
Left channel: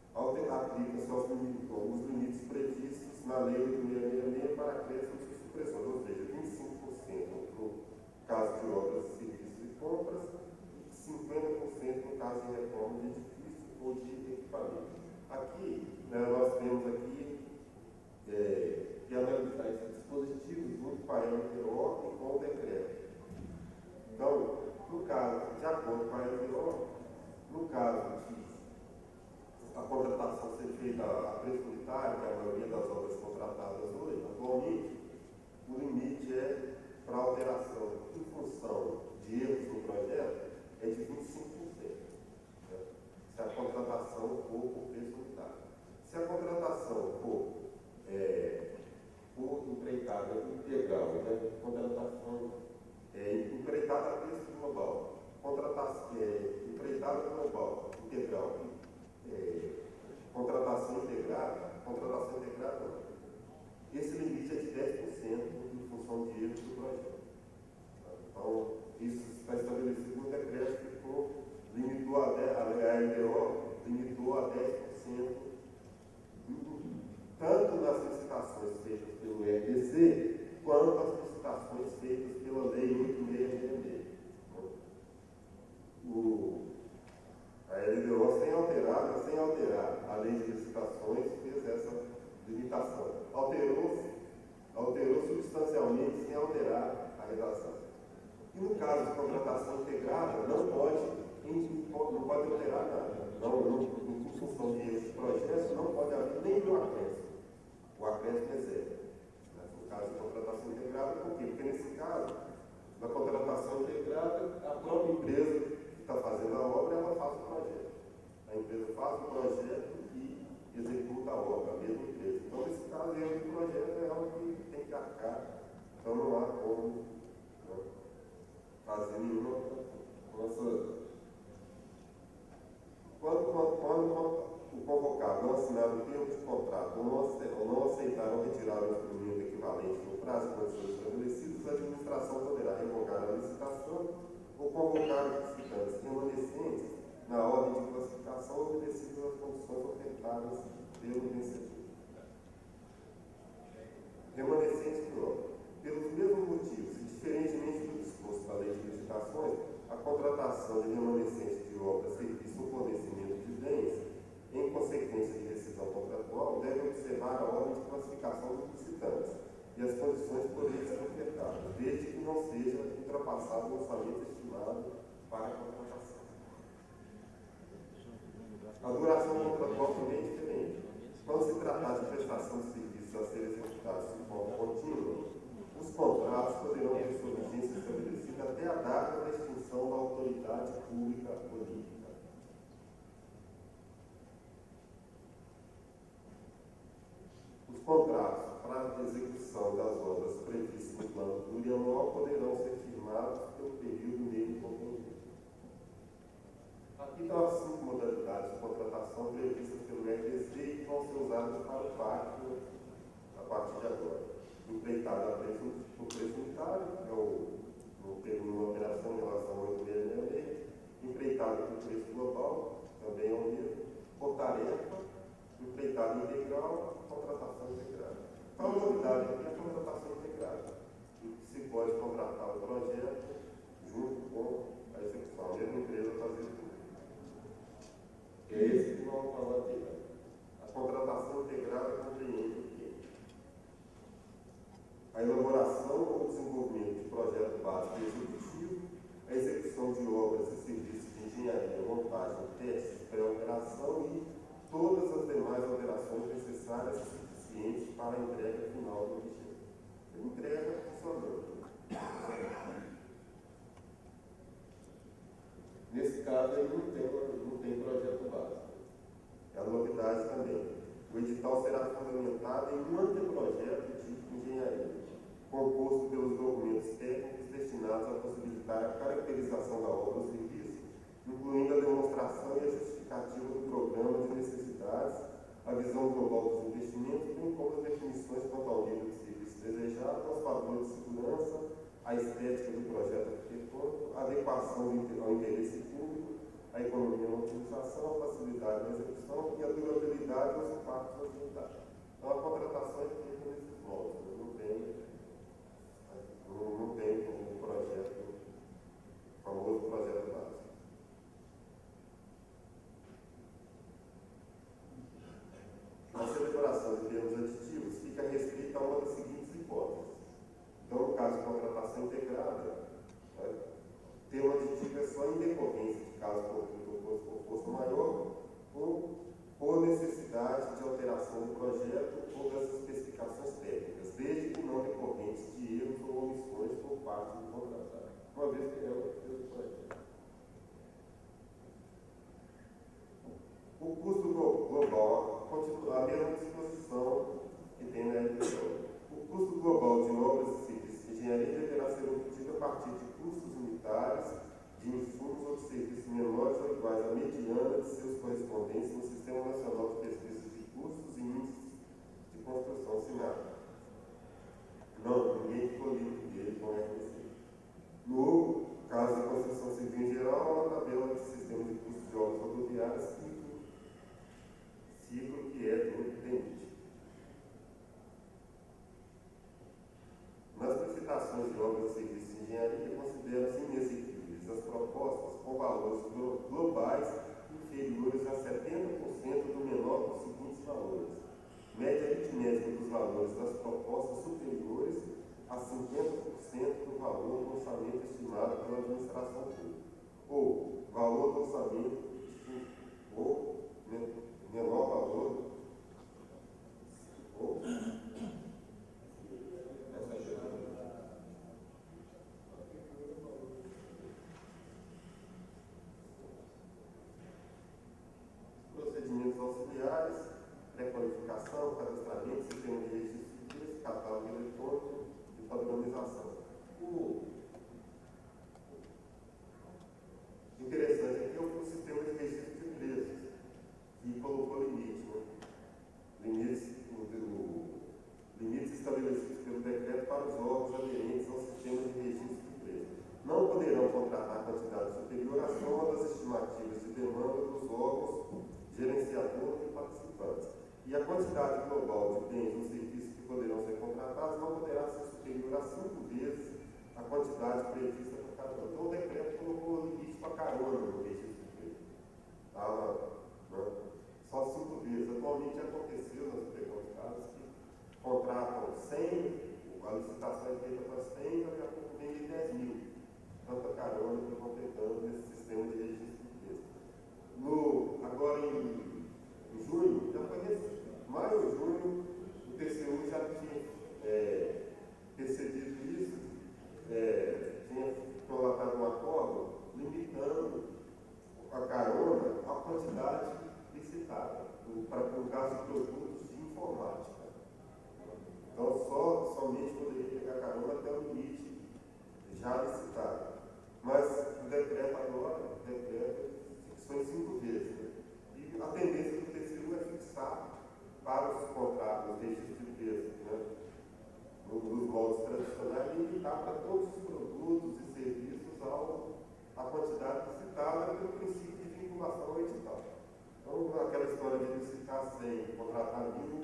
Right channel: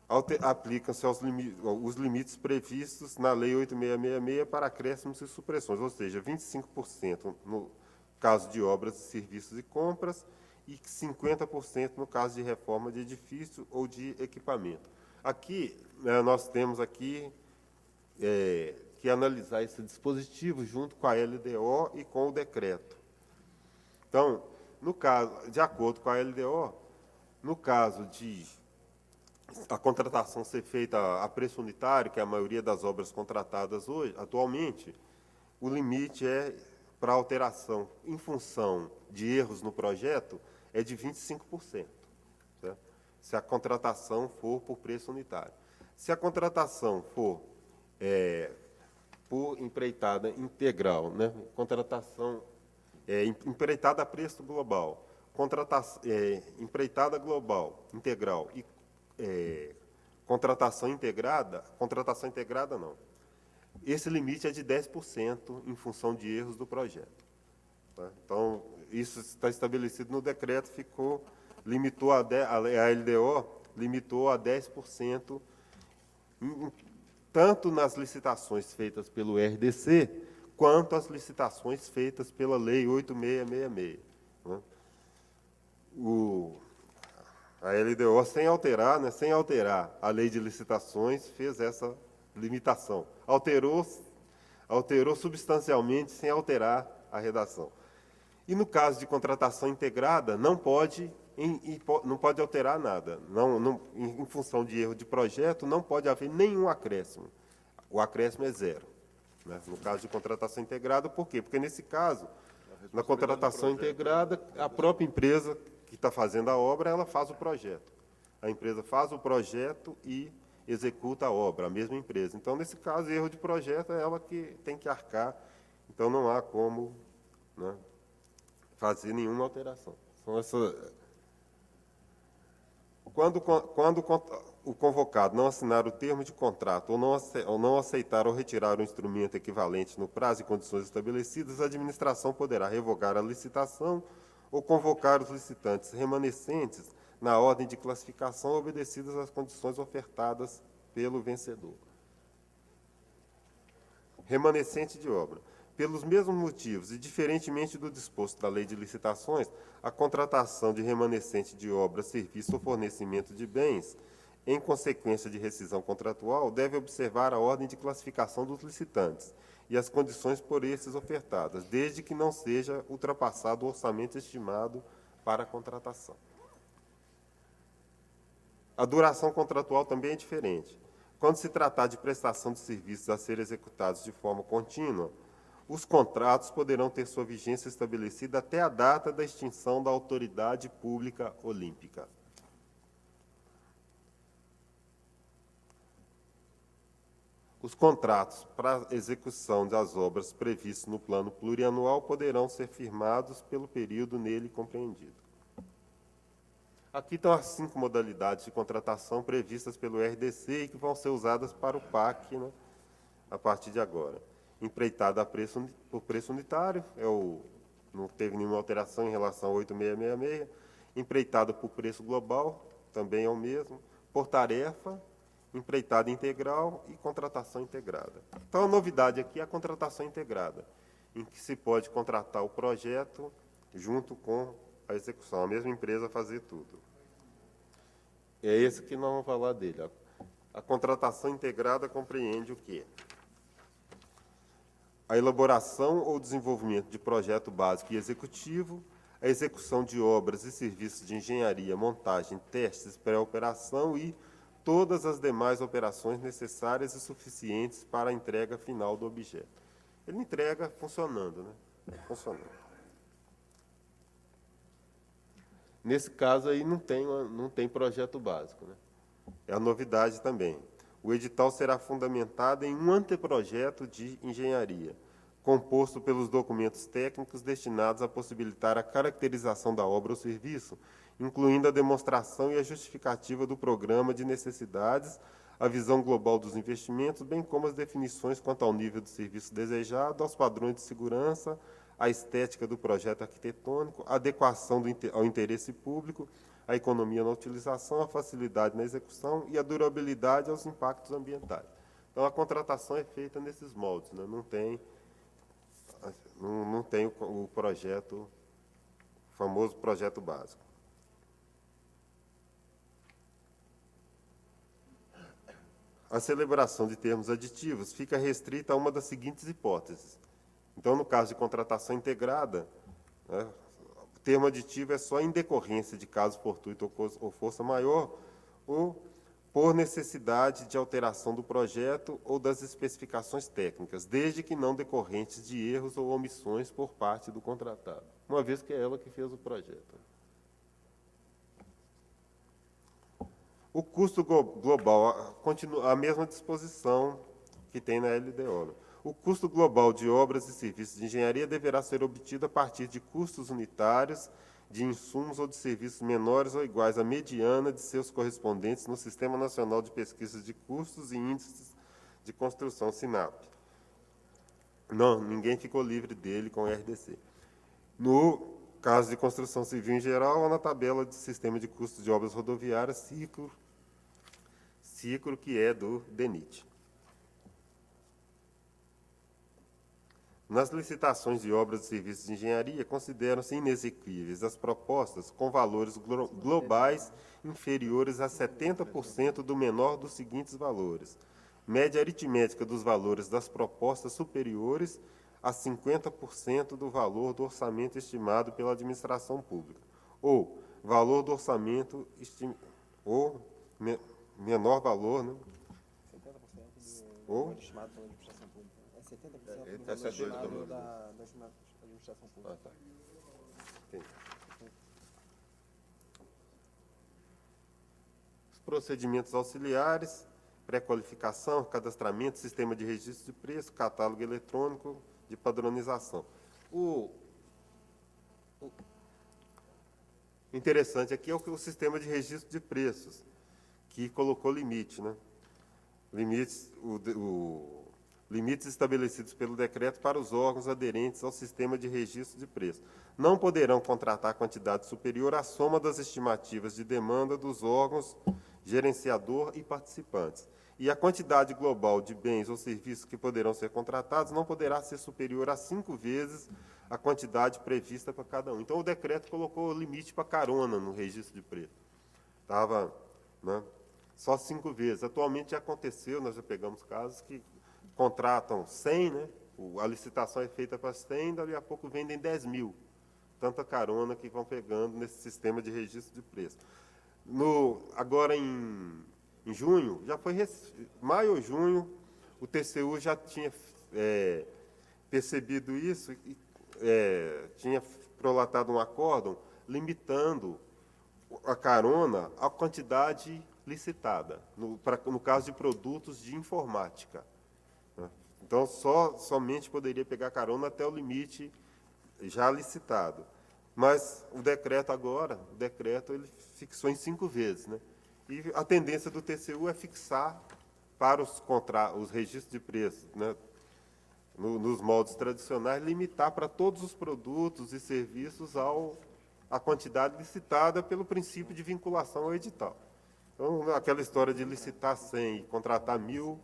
Aplicam-se os limites previstos na Lei 8.666 para acréscimos e supressões, ou seja, 25% no caso de obras, serviços e compras e 50% no caso de reforma de edifício ou de equipamento. Aqui, né, nós temos aqui que analisar esse dispositivo junto com a LDO e com o decreto. Então, no caso, de acordo com a LDO, no caso de a contratação ser feita a preço unitário, que é a maioria das obras contratadas hoje, atualmente, o limite para alteração em função de erros no projeto é de 25%, certo? Se a contratação for por preço unitário. Se a contratação for por empreitada integral, né? Contratação empreitada a preço global, empreitada global integral e contratação integrada não. Esse limite é de 10% em função de erros do projeto. Tá? Então, isso está estabelecido no decreto, limitou a LDO limitou a 10%, tanto nas licitações feitas pelo RDC, quanto as licitações feitas pela Lei 8.666. Né? A LDO, sem alterar a Lei de Licitações, fez essa limitação. Alterou substancialmente sem alterar a redação. E no caso de contratação integrada, não pode alterar nada. Em função de erro de projeto, não pode haver nenhum acréscimo. O acréscimo é zero. Né? No caso de contratação integrada, por quê? Porque nesse caso, na contratação integrada, a própria empresa que está fazendo a obra, ela faz o projeto. A empresa faz o projeto e executa a obra, a mesma empresa. Então, nesse caso, erro de projeto é ela que tem que arcar. Então, não há como, né, fazer nenhuma alteração. Então, quando o convocado não assinar o termo de contrato ou não aceitar ou retirar o instrumento equivalente no prazo e condições estabelecidas, a administração poderá revogar a licitação ou convocar os licitantes remanescentes na ordem de classificação obedecidas às condições ofertadas pelo vencedor. Remanescente de obra. Pelos mesmos motivos e diferentemente do disposto da Lei de Licitações, a contratação de remanescente de obra, serviço ou fornecimento de bens, em consequência de rescisão contratual, deve observar a ordem de classificação dos licitantes e as condições por esses ofertadas, desde que não seja ultrapassado o orçamento estimado para a contratação. A duração contratual também é diferente. Quando se tratar de prestação de serviços a serem executados de forma contínua, os contratos poderão ter sua vigência estabelecida até a data da extinção da autoridade pública olímpica. Os contratos para execução das obras previstos no plano plurianual poderão ser firmados pelo período nele compreendido. Aqui estão as 5 modalidades de contratação previstas pelo RDC e que vão ser usadas para o PAC, né, a partir de agora. Empreitada por preço unitário, não teve nenhuma alteração em relação ao 8666. Empreitada por preço global, também é o mesmo. Por tarefa, empreitada integral e contratação integrada. Então, a novidade aqui é a contratação integrada, em que se pode contratar o projeto junto com a execução, a mesma empresa fazer tudo. É esse que nós vamos falar dele. Ó. A contratação integrada compreende o quê? A elaboração ou desenvolvimento de projeto básico e executivo, a execução de obras e serviços de engenharia, montagem, testes, pré-operação e todas as demais operações necessárias e suficientes para a entrega final do objeto. Ele entrega funcionando. Né? Funcionando. Nesse caso aí não tem projeto básico. Né? É a novidade também. O edital será fundamentado em um anteprojeto de engenharia, composto pelos documentos técnicos destinados a possibilitar a caracterização da obra ou serviço, incluindo a demonstração e a justificativa do programa de necessidades, a visão global dos investimentos, bem como as definições quanto ao nível de serviço desejado, aos padrões de segurança, a estética do projeto arquitetônico, a adequação ao interesse público, a economia na utilização, a facilidade na execução e a durabilidade aos impactos ambientais. Então, a contratação é feita nesses moldes, né? Não tem o projeto, o famoso projeto básico. A celebração de termos aditivos fica restrita a uma das seguintes hipóteses. Então, no caso de contratação integrada, né, o termo aditivo é só em decorrência de caso fortuito ou força maior, ou por necessidade de alteração do projeto ou das especificações técnicas, desde que não decorrentes de erros ou omissões por parte do contratado, uma vez que é ela que fez o projeto. O custo global continua a mesma disposição que tem na LDO. O custo global de obras e serviços de engenharia deverá ser obtido a partir de custos unitários de insumos ou de serviços menores ou iguais à mediana de seus correspondentes no Sistema Nacional de Pesquisas de Custos e Índices de Construção, SINAP. Não, ninguém ficou livre dele com o RDC. No caso de construção civil em geral, na tabela de Sistema de Custos de Obras Rodoviárias, ciclo que é do DENIT. Nas licitações de obras e serviços de engenharia, consideram-se inexequíveis as propostas com valores globais inferiores a 70% do menor dos seguintes valores. Média aritmética dos valores das propostas superiores a 50% do valor do orçamento estimado pela administração pública. Ou valor do orçamento ou menor valor, né? Ou os procedimentos auxiliares, pré-qualificação, cadastramento, sistema de registro de preço, catálogo eletrônico de padronização. O interessante aqui é o sistema de registro de preços, que colocou limite, né? Limites estabelecidos pelo decreto para os órgãos aderentes ao sistema de registro de preços. Não poderão contratar quantidade superior à soma das estimativas de demanda dos órgãos gerenciador e participantes. E a quantidade global de bens ou serviços que poderão ser contratados não poderá ser superior a 5 vezes a quantidade prevista para cada um. Então, o decreto colocou o limite para carona no registro de preços. Estava, né, só 5 vezes. Atualmente já aconteceu, nós já pegamos casos que contratam 100, né? A licitação é feita para 100, daqui a pouco vendem 10 mil. Tanta carona que vão pegando nesse sistema de registro de preço. Agora em junho, maio ou junho, o TCU já tinha percebido isso, tinha prolatado um acórdão limitando a carona à quantidade licitada, no caso de produtos de informática. Então, somente poderia pegar carona até o limite já licitado. Mas o decreto ele fixou em 5 vezes, né? E a tendência do TCU é fixar para os registros de preço, né? Nos moldes tradicionais, limitar para todos os produtos e serviços a quantidade licitada pelo princípio de vinculação ao edital. Então, aquela história de licitar 100 e contratar 1.000,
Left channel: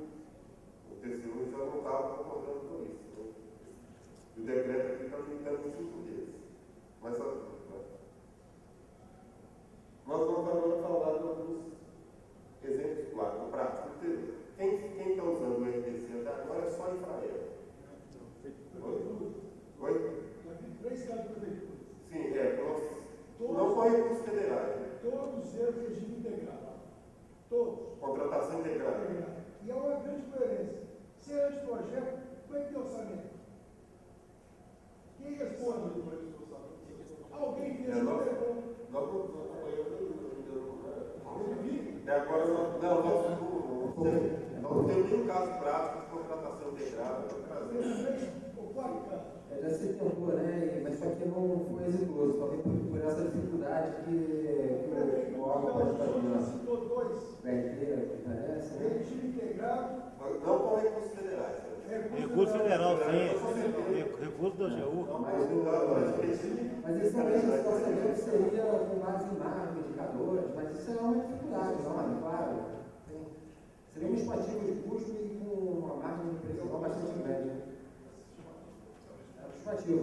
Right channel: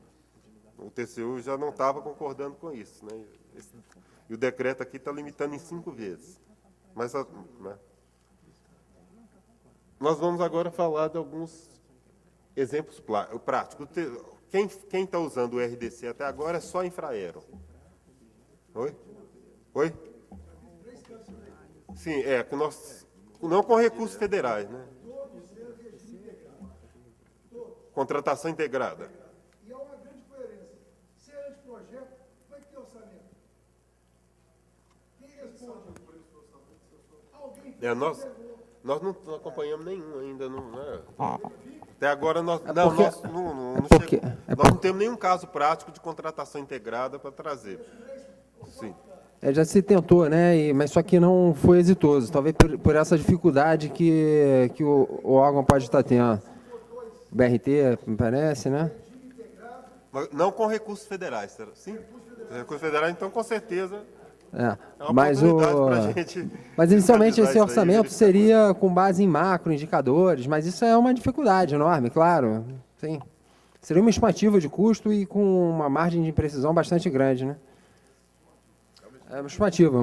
o TCU já não estava concordando com isso, né? E o decreto aqui está limitando em 5 vezes. Mas, né? Nós vamos agora falar de alguns exemplos práticos. Quem está usando o RDC até agora é só Infraero. Oi? Sim, que nós... Não com recursos federais, né? Todos eles regime integrado. Todos. Contratação integrada. E há uma grande coerência. Se é anteprojeto, como é que tem orçamento? Quem responde? Alguém Nós não acompanhamos nenhum ainda. Até agora nós não temos nenhum caso prático de contratação integrada para trazer. Sim. Já se tentou, né? Mas só que não foi exitoso. Talvez por essa dificuldade que o órgão pode estar tendo. BRT, me parece, né? Não com recursos federais, sim? Recursos federais, então com certeza. Mas inicialmente esse orçamento seria com base em macroindicadores, mas isso é uma dificuldade enorme, claro. Sim. Seria uma estimativa de custo e com uma margem de imprecisão bastante grande, né? É uma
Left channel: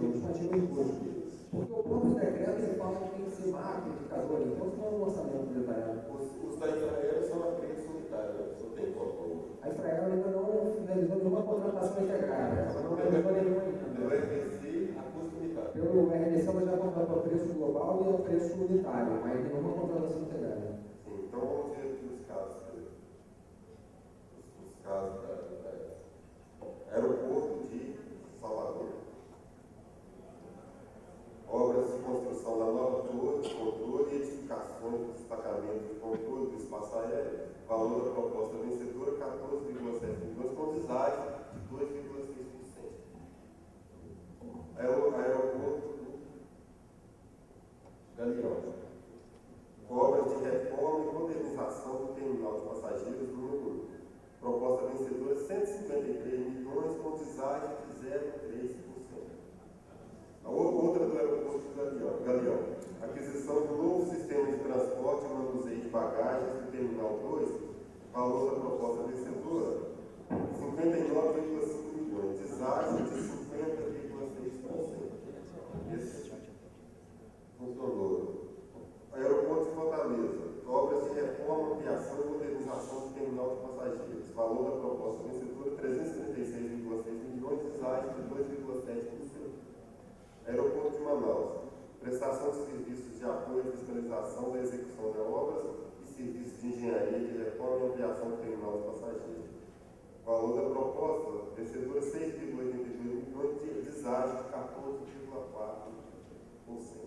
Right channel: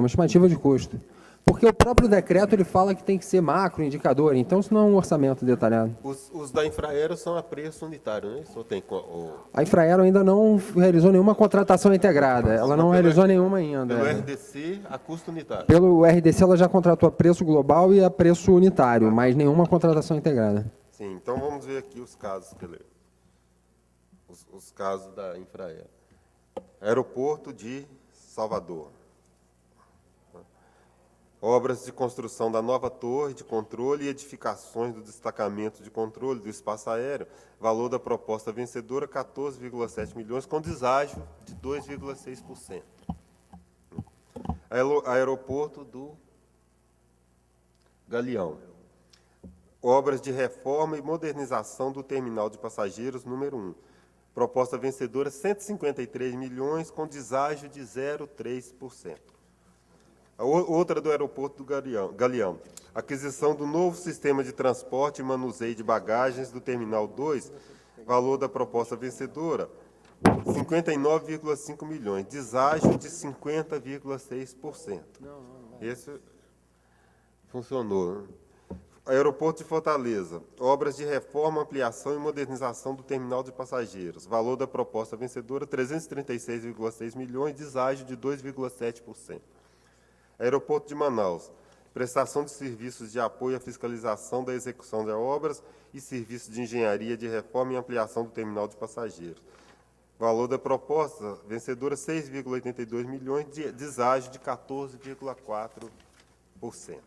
estimativa de custo. Porque o próprio decreto ele fala que tem que ser macroindicador, então isso não é um orçamento detalhado. Os da Infraero são a preço unitário, né? Só tem A Infraero ainda não realizou nenhuma contratação integrada, ela não realizou nenhuma ainda. Pelo RDC, a custo unitário. Pelo RDC ela já contratou a preço global e a preço unitário, mas nenhuma contratação integrada. Sim, então vamos ver aqui os casos, os casos da Infraero. Aeroporto de Salvador. Obras de construção da nova torre de controle e edificações do destacamento de controle do espaço aéreo. Valor da proposta vencedora, 14,7 milhões, com deságio de 2,6%. Aeroporto do Galeão. Obras de reforma e modernização do terminal de passageiros número 1. Proposta vencedora, 153 milhões, com deságio de 0,3%. A outra do aeroporto do Galeão. Aquisição do novo sistema de transporte e manuseio de bagagens do Terminal 2, valor da proposta vencedora, 59,5 milhões, deságio de 50,6%. Esse funcionou, né? Aeroporto de Fortaleza, obras de reforma, ampliação e modernização do terminal de passageiros, valor da proposta vencedora, 336,6 milhões, deságio de 2,7%. Aeroporto de Manaus, prestação de serviços de apoio à fiscalização da execução de obras e serviços de engenharia de reforma e ampliação do terminal de passageiros. Valor da proposta, vencedora 6,82 milhões, deságio de 14,4%.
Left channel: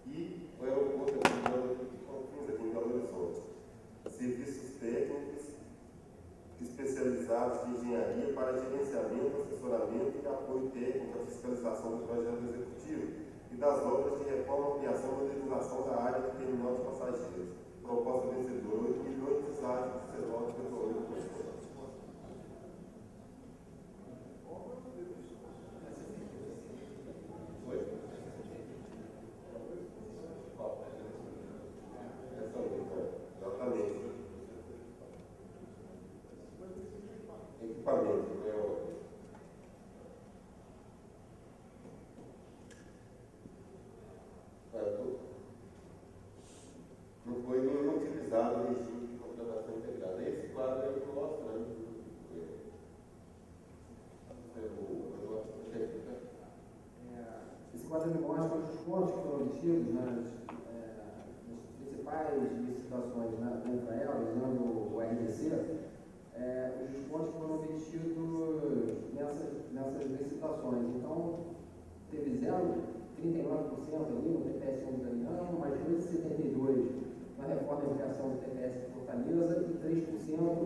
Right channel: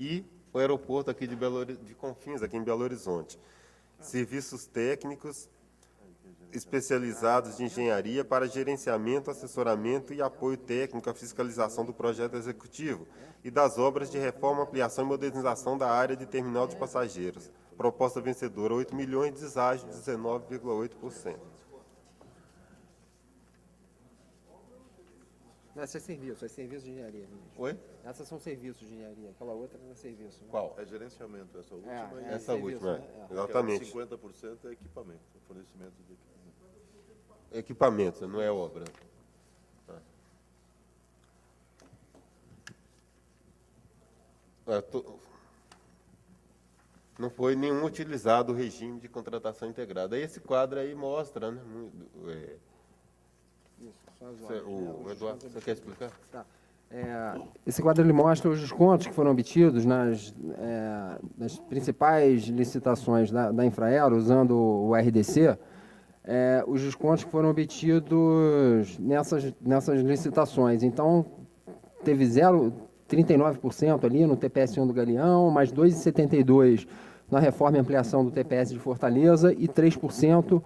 E o aeroporto aqui de Confins, aqui em Belo Horizonte. Serviços técnicos especializados de engenharia para gerenciamento, assessoramento e apoio técnico à fiscalização do projeto executivo e das obras de reforma, ampliação e modernização da área de terminal de passageiros. Proposta vencedora, 8 milhões, deságio de 19,8%. Essas são serviços de engenharia. Oi? Essas são serviços de engenharia. Fala outra é serviço. Qual? É gerenciamento essa última. Essa última, exatamente. 50% é equipamento, fornecimento de Equipamento, não é obra. Não foi nenhum utilizado o regime de contratação integrada. Esse quadro aí mostra, né? O Eduardo, você quer explicar? Esse quadro ele mostra os descontos que foram obtidos nas principais licitações da Infraero, usando o RDC, os descontos que foram obtidos nessas licitações. Então, teve 0,39% ali no TPS-1 do Galeão, mais 2,72% na reforma e ampliação do TPS de Fortaleza e 3%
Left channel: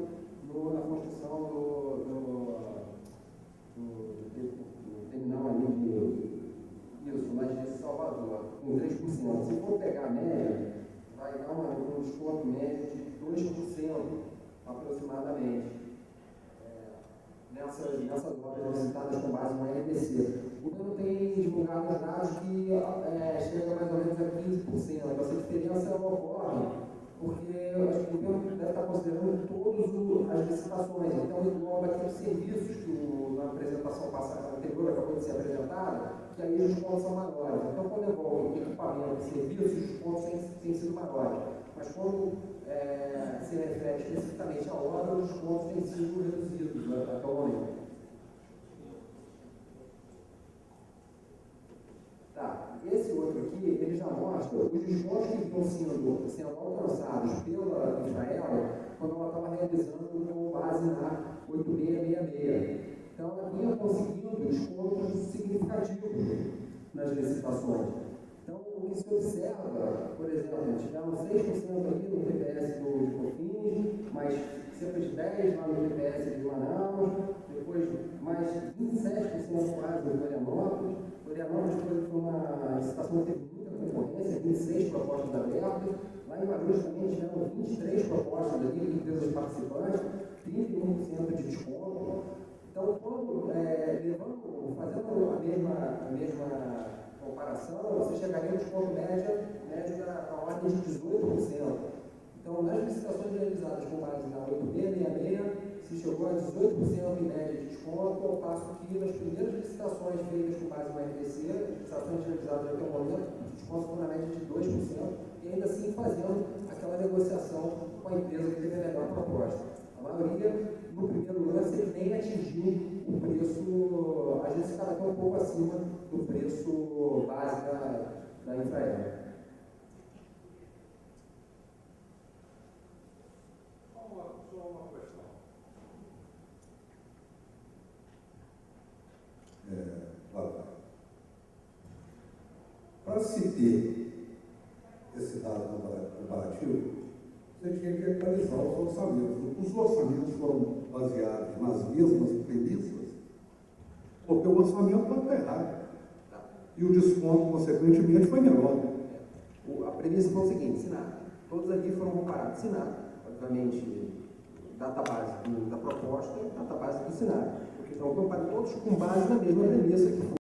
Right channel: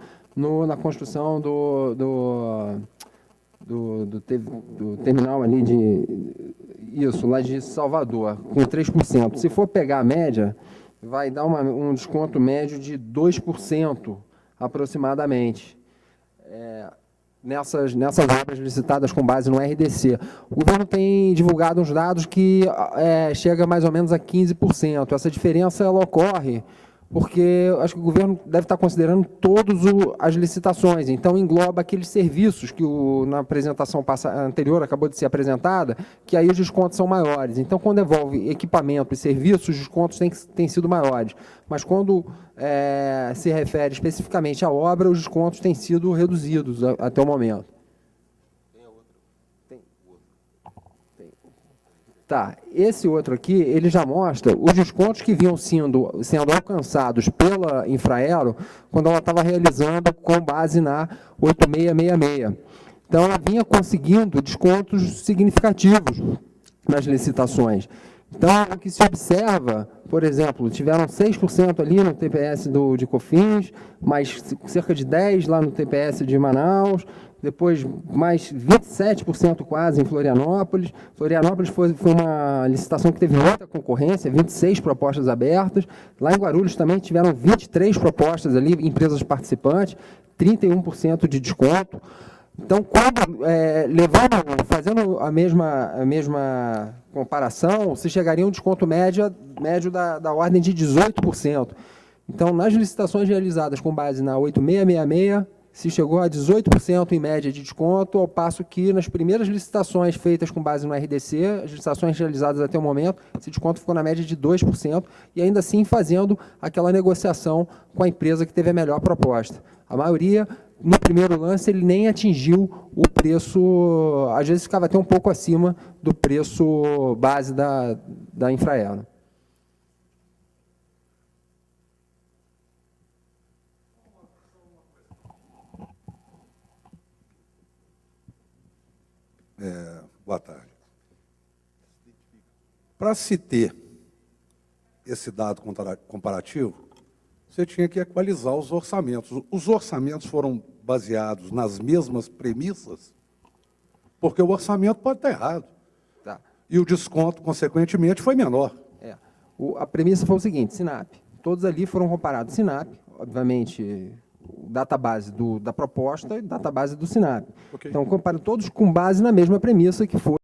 na construção do terminal ali lá de Salvador, com 3%. Se for pegar a média, vai dar um desconto médio de 2% aproximadamente, nessas obras licitadas com base no RDC. O governo tem divulgado uns dados que chega mais ou menos a 15%. Essa diferença ela ocorre porque acho que o governo deve estar considerando todas as licitações, então engloba aqueles serviços que na apresentação anterior acabou de ser apresentada, que aí os descontos são maiores. Então, quando envolve equipamento e serviços, os descontos têm sido maiores. Mas quando se refere especificamente à obra, os descontos têm sido reduzidos até o momento. Tá, esse outro aqui, ele já mostra os descontos que vinham sendo alcançados pela Infraero quando ela estava realizando com base na 8666. Então, ela vinha conseguindo descontos significativos nas licitações. Então, o que se observa, por exemplo, tiveram 6% ali no TPS de Cofins, mais cerca de 10% lá no TPS de Manaus, depois mais 27% quase em Florianópolis. Florianópolis foi uma licitação que teve muita concorrência, 26 propostas abertas. Lá em Guarulhos também tiveram 23 propostas ali, empresas participantes, 31% de desconto. Então, fazendo a mesma comparação, se chegaria a um desconto médio da ordem de 18%. Então, nas licitações realizadas com base na 8666, se chegou a 18% em média de desconto, ao passo que nas primeiras licitações feitas com base no RDC, as licitações realizadas até o momento, esse desconto ficou na média de 2%, e ainda assim fazendo aquela negociação com a empresa que teve a melhor proposta. A maioria, no primeiro lance, ele nem atingiu o preço, às vezes ficava até um pouco acima do preço base da Infraero. Boa tarde. Para se ter esse dado comparativo, você tinha que equalizar os orçamentos. Os orçamentos foram baseados nas mesmas premissas, porque o orçamento pode estar errado. Tá. E o desconto, consequentemente, foi menor. A premissa foi o seguinte, SINAP. Todos ali foram comparados. SINAP, obviamente, database da proposta e database do SINAP. Okay. Então, compara todos com base na mesma premissa que foi